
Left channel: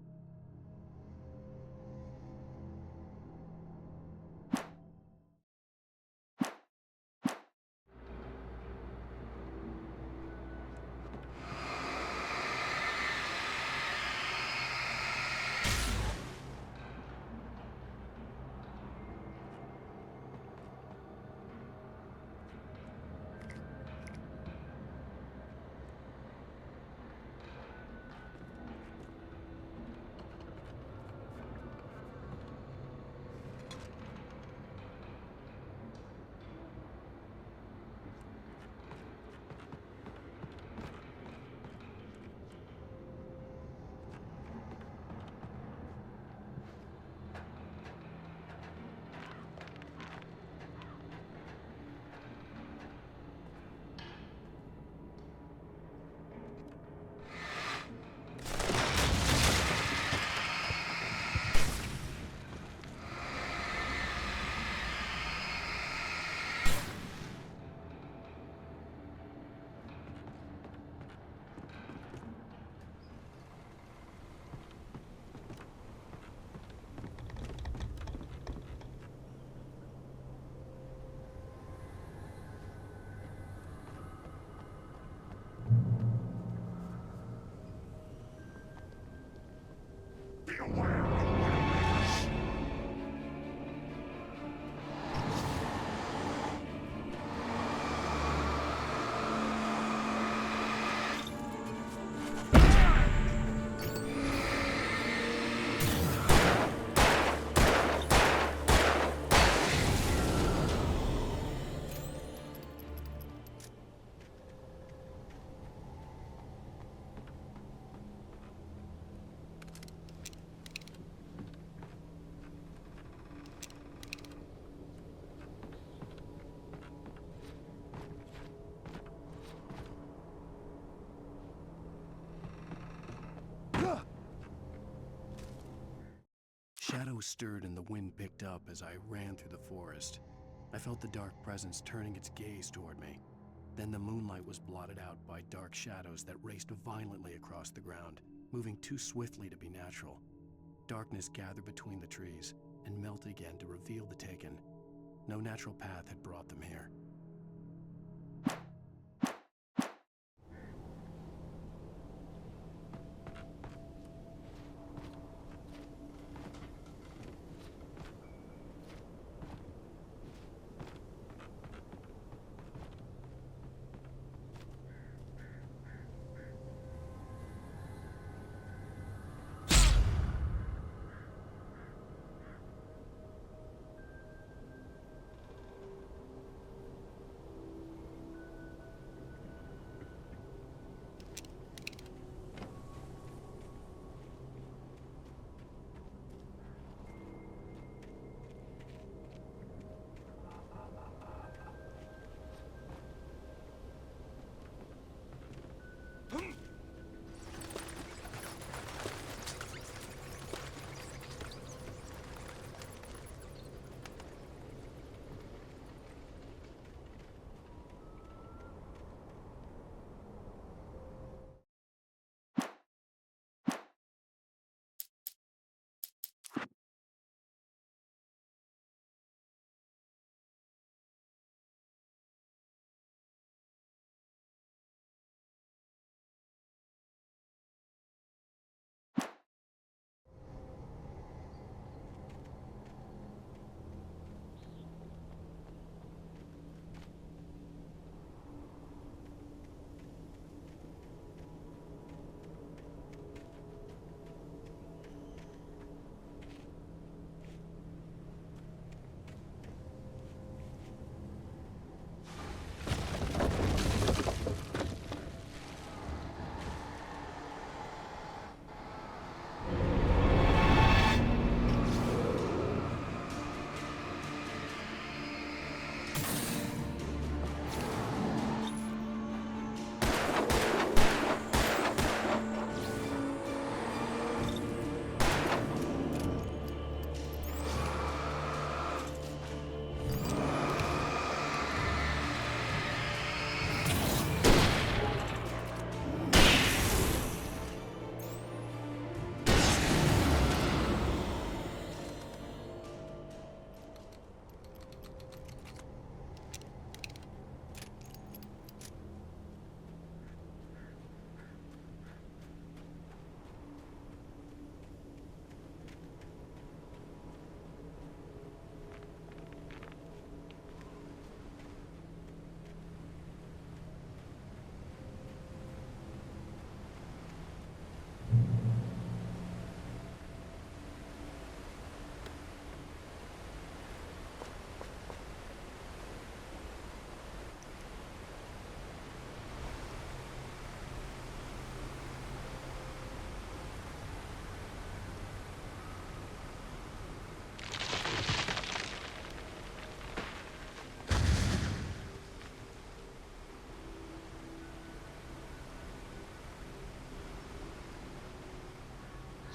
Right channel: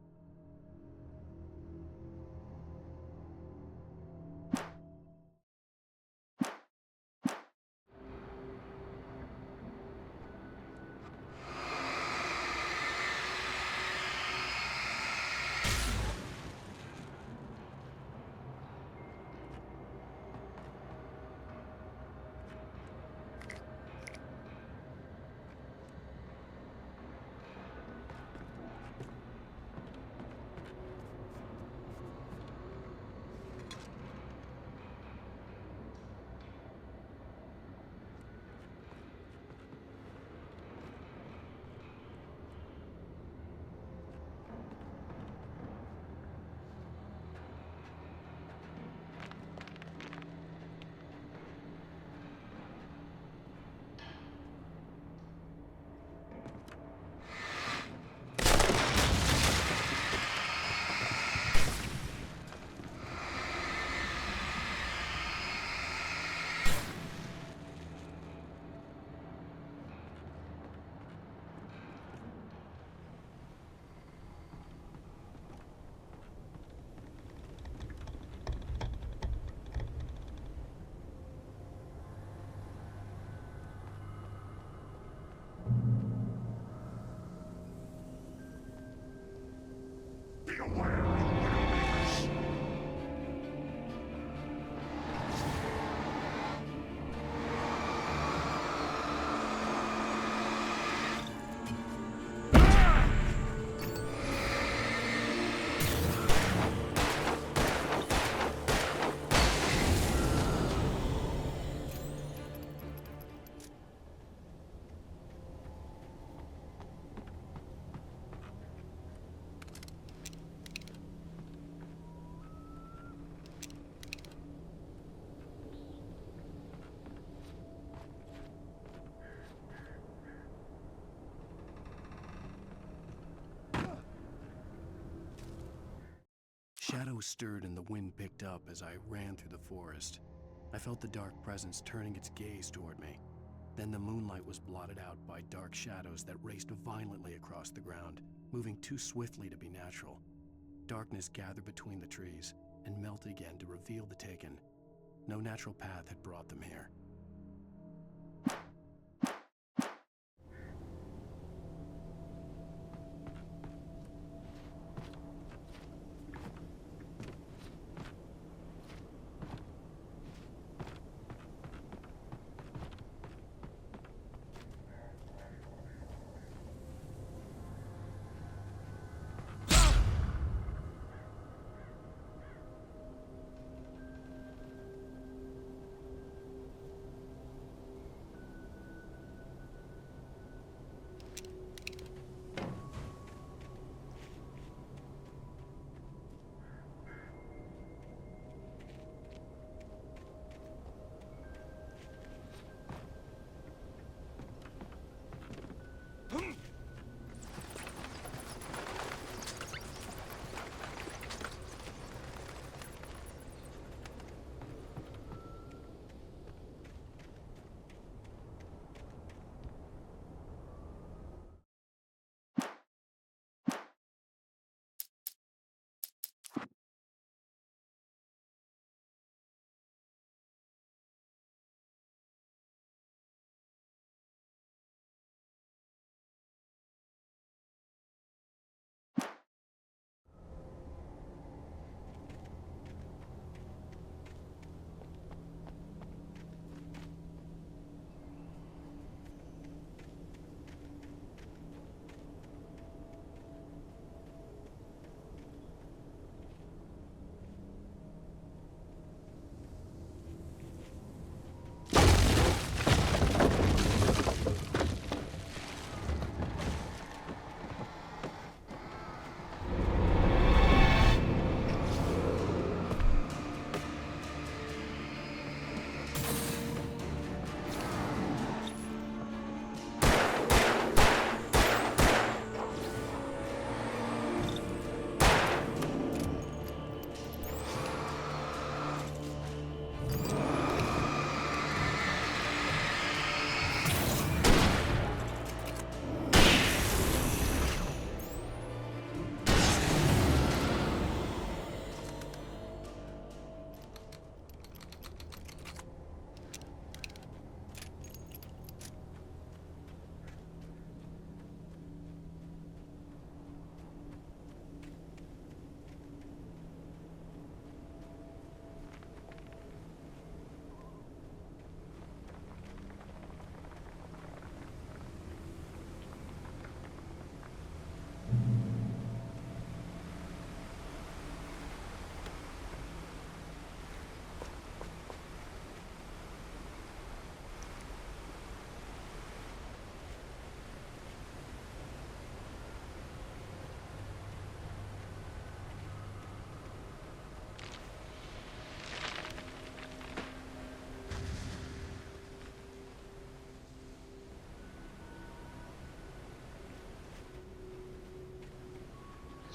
Beware of Widowmakers. Shadows stirred and the wind picked up as I ran through the forest. I felt the dark presence turning its gaze toward me. Then the moonlight was blotted out by dark shadows that raced violently across the ground, moving too swiftly to be natural. Darkness gathered between the trees and melted again to reveal the Taken. No natural path had brought them here.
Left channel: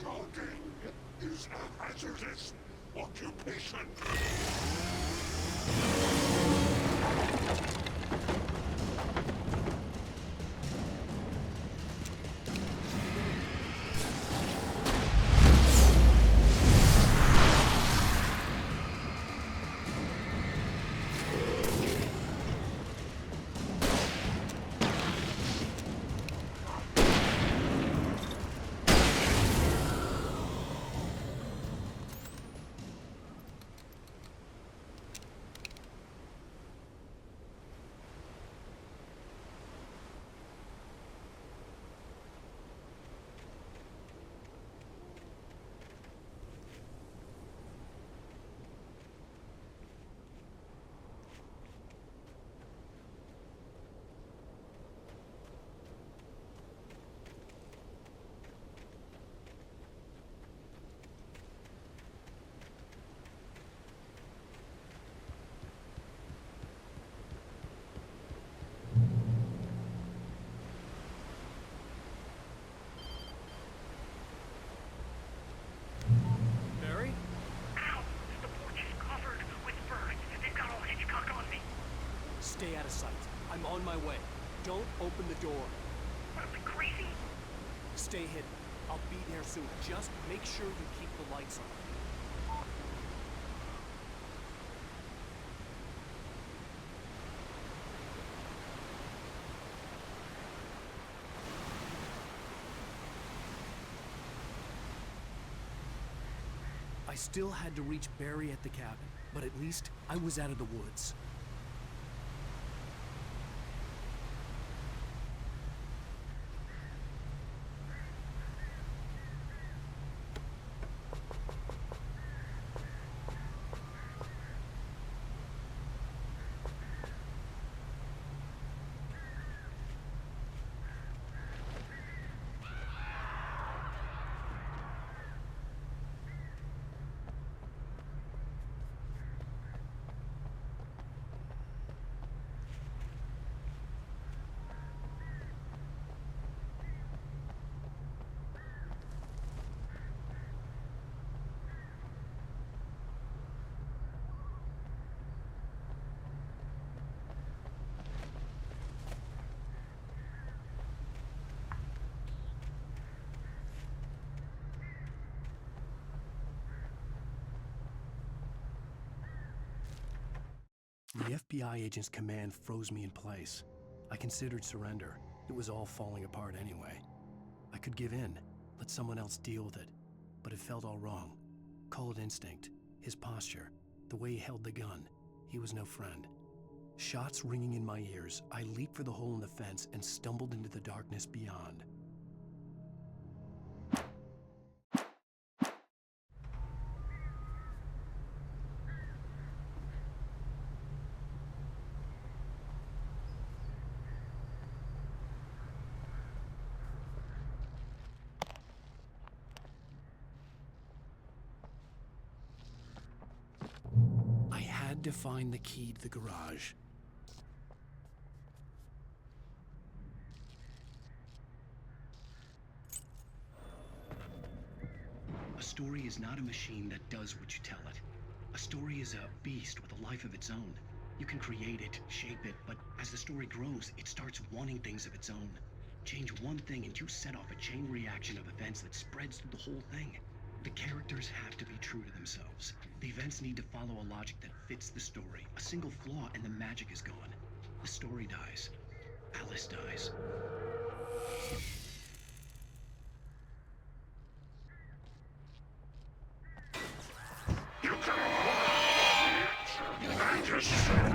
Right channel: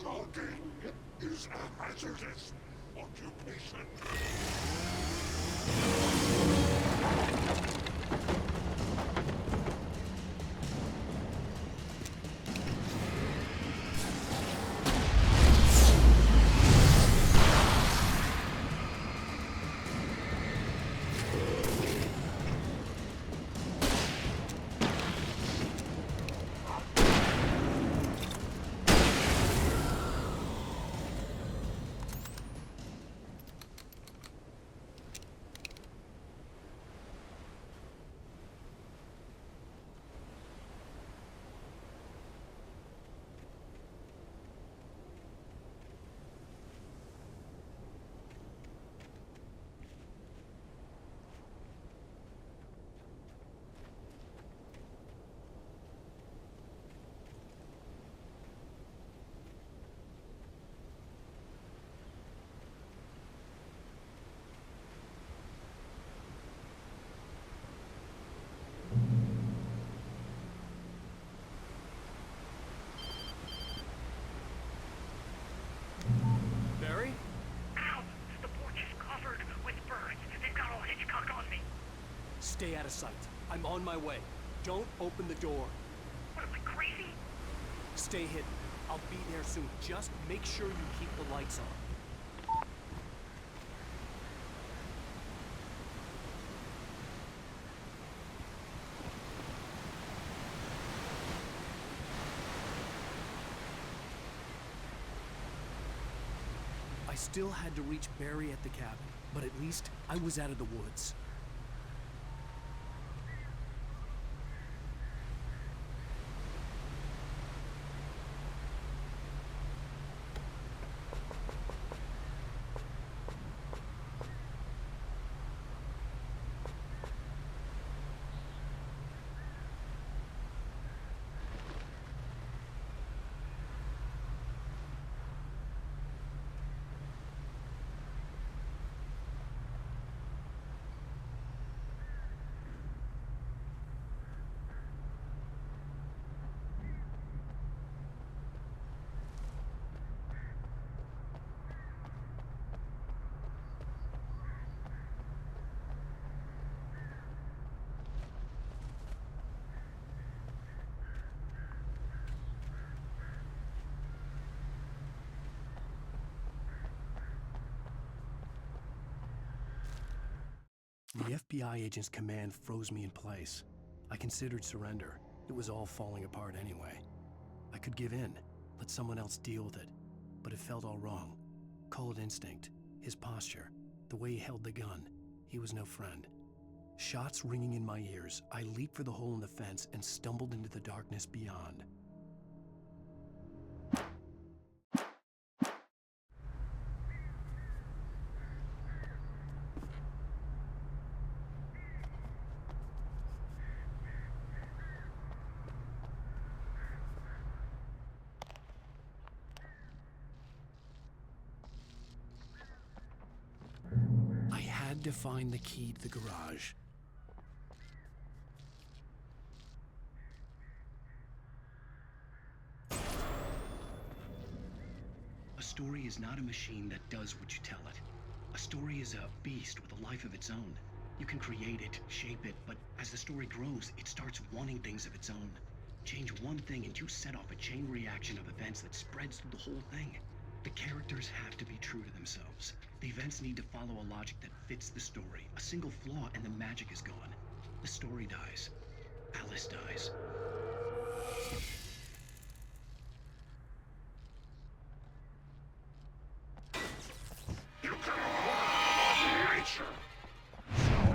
Talking is a hazardous occupation. Barry? Ow! The porch is covered with birds. They've got all Hitchcock on me. Stay out of sight. I'm on my way. Don't open the door. What am I, crazy? Stay hidden. I'll be there soon. Just make sure you keep the lights on. I still had to reach Barry at the cabin, but at least I was out of the woods. The FBI agent's command froze me in place. I considered surrender. It was all falling apart anyway. I could give in, let someone else deal with it, but it felt all wrong. Call it instinct, his posture, the way he held the gun. He was no friend. Shots ringing in my ears, I leaped for the hole in the fence and stumbled into the darkness beyond. I had to find the key to the garage. A story is not a machine that does what you tell it. A story is a beast with a life of its own. You can create it, shape it, but as the story grows, it starts wanting things of its own. Change one thing and you set off a chain reaction of events that spreads through the whole thing. The characters have to be true to themselves. The events need to follow a logic that fits the story. A single flaw and the magic is gone. The story dies. Alice dies. You can hold nature and yourself.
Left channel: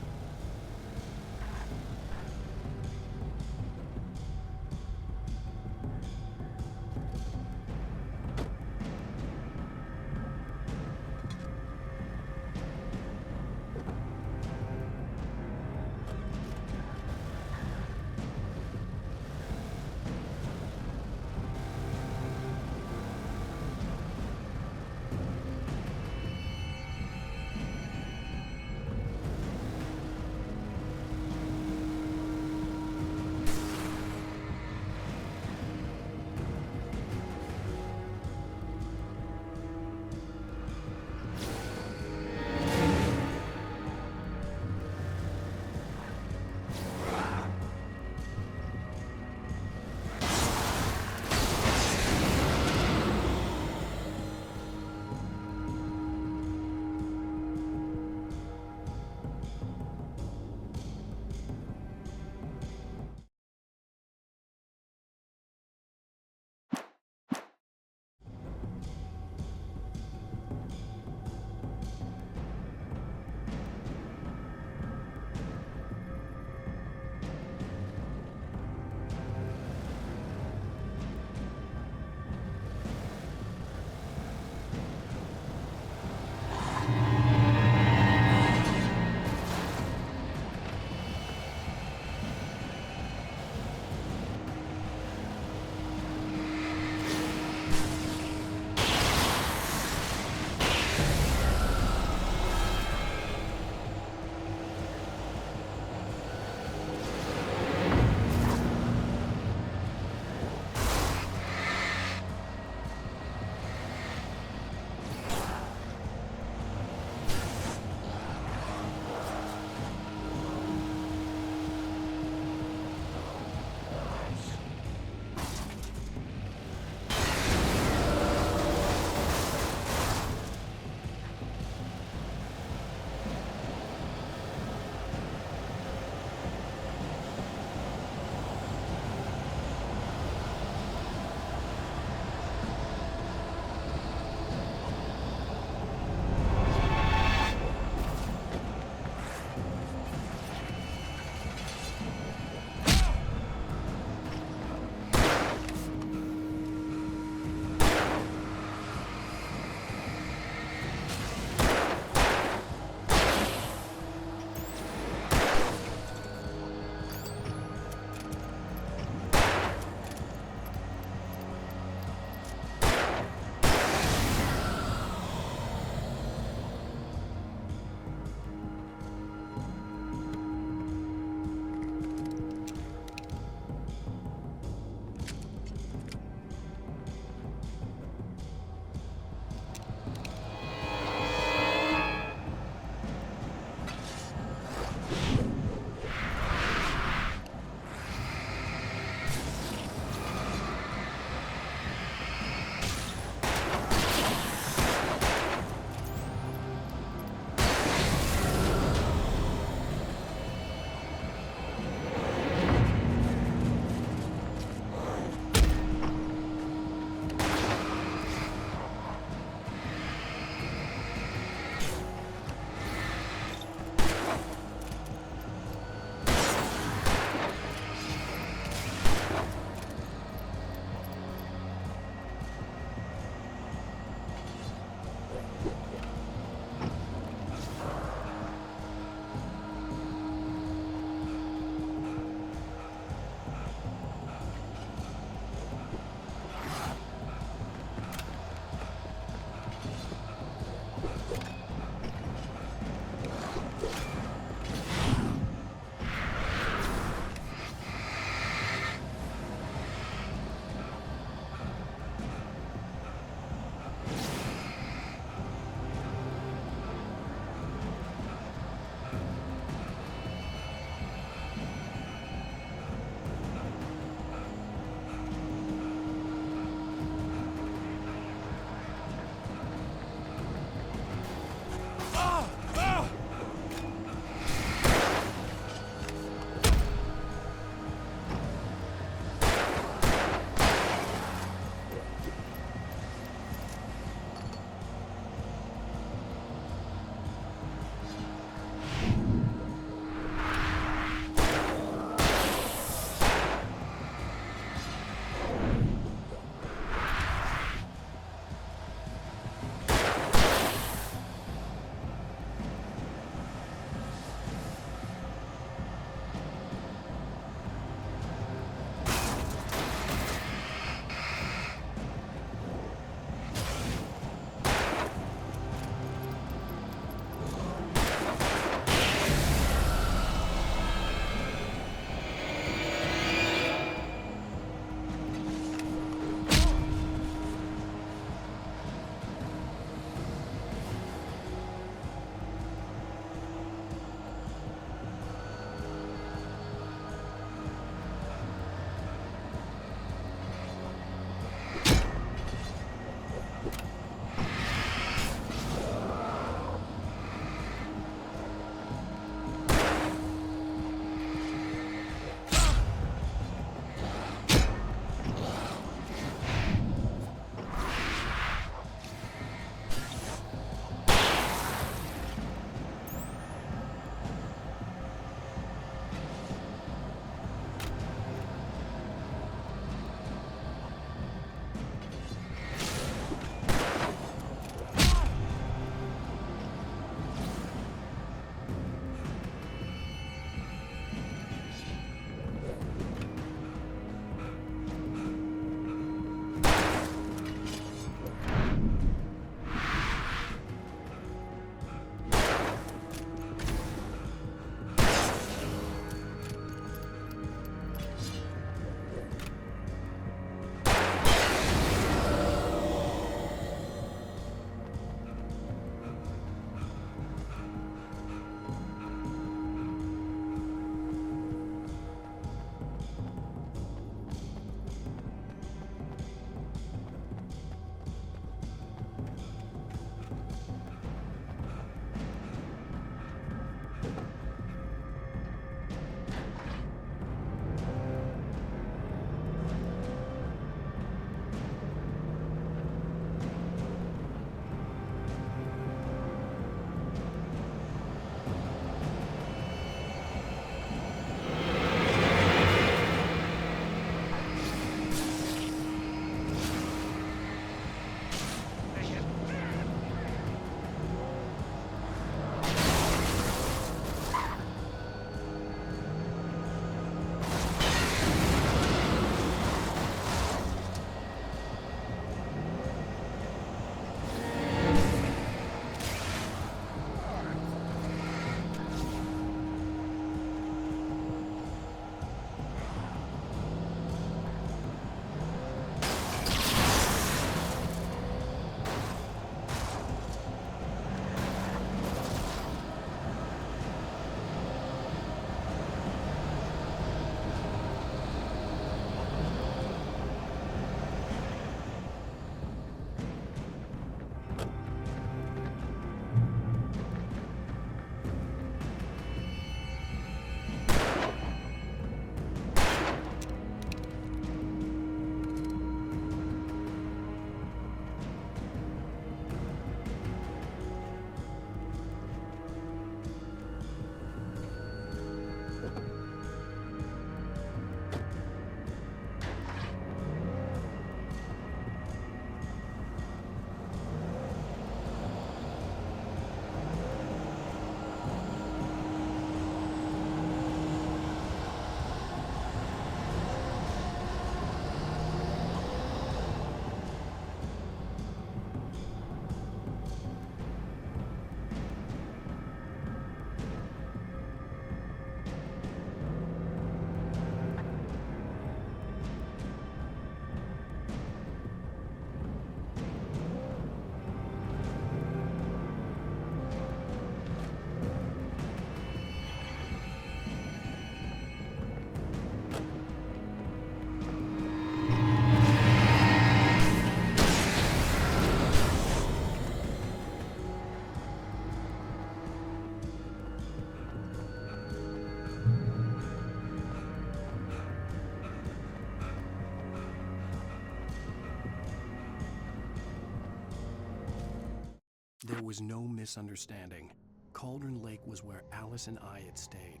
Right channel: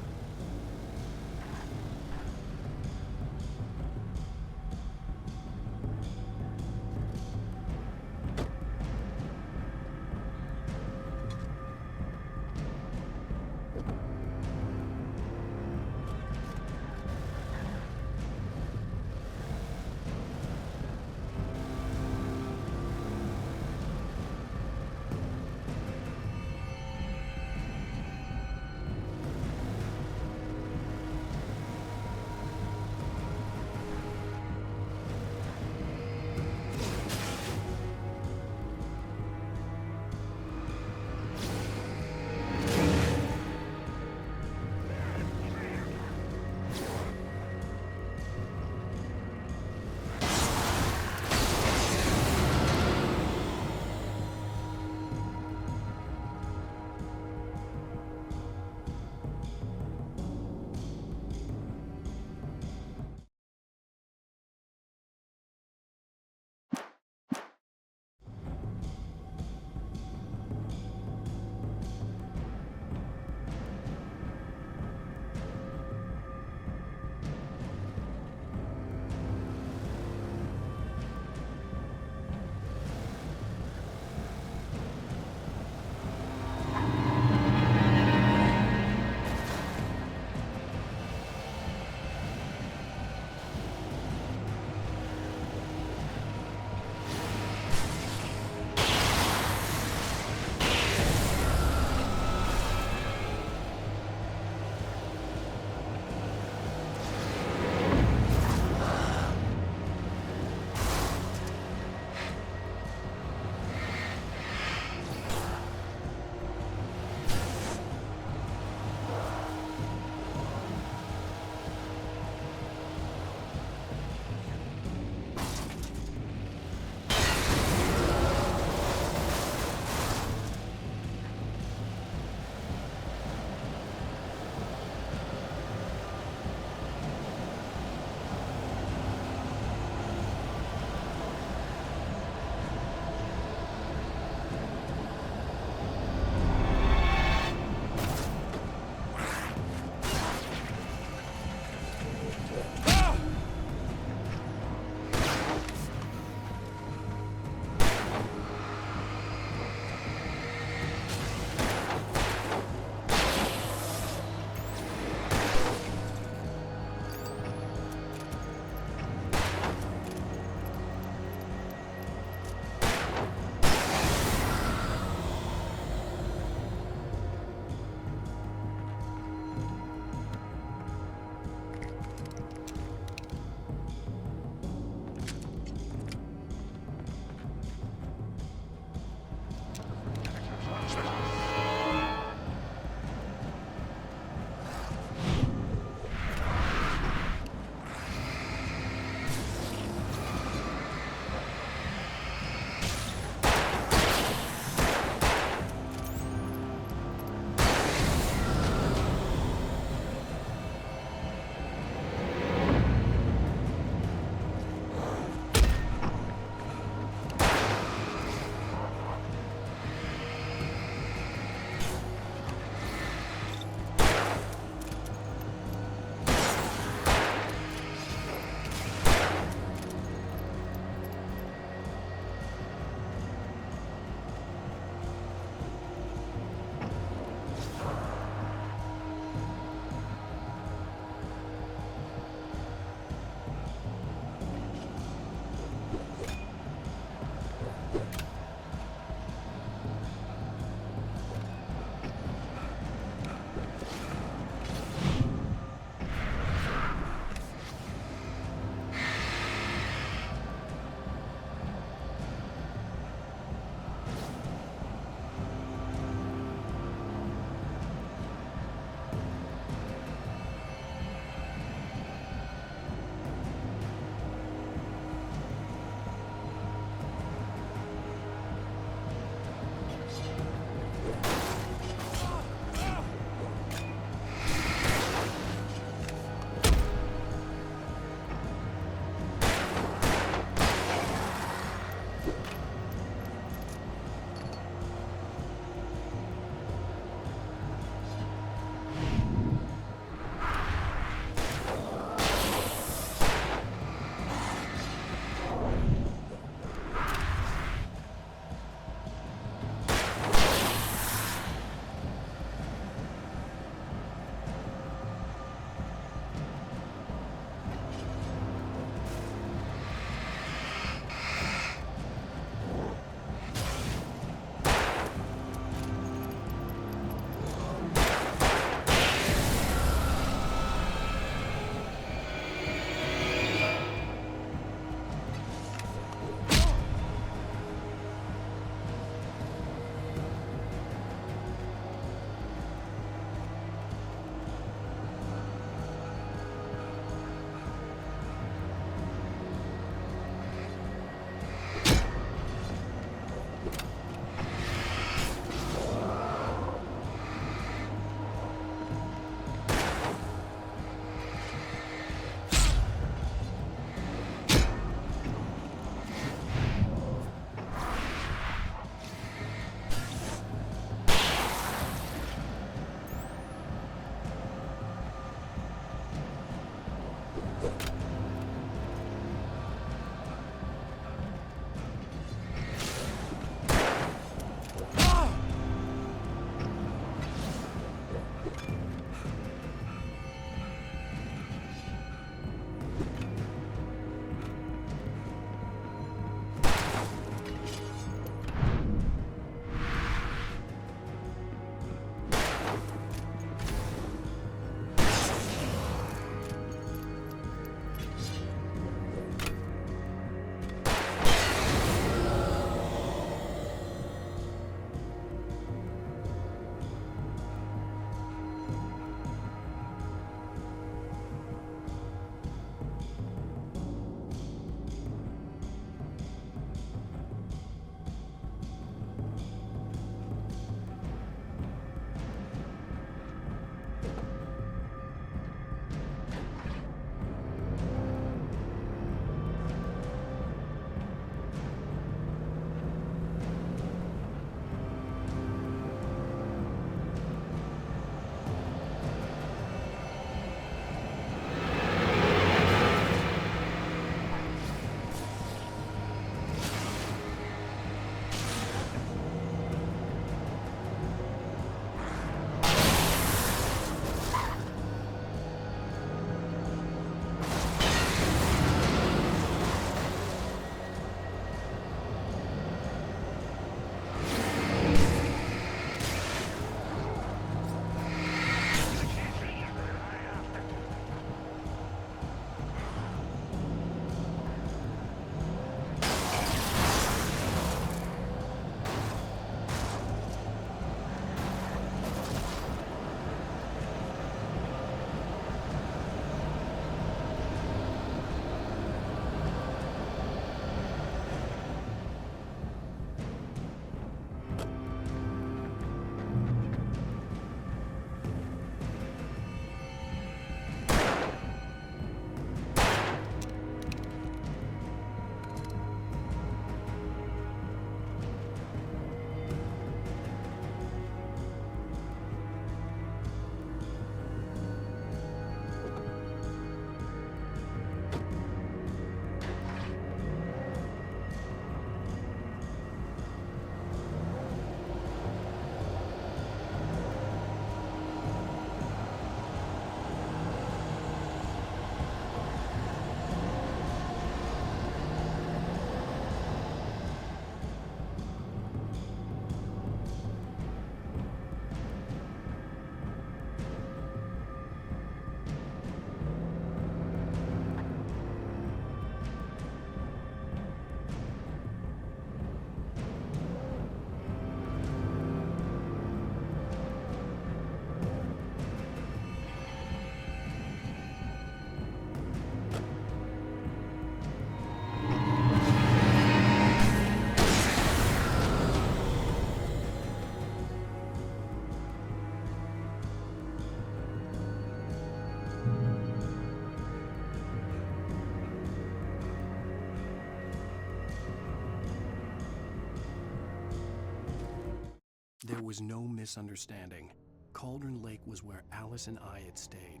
There was no misunderstanding. Cauldron Lake was where Alice and I had stayed,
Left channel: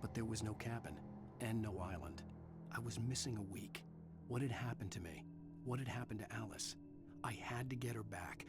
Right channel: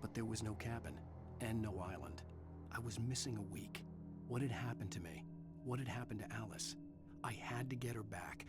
but there was no cabin and no island. I was missing a week. What had happened to me? What had happened to Alice? I had to get her back.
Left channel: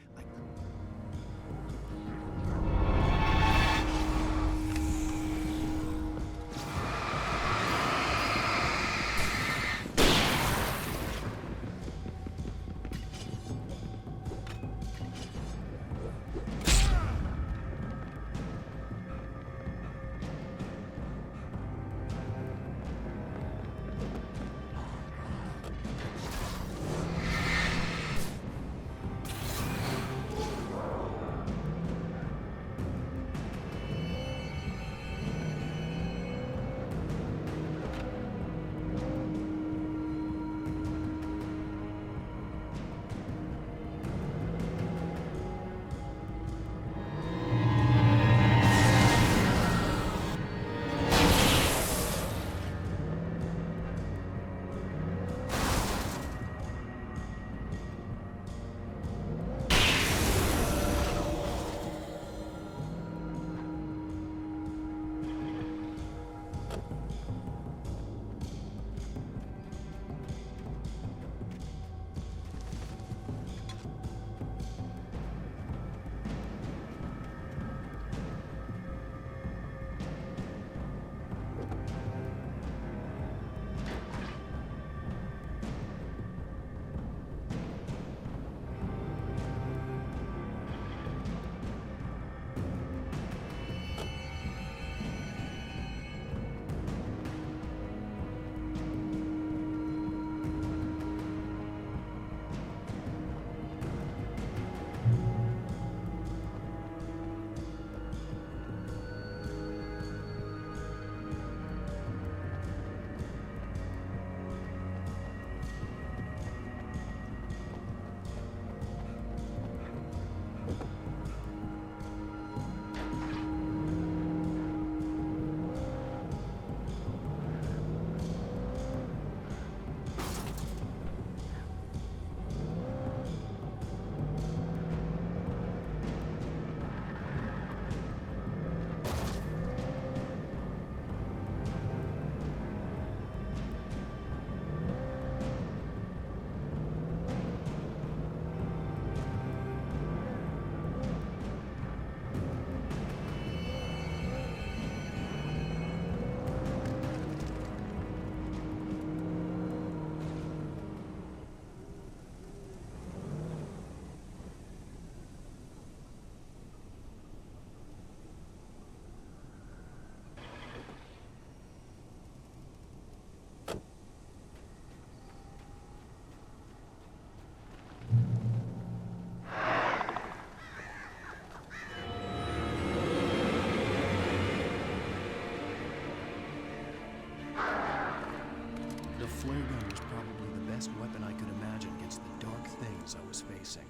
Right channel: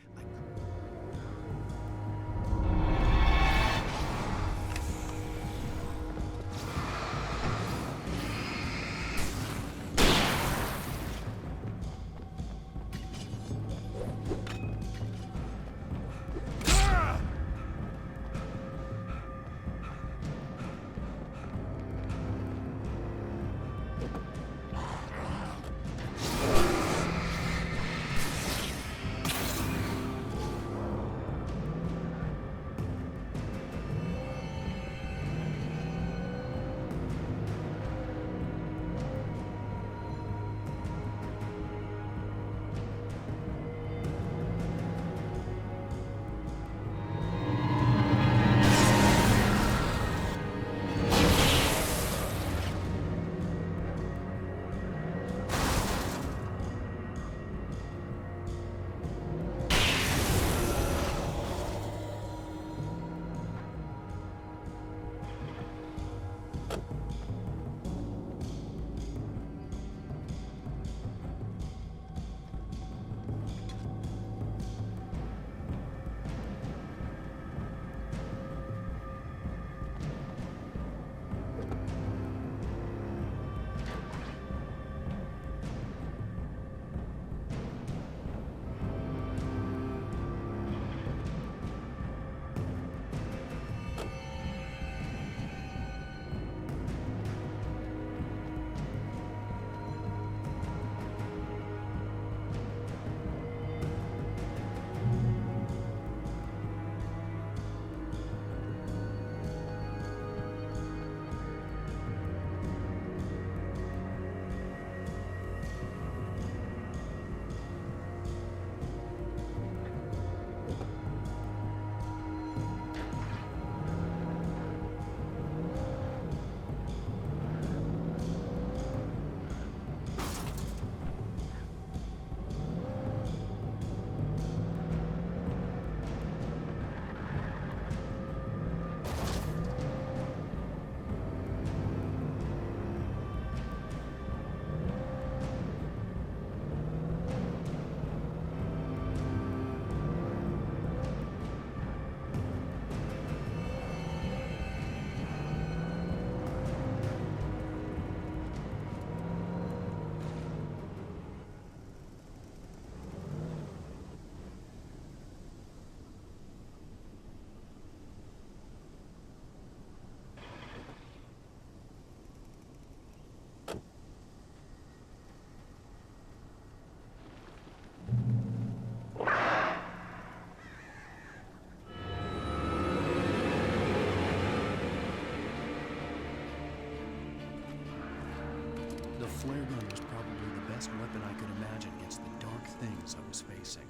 The flare gun was probably the best weapon I could imagine against the dark things I was facing.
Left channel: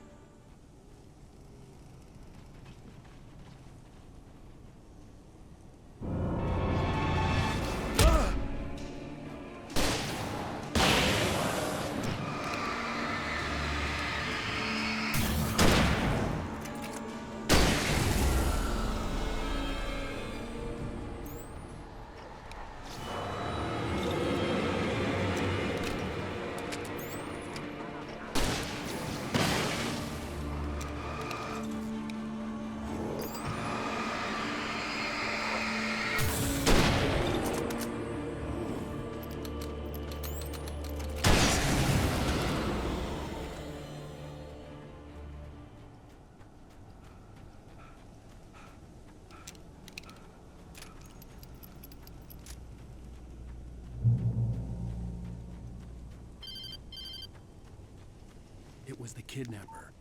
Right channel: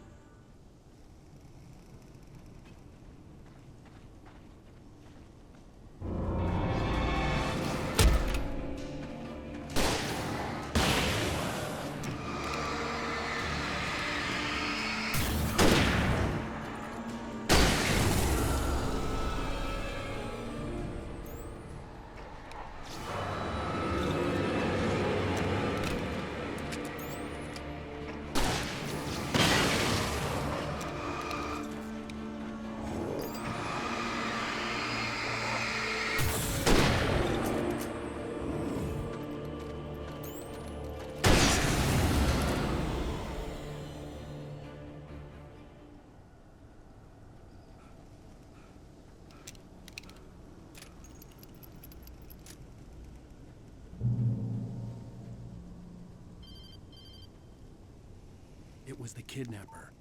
It was the kidnapper.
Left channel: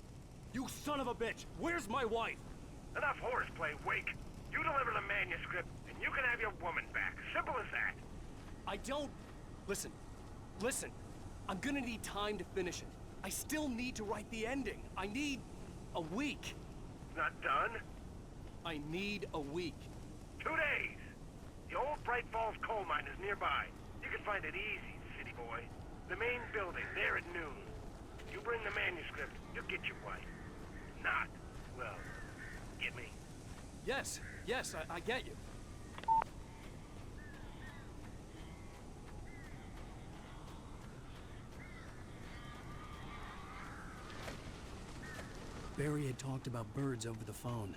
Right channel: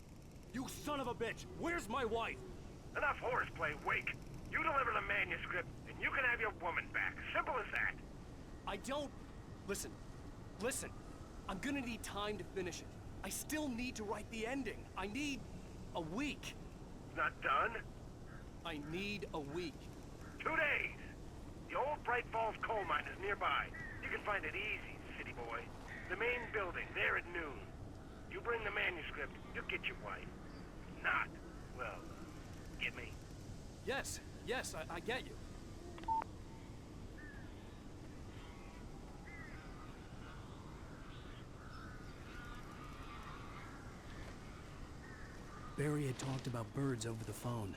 You son of a bitch! Where's my wife? Enough horseplay, Wake. You deliver the manuscript, and you can have your woman back. Simple as that. I don't... Listen. I'm gonna need time to finish it. I still need to write the ending. I need a week. It's not done? I need a week. 2 days. The old Bright Falls coal mine is nearby. You can find it easy, city boy. The main building, there at noon. You bring the manuscript, you'll get your wife. Not, well, get me? Yes, I get you. Barry had talked about birds over the phone.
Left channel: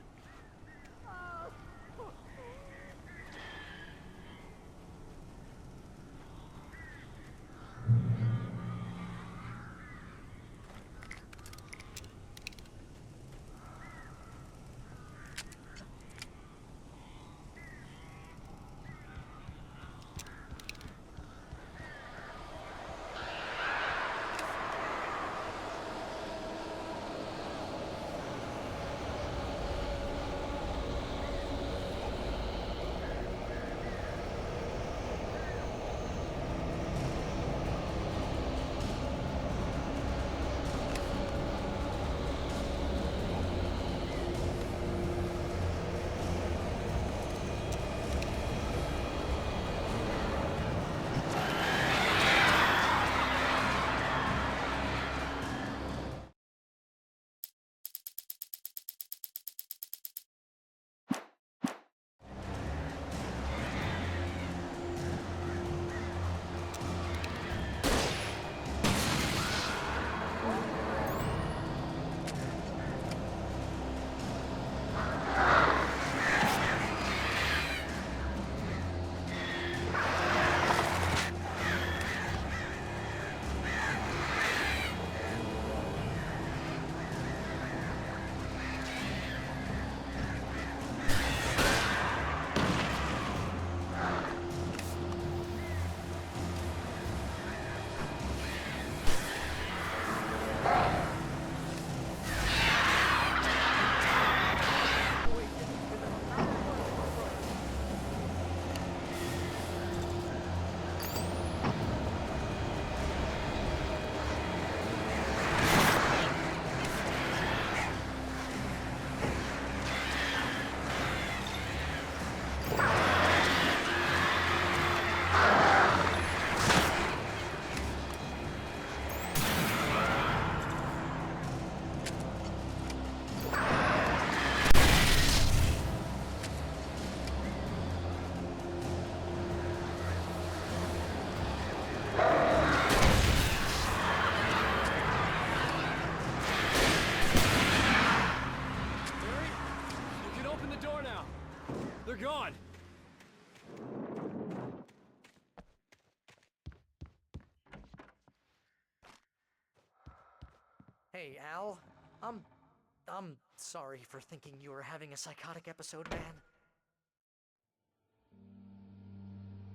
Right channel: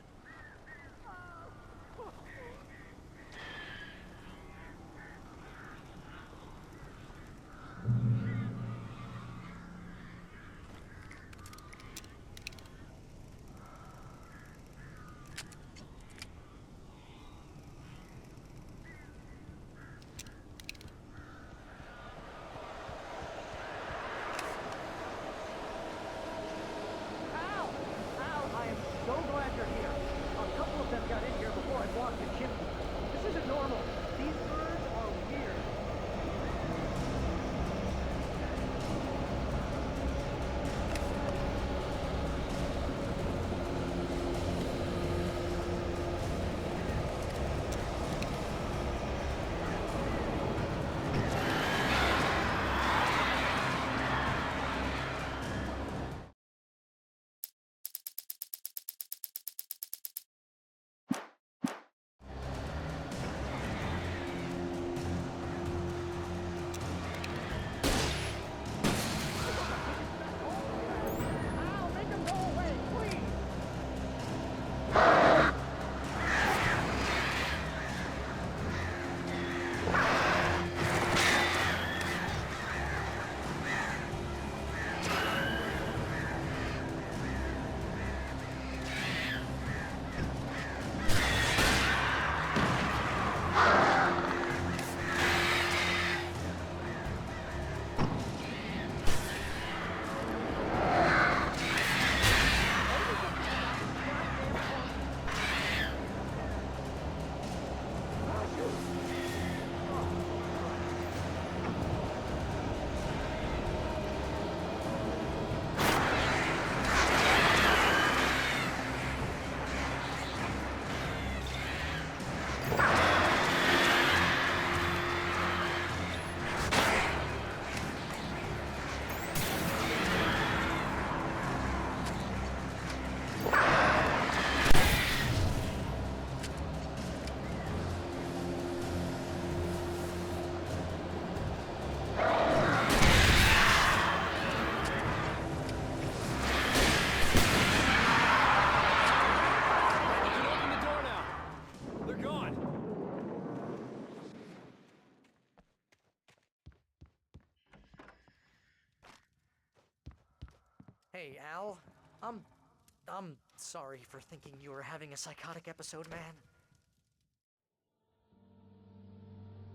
Hey, Al. I'm sorry for thinking you were having a psychotic episode, man.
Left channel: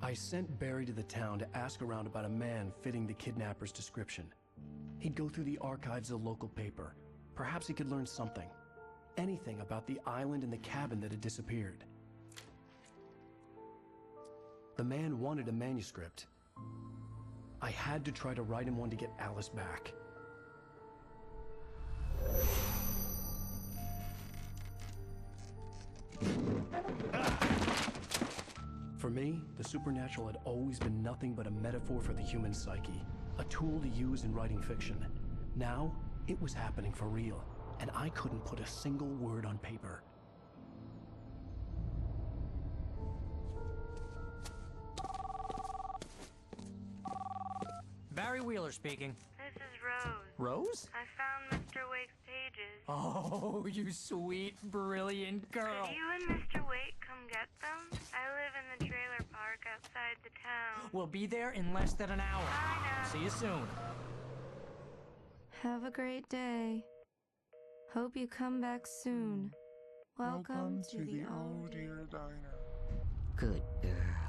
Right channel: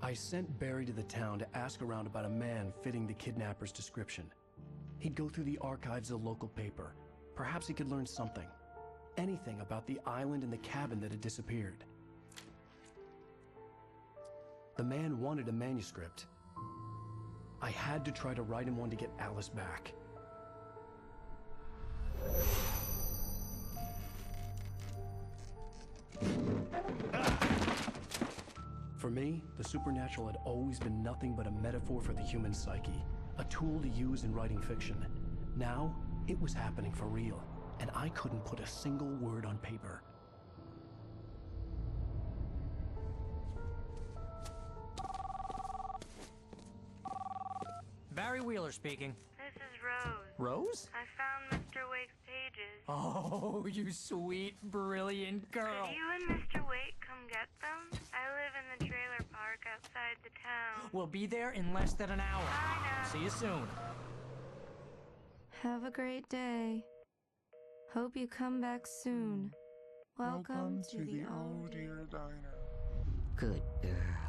I sent Barry to the town to ask around about a man fitting the kidnapper's description. He'd go through the archives of the local paper. Perhaps he could learn something. Anything about the island and the cabin that had disappeared. The man wanted a manuscript. I had to try to write him one to get Alice back. For me, the supernatural had always been nothing but a metaphor for the human psyche, a tool to use in writing fiction. Now, it was happening for real, and I couldn't put a single word on paper. Barry Wheeler speaking. This is Rose. Rose? I found Mr. Wake's pages. Oh, you sweet, brilliant girl. Could you and Mr. Wake come get them? I live in the trailer park outside the town. We'll be there in less than an hour. I know. See you soon. Have a great day. Hope you come back soon. Welcome to the Old Dear Diner. Good girl.